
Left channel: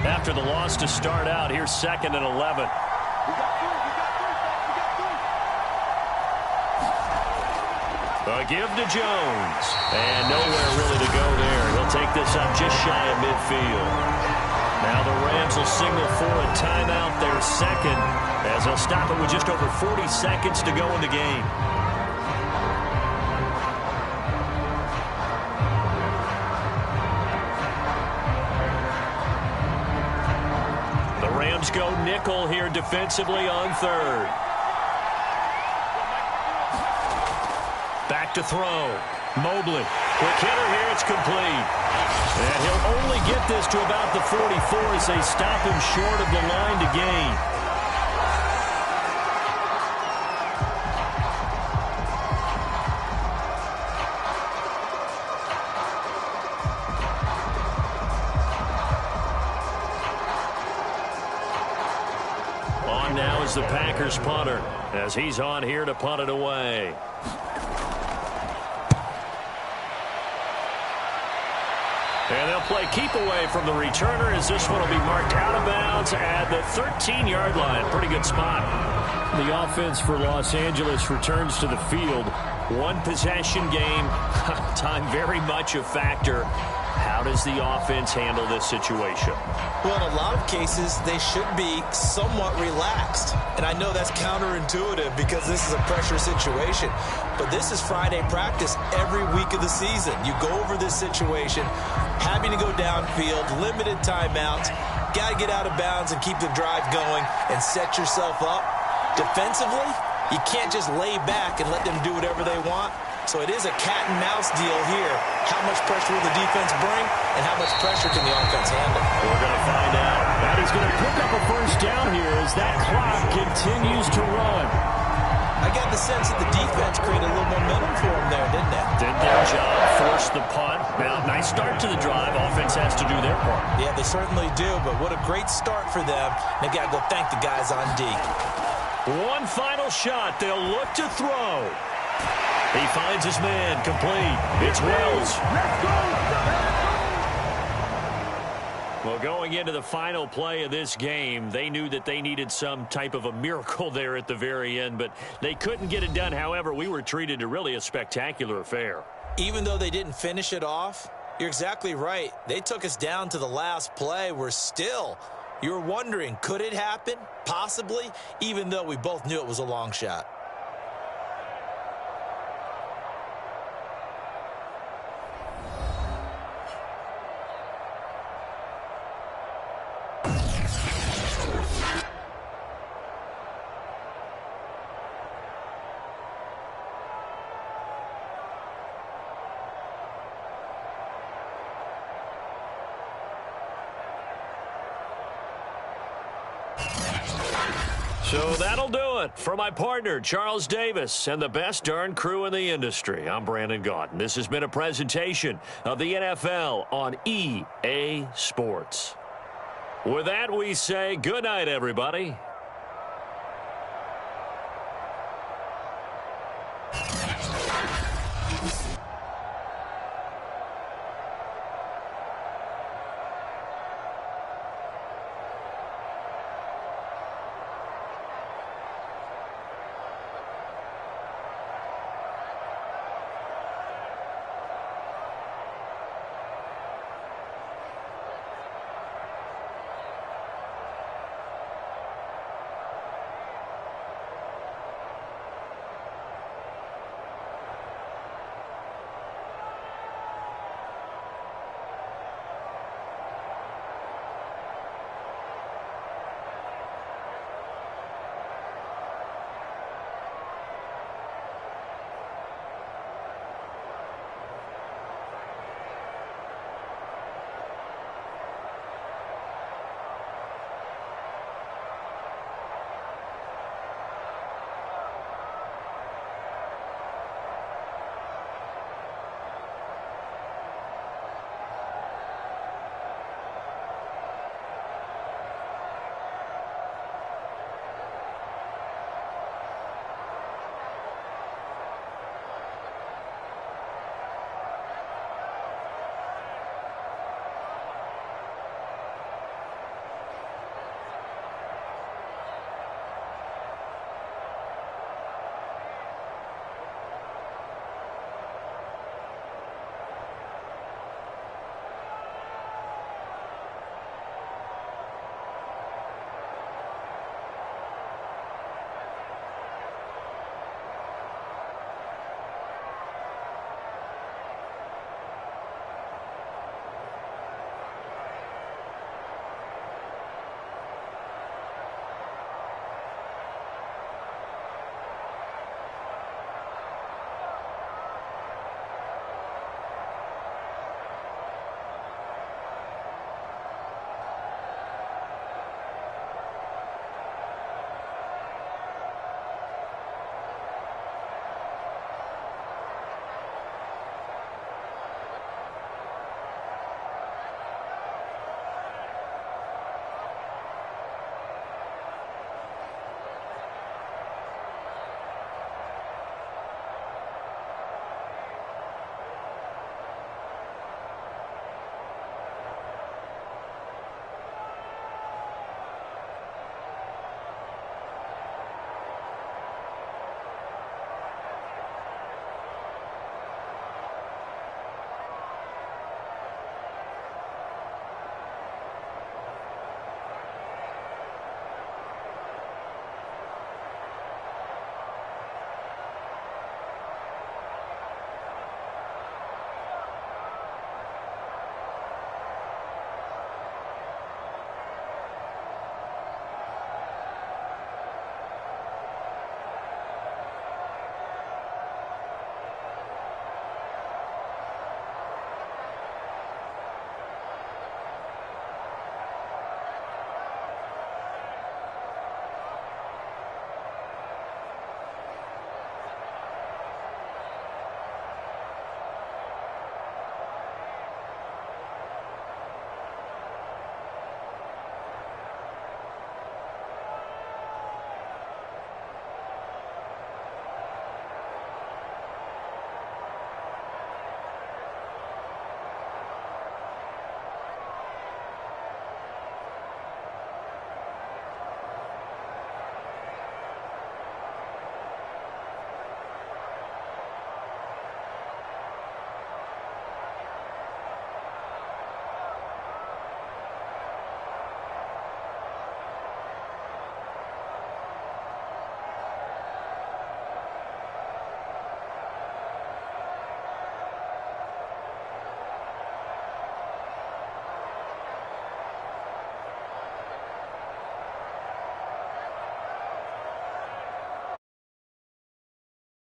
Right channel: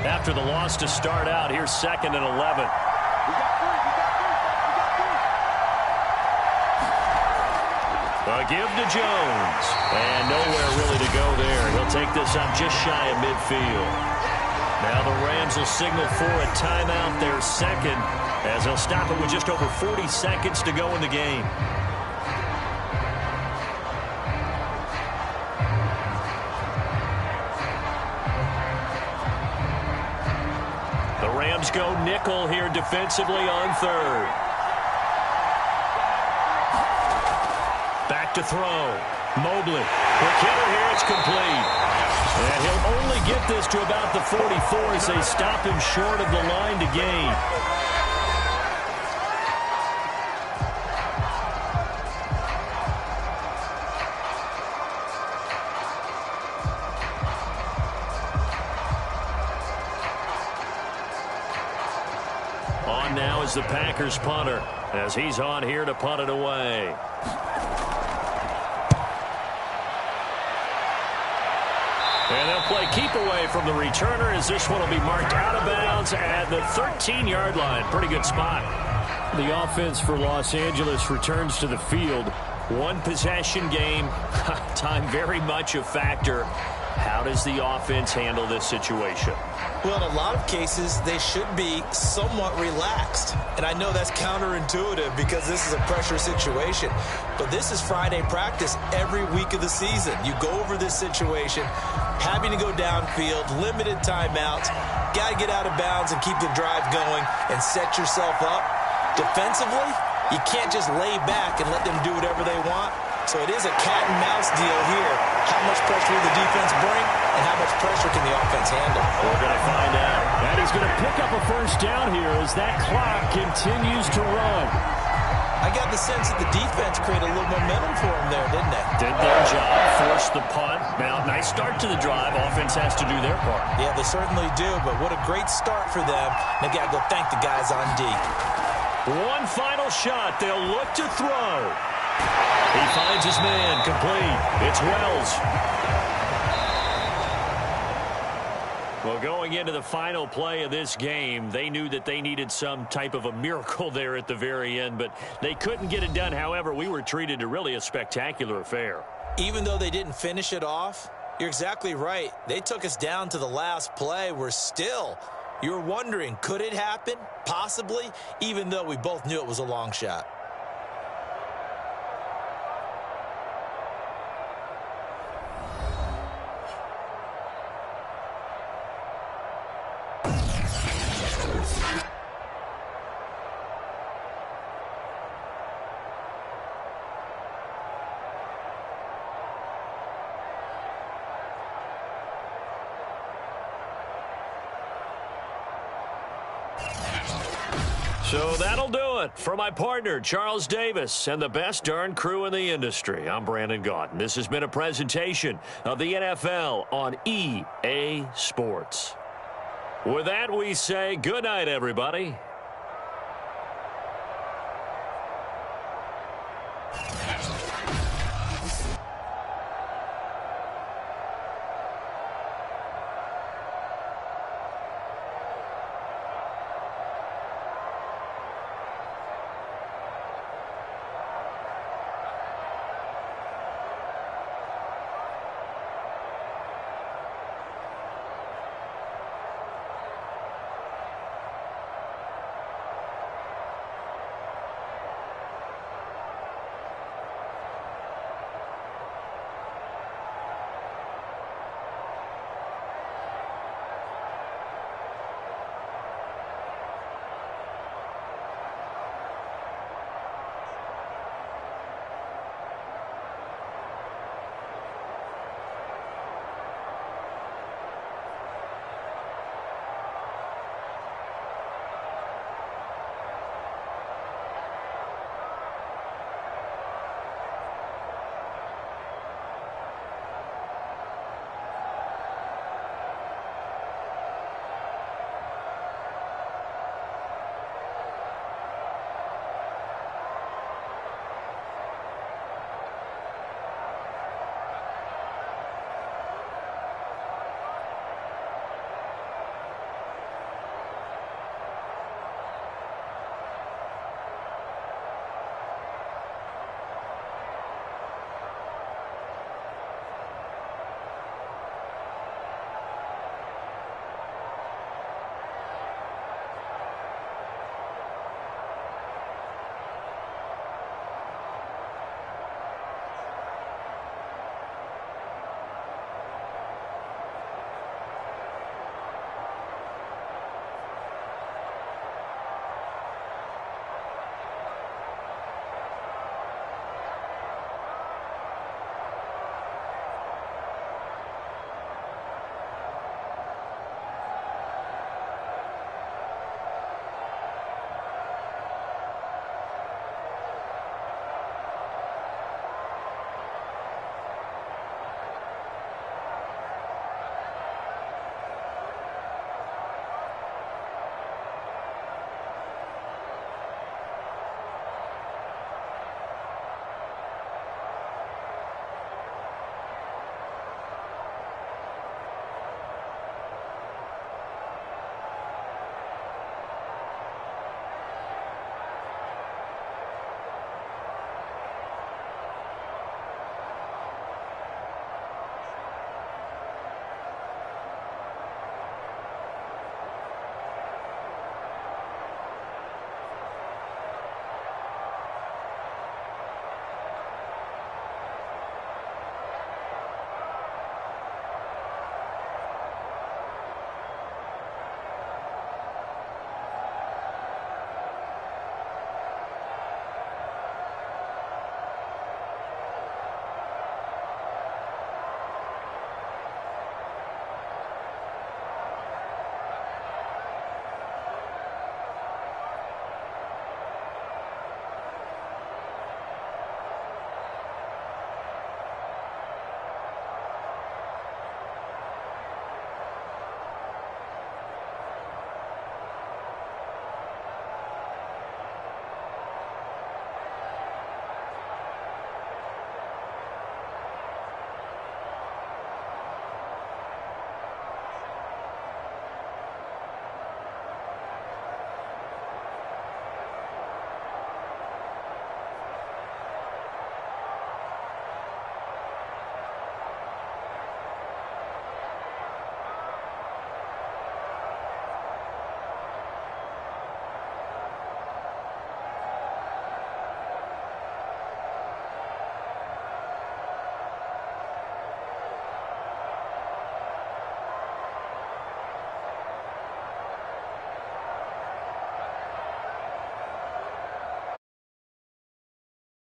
After the loss to start out, here's 2nd and 11. A give to Jones. And nowhere really to go there. He'll take this up just shy of midfield. Now the Rams will signal for a timeout, their second, as they'll stop it with just over 40 seconds to go in the game. The Rams go nickel here defensively on 3rd. Back to throw. Mobley. Quick hitter here. It's complete. And he'll only get this to about the 44 as they stop him short of the line to gain. On now is the Packers punter as he's on here to punt it away. And they'll play keep away from the returner as this one will be marked out of bounds at the 13-yard line. Pretty good spot. The offense for Los Angeles returns to the field. One possession game. Time very much a factor. How does the offense handle this situation? Well, in a lot of cases, they should be somewhat relaxed. And I know that's counterintuitive because this is a pressure situation. But this is Friday practice every week of the season. You go over this situation, having to go downfield, limited timeouts, got to get out of bounds and keep the drive going and set yourself up. Defensively, you can't just lay back and let them do whatever they want. So it is a cat and mouse deal here. How much pressure will the defense bring and how much pressure can the offense handle? We're going to find out. And he's going to pick up a first down here as that clock continues to run. I got the sense that the defense created a little momentum for them there, didn't they? Did their job, forced the punt. Now, nice start to the drive. Offense has to do their part. Yeah, they certainly do, but what a great start for them. They got to go thank the guys on D. One final shot. They'll look to throw. He finds his man, complete. It's Wells. Well, going into the final play of this game, they knew that they needed some type of a miracle there at the very end, but they couldn't get it done. However, we were treated to really a spectacular affair. Even though they didn't finish it off, you're exactly right. They took us down to the last play. We're still, you're wondering, could it happen? Possibly, even though we both knew it was a long shot. So that'll do it for my partner, Charles Davis, and the best darn crew in the industry. I'm Brandon Gaunt. This has been a presentation of the NFL on EA Sports. With that, we say good night, everybody,